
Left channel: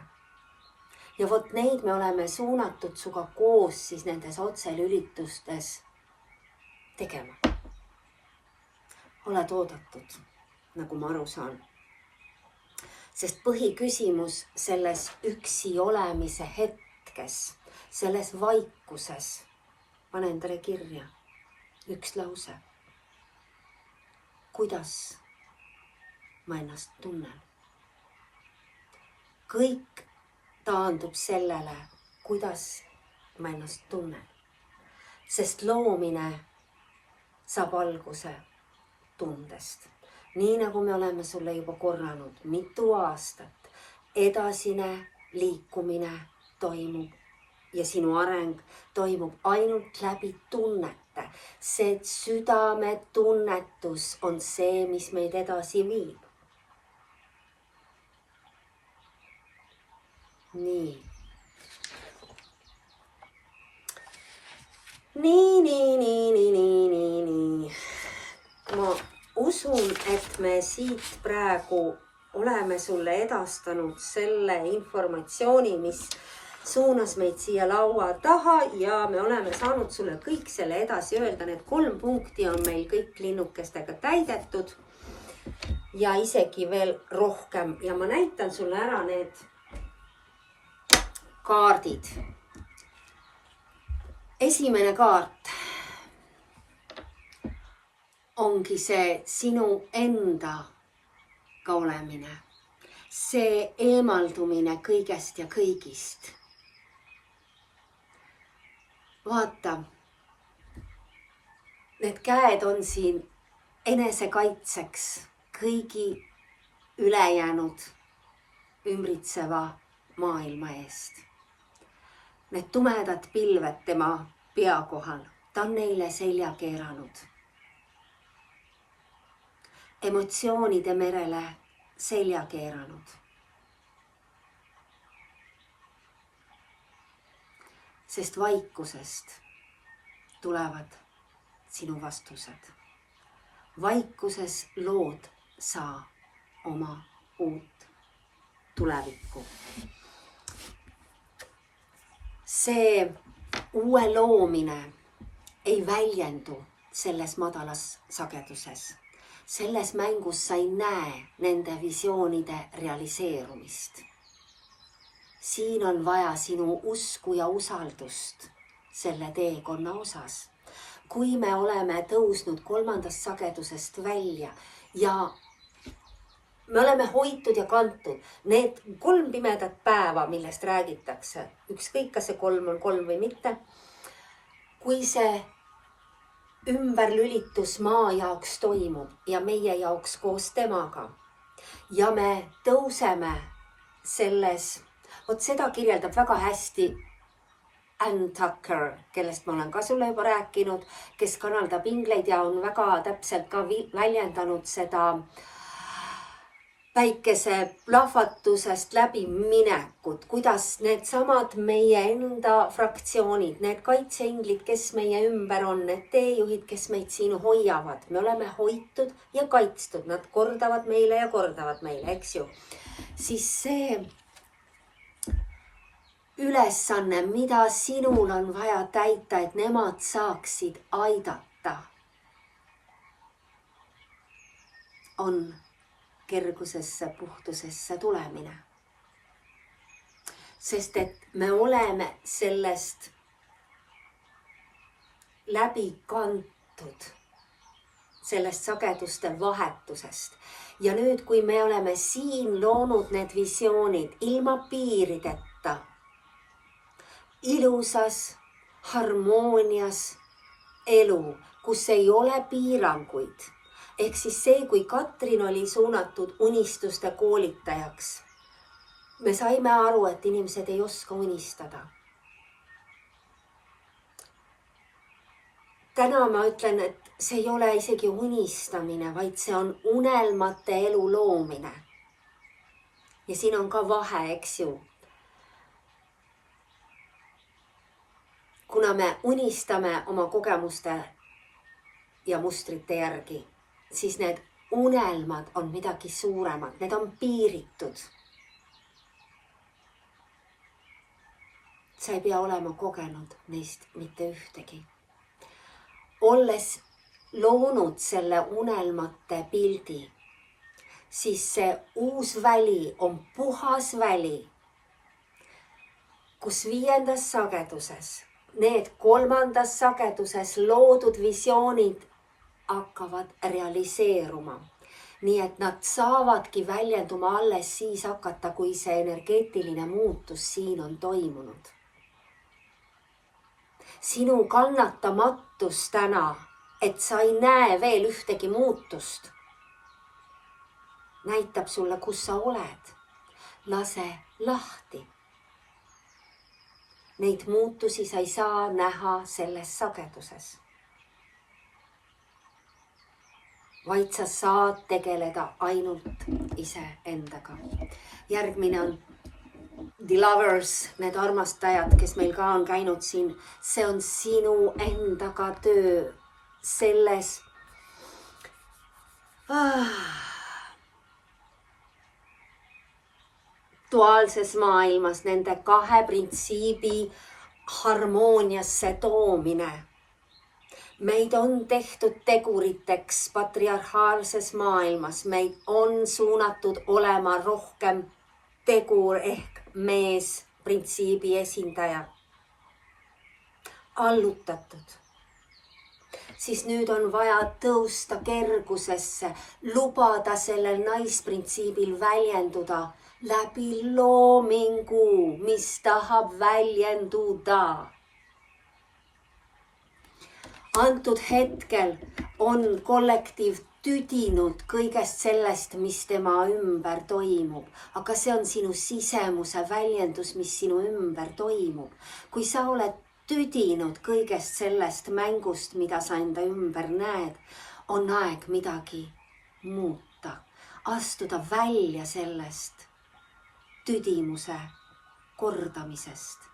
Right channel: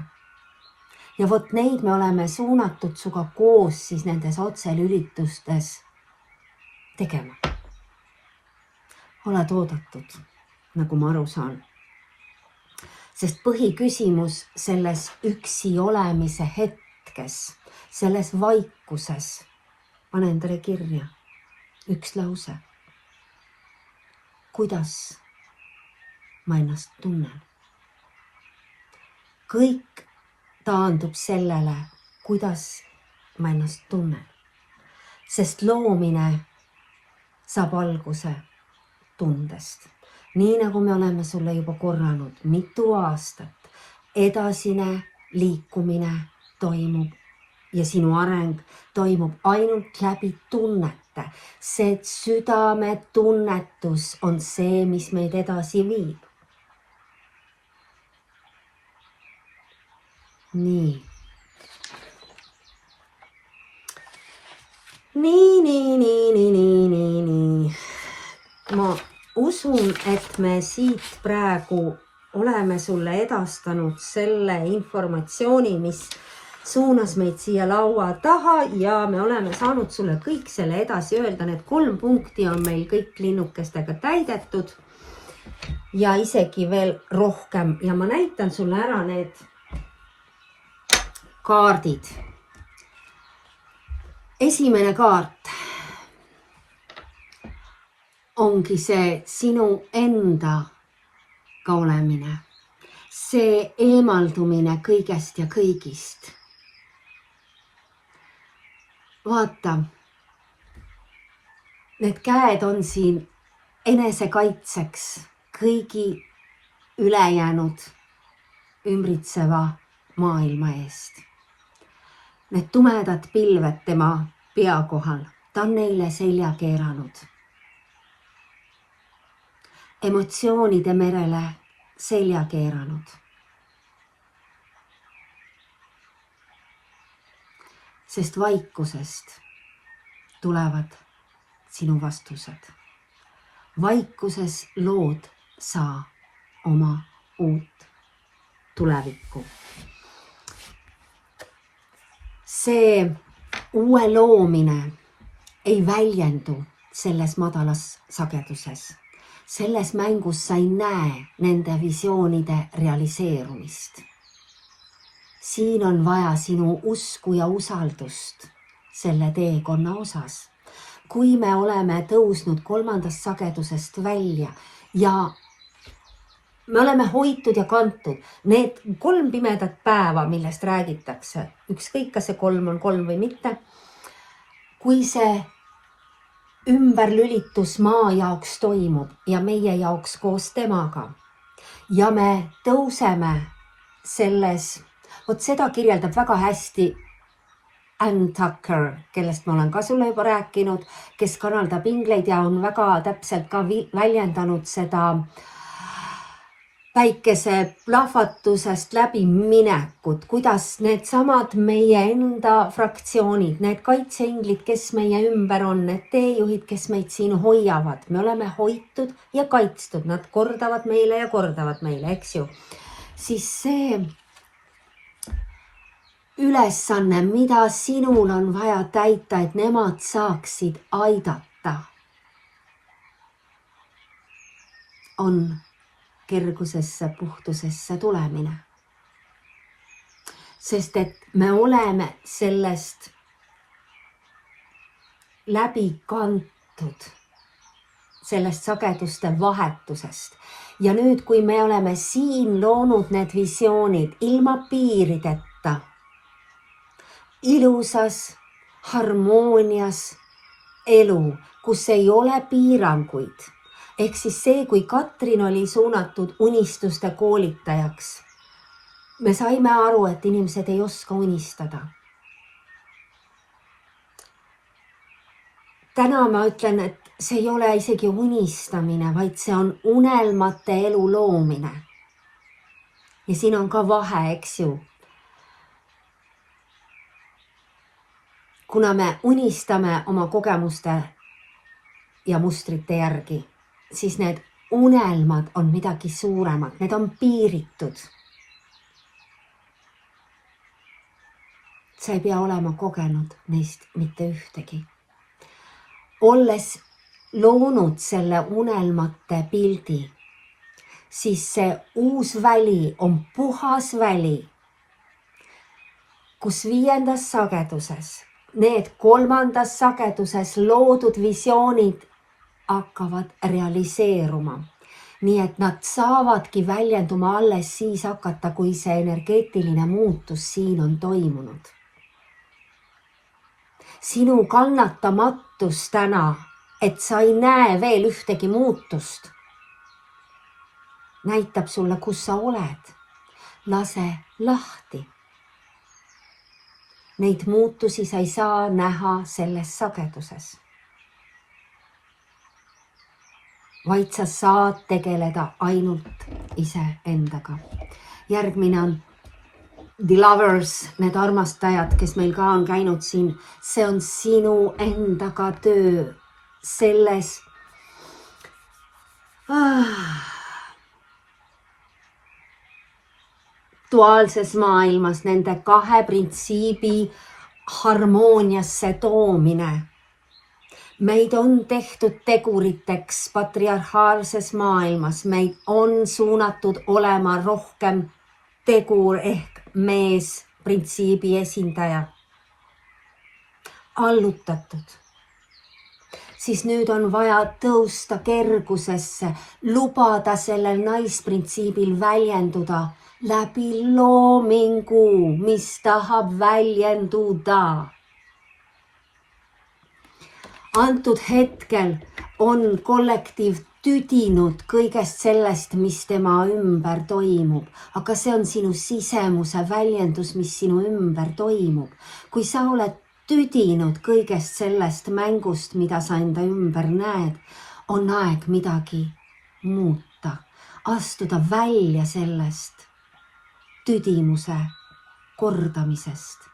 Ja vot neid me oleme suunatud suga koos siis nendes otselülitustes tegema. Oled oodatud, nagu ma aru saan. Sest põhiküsimus selles üksi olemise hetkes, selles vaikuses, pane endale kirja üks lause. Kuidas ma ennast tunnen? Kõik taandub sellele, kuidas ma ennast tunnen. Sest loomine saab alguse tundest. Nii nagu me oleme sulle juba korranud mitu aastat, edasine liikumine toimub ja sinu areng toimub ainult läbi tunnete. See südametunnetus on see, mis meid edasi viib. Nii. Ma usun, et me siit praegu oleme sulle edastanud selle informatsiooni, mis suunas meid siia laua taha ja me oleme saanud sulle kõik selle edasi öelda. Need 3 punkti on meil kõik linnukestega täidetud ja isegi veel rohkem. Ja ma näitan sulle ära need kaardid. Esimene kaart ongi see sinu endaga olemine, see eemaldumine kõigest ja kõigist. Vaata, need käed on siin enesekaitseks kõigi ülejäänud ümbritseva maailma eest. Need tumedad pilved tema pea kohal, ta on neile selja keeranud. Emotsioonide merele selja keeranud. Sest vaikusest tulevad sinu vastused. Vaikuses lood sa oma uut tulevikku. See uue loomine ei väljendu selles madalas sageduses. Selles mängus sa ei näe nende visioonide realiseerumist. Siin on vaja sinu usku ja usaldust selle teekonna osas. Kui me oleme tõusnud 3. sagedusest välja ja me oleme hoitud ja kantud need 3 pimedat päeva, millest räägitakse, ükskõik kas see 3 on 3 või mitte, kui see ümberlülitus maa jaoks toimub ja meie jaoks koos temaga ja me tõuseme selles, vot seda kirjeldab väga hästi Ann Tucker, kellest ma olen ka sulle juba rääkinud, kes kanaldab ingleid ja on väga täpselt ka väljendanud seda päikese plahvatusest läbi minekut, kuidas needsamad meie enda fraktsioonid, need kaitseinglid, kes meie ümber on, need teejuhid, kes meid siin hoiavad, me oleme hoitud ja kaitstud, nad kordavad meile ja kordavad meile, eks ju. Siis see ülesanne, mida sinul on vaja täita, et nemad saaksid aidata, on kergusesse, puhtusesse tulemine. Sest et me oleme sellest läbi kantud, sellest sageduste vahetusest. Ja nüüd, kui me oleme siin loonud need visioonid ilma piirideta, ilusas harmoonias elu, kus ei ole piiranguid, ehk siis see, kui Katrin oli suunatud unistuste koolitajaks, me saime aru, et inimesed ei oska unistada. Täna ma ütlen, et see ei ole isegi unistamine, vaid see on unelmate elu loomine. Ja siin on ka vahe, eks ju. Kuna me unistame oma kogemuste ja mustrite järgi, siis need unelmad on midagi suuremad, need on piiritud. Sa ei pea olema kogenud neist mitte ühtegi. Olles loonud selle unelmate pildi, siis see uus väli on puhas väli, kus 5. sageduses, need 3. sageduses loodud visioonid hakkavad realiseeruma. Nii et nad saavadki väljenduma alles siis hakata, kui see energeetiline muutus siin on toimunud. Sinu kannatamatus täna, et sa ei näe veel ühtegi muutust, näitab sulle, kus sa oled. Lase lahti. Neid muutusi sa ei saa näha selles sageduses. Vaid sa saad tegeleda ainult iseendaga. Järgmine on The Lovers, need armastajad, kes meil ka on käinud siin. See on sinu endaga töö selles duaalses maailmas, nende 2 printsiibi harmooniasse toomine. Meid on tehtud teguriteks patriarhaalses maailmas, meid on suunatud olema rohkem tegur ehk mees printsiibi esindaja. Allutatud. Siis nüüd on vaja tõusta kergusesse, lubada sellel naisprintsiibil väljenduda läbi loomingu, mis tahab väljenduda. Antud hetkel on kollektiiv tüdinud kõigest sellest, mis tema ümber toimub, aga see on sinu sisemuse väljendus, mis sinu ümber toimub. Kui sa oled tüdinud kõigest sellest mängust, mida sa enda ümber näed, on aeg midagi muuta, astuda välja sellest tüdimuse kordamisest,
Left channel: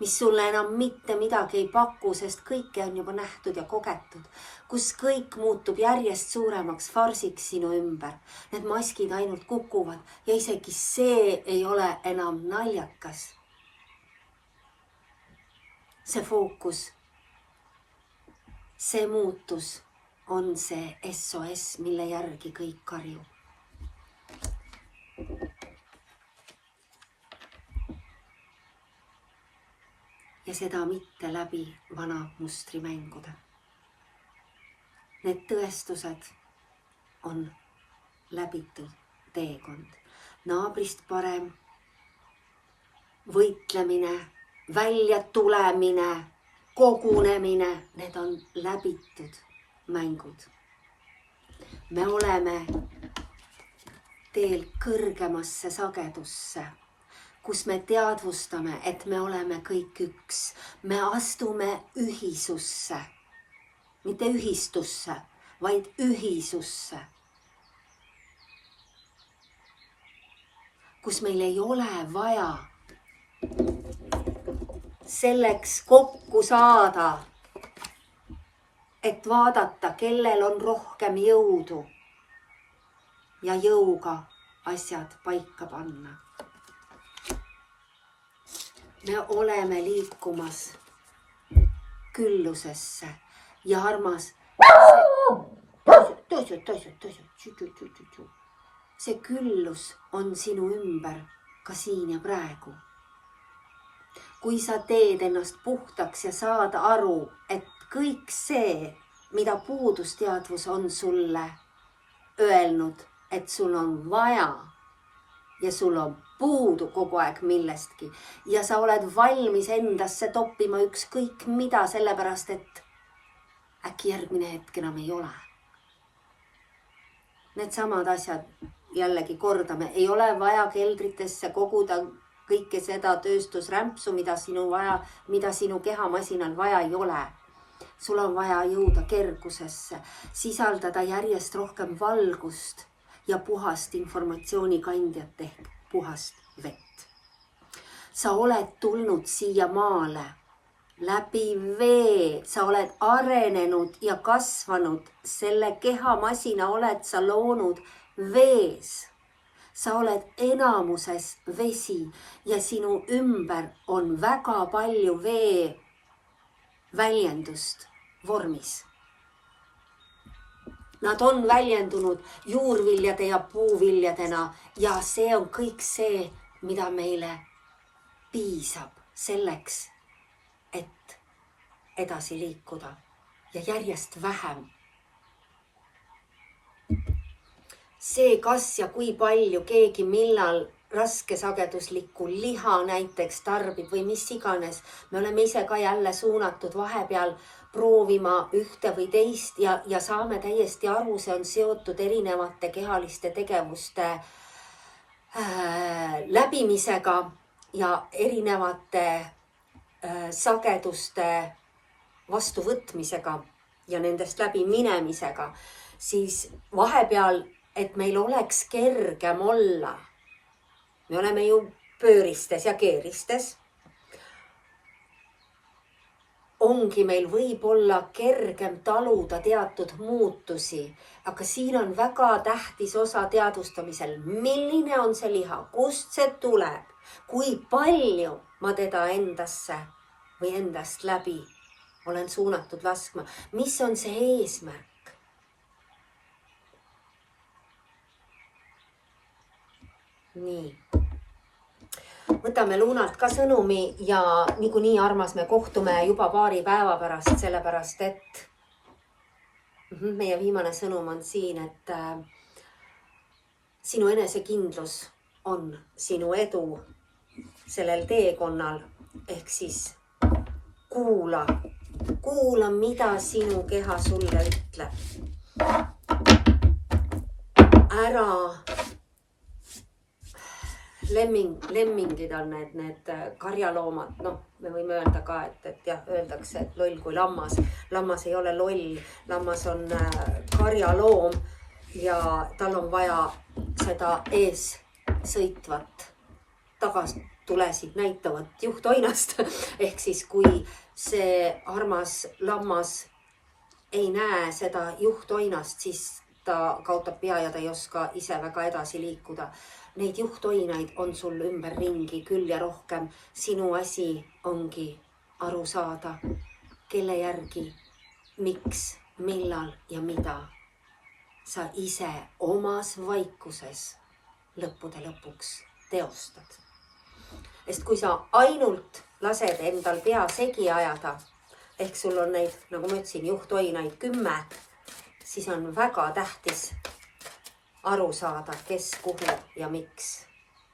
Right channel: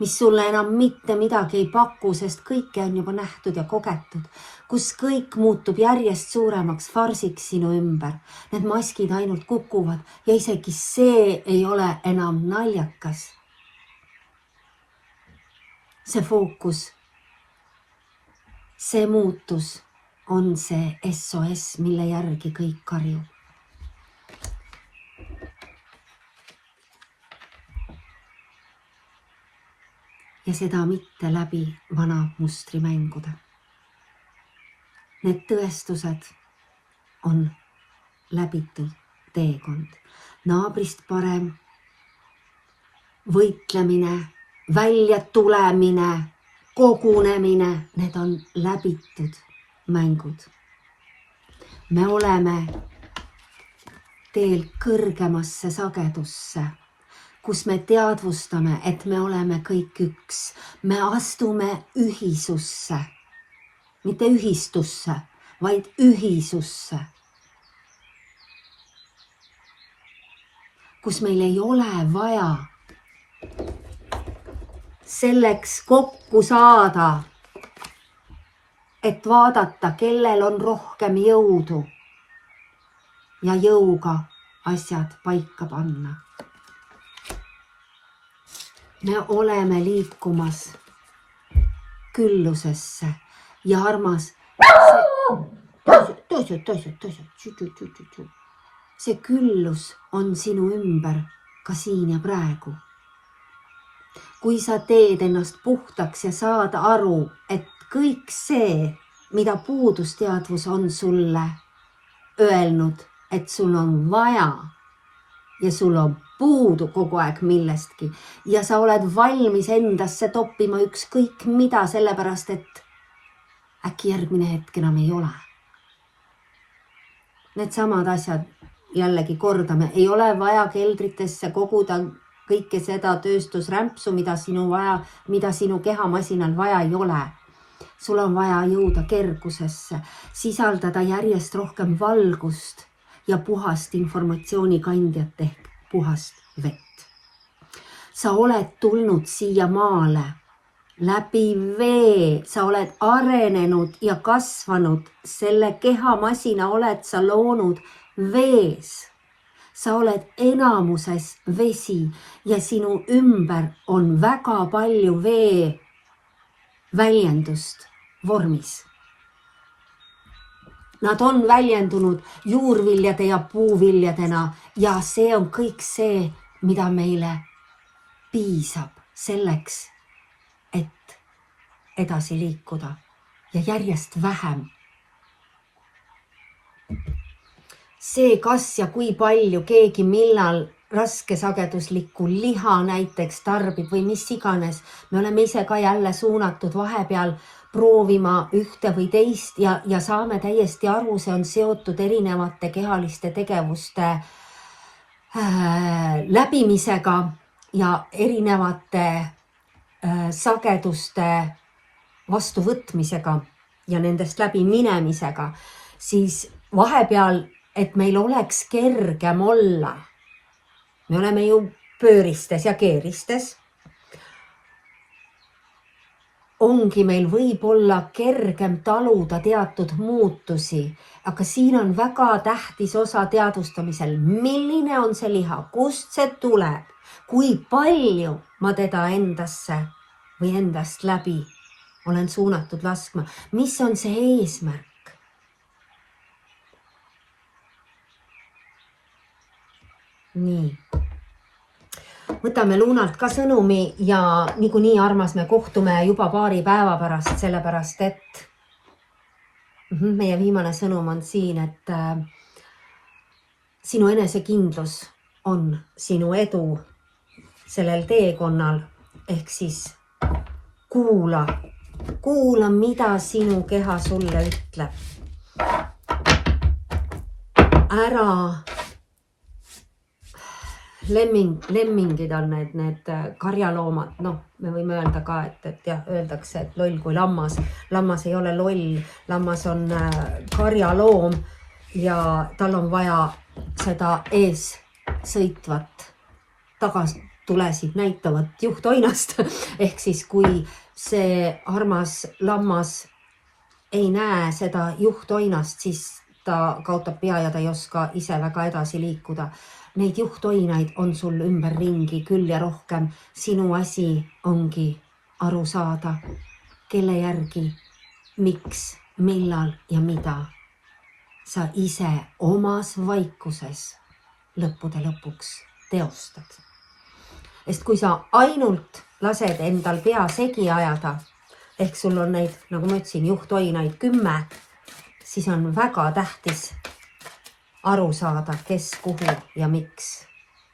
mis sulle enam mitte midagi ei paku, sest kõike on juba nähtud ja kogetud, kus kõik muutub järjest suuremaks farsiks sinu ümber. Need maskid ainult kukuvad ja isegi see ei ole enam naljakas. See fookus, see muutus on see SOS, mille järgi kõik karjub. Ja seda mitte läbi vana mustrimängude. Need tõestused on läbitud teekond. Naabrist parem, võitlemine, välja tulemine, kogunemine, need on läbitud mängud. Me oleme teel kõrgemasse sagedusse, kus me teadvustame, et me oleme kõik üks. Me astume ühisusse, mitte ühistusse, vaid ühisusse. kus meil ei ole vaja selleks kokku saada, et vaadata, kellel on rohkem jõudu ja jõuga asjad paika panna. Me oleme liikumas küllusesse ja armas, see küllus on sinu ümber ka siin ja praegu. Kui sa teed ennast puhtaks ja saad aru, et kõik see, mida puudusteadvus on sulle öelnud, et sul on vaja ja sul on puudu kogu aeg millestki ja sa oled valmis endasse toppima ükskõik mida, sellepärast et äkki järgmine hetk enam ei ole. Need samad asjad jällegi kordame, ei ole vaja keldritesse koguda kõike seda tööstusrämpsu, mida sinu kehamasinal vaja ei ole. Sul on vaja jõuda kergusesse, sisaldada järjest rohkem valgust ja puhast informatsioonikandjat ehk puhast vett. Sa oled tulnud siia maale läbi vee, sa oled arenenud ja kasvanud, selle kehamasina oled sa loonud vees. Sa oled enamuses vesi ja sinu ümber on väga palju vee väljendust vormis. Nad on väljendunud juurviljade ja puuviljadena ja see on kõik see, mida meile piisab selleks, et edasi liikuda ja järjest vähem. See, kas ja kui palju keegi millal raskesageduslikku liha näiteks tarbib või mis iganes, me oleme ise ka jälle suunatud vahepeal proovima ühte või teist ja saame täiesti aru, see on seotud erinevate kehaliste tegevuste läbimisega ja erinevate sageduste vastuvõtmisega ja nendest läbi minemisega, siis vahepeal, et meil oleks kergem olla. Me oleme ju pööristes ja keeristes. Ongi meil võib-olla kergem taluda teatud muutusi, aga siin on väga tähtis osa teadvustamisel. Milline on see liha? Kust see tuleb? Kui palju ma teda endasse või endast läbi olen suunatud laskma? Mis on see eesmärk? Nii. Võtame Lunalt ka sõnumi ja niikuinii armas, me kohtume juba paari päeva pärast, sellepärast et meie viimane sõnum on siin, et sinu enesekindlus on sinu edu sellel teekonnal, ehk siis kuula, mida sinu keha sulle ütleb. Ära lemmingid on need karjaloomad, me võime öelda ka, et jah, öeldakse, et loll kui lammas. Lammas ei ole loll, lammas on karjaloom ja tal on vaja seda ees sõitvat, tagastulesid näitavat juhtoinast. Ehk siis, kui see armas lammas ei näe seda juhtoinast, siis ta kaotab pea ja ta ei oska ise väga edasi liikuda. Neid juhtoinaid on sul ümber ringi küll ja rohkem. Sinu asi ongi aru saada, kelle järgi, miks, millal ja mida sa ise omas vaikuses lõppude lõpuks teostad. Sest kui sa ainult lased endal pea segi ajada, ehk sul on neid, nagu ma ütlesin, juhtoinaid 10, siis on väga tähtis aru saada, kes, kuhu ja miks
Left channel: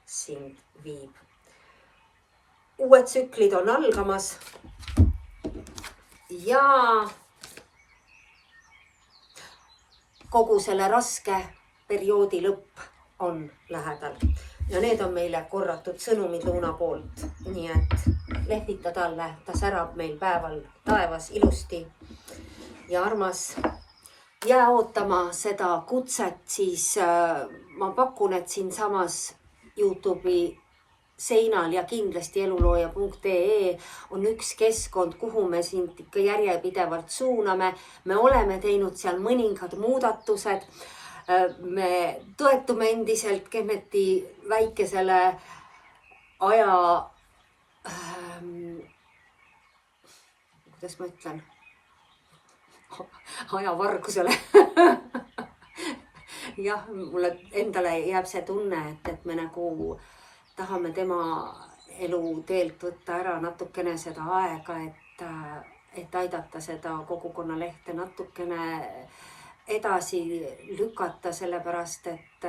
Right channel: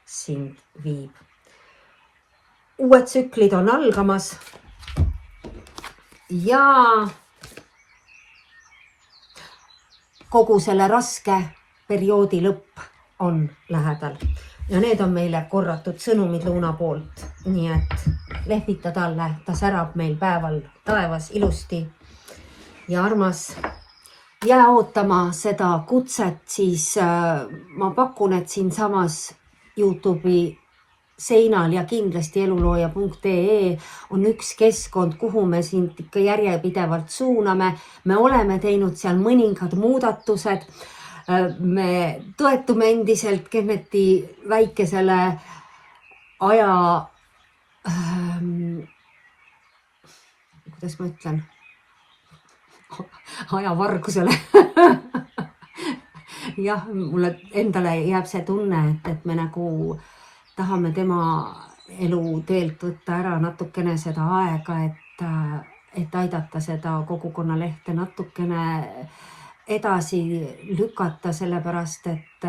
sind viib. Uued tsüklid on algamas ja kogu selle raske perioodi lõpp on lähedal. Ja need on meile korratud sõnumid Luna poolt. Nii et lehvita talle, ta särab meil päeval taevas ilusti ja armas. Jää ootama seda kutset, siis ma pakun, et siin samas YouTube'i seinal ja kindlasti elulooja.ee on üks keskkond, kuhu me sind ikka järjepidevalt suuname. Me oleme teinud seal mõningad muudatused. Me toetume endiselt Kenneti väikesele kuidas ma ütlen, ajavargusele. Jah, mulle endale jääb see tunne, et me nagu tahame tema eluteelt võtta ära natukene seda aega, et aidata seda kogukonnalehte natukene edasi lükata, sellepärast et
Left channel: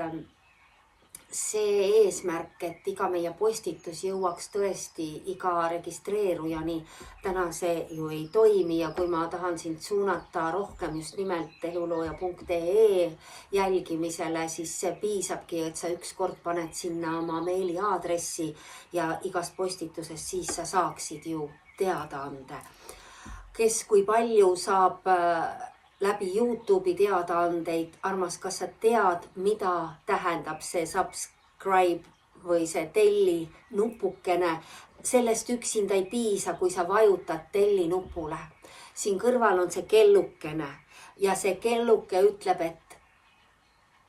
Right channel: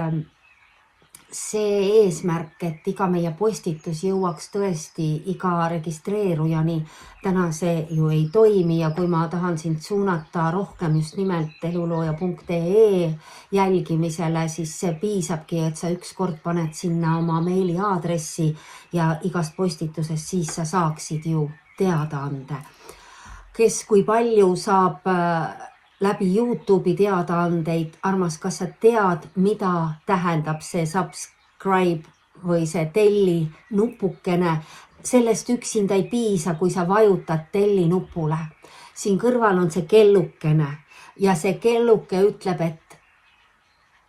see eesmärk, et iga meie postitus jõuaks tõesti iga registreerujani, täna see ju ei toimi ja kui ma tahan sind suunata rohkem just nimelt elulooja.ee jälgimisele, siis see piisabki, et sa ükskord paned sinna oma meiliaadressi ja igast postitusest siis sa saaksid ju teadaande. Kes kui palju saab läbi YouTube'i teadaandeid, armas, kas sa tead, mida tähendab see subscribe või see telli nupukene? Sellest üksinda ei piisa, kui sa vajutad telli nupule. Siin kõrval on see kellukene ja see kelluke ütleb, et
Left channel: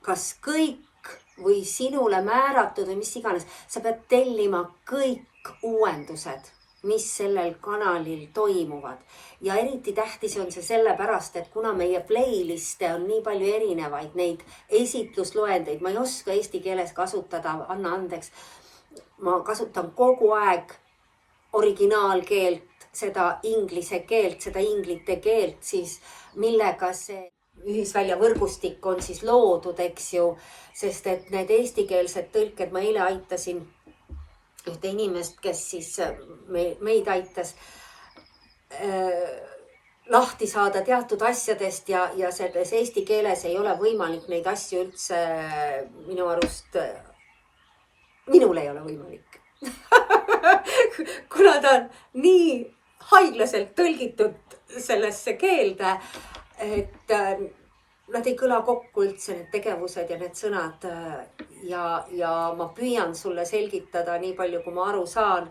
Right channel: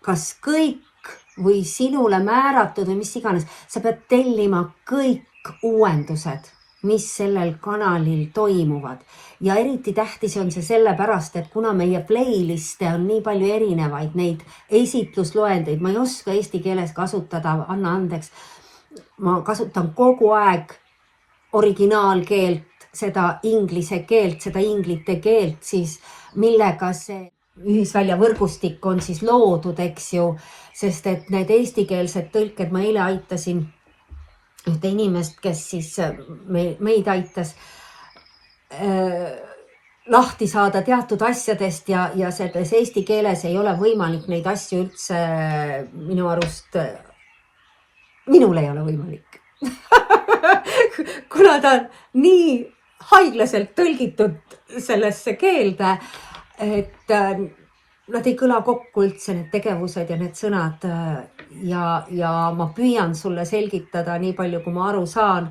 kas kõik või sinule määratud või mis iganes, sa pead tellima kõik uuendused, mis sellel kanalil toimuvad. Ja eriti tähtis on see sellepärast, et kuna meie playliste on nii palju erinevaid, neid esitlusloendeid, ma ei oska eesti keeles kasutada, anna andeks, ma kasutan kogu aeg originaalkeelt, seda inglise keelt, seda inglite keelt, siis millega see ühisvälja võrgustik on siis loodud, eks ju, sest et need eestikeelsed tõlked, ma eile aitasin ühte inimest, kes siis meid aitas lahti saada teatud asjadest ja selles eesti keeles ei ole võimalik neid asju üldse minu arust, minul ei ole võimalik. Kuna ta on nii haiglaselt tõlgitud sellesse keelde, et nad ei kõla kokku üldse, need tegevused ja need sõnad ja ma püüan sulle selgitada nii palju, kui ma aru saan.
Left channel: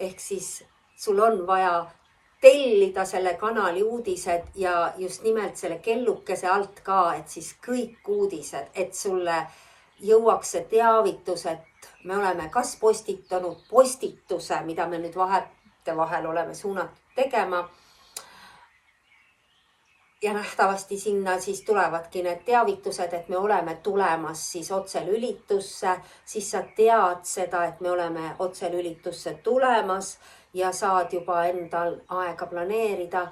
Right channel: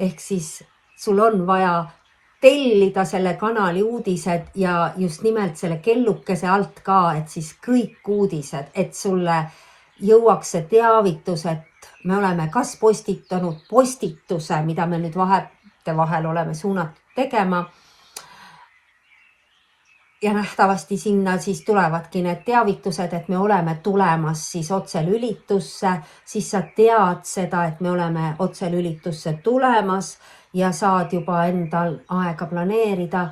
Ehk siis sul on vaja tellida selle kanali uudised ja just nimelt selle kellukese alt ka, et siis kõik uudised, et sulle jõuaks see teavitus, et me oleme kas postitanud postituse, mida me nüüd vahel oleme suunatud tegema. Ja nähtavasti sinna siis tulevadki need teavitused, et me oleme tulemas siis otselülitusse, siis sa tead seda, et me oleme otselülitusse tulemas ja saad juba endal aega planeerida.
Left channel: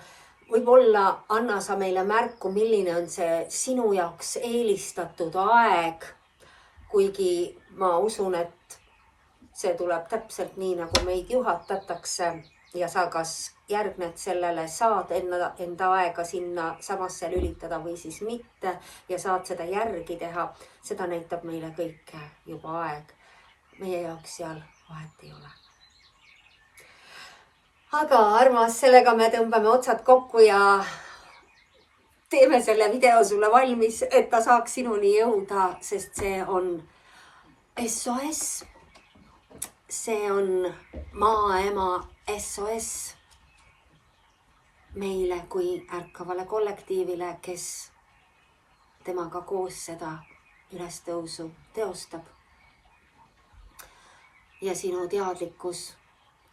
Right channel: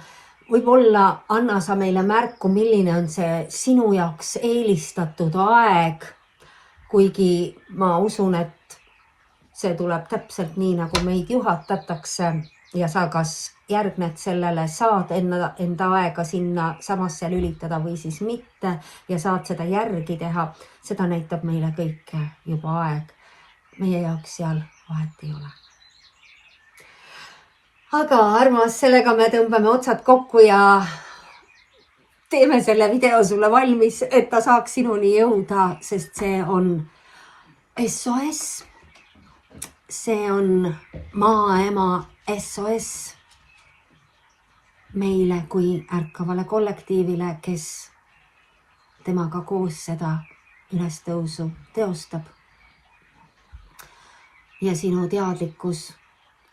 Võib-olla anna sa meile märku, milline on see sinu jaoks eelistatud aeg, kuigi ma usun, et see tuleb täpselt nii, nagu meid juhatatakse ja sa kas järgned sellele, saad enda aega sinna samasse lülitada või siis mitte ja saad seda järgi teha. Seda näitab meile kõike juba aeg. Meie jaoks seal vahet ei ole. Aga armas, sellega me tõmbame otsad kokku ja teeme selle video sulle valmis, et ta saaks sinuni jõuda, sest see on SOS. See on maaema SOS meile kui ärkavale kollektiivile, kes temaga koos seda ülestõusu teostab. Ja sinu teadlikkus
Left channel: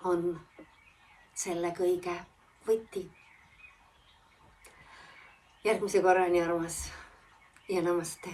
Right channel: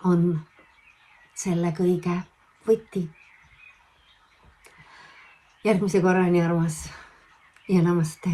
on selle kõige võti. Järgmise korrani, armas, ja namaste.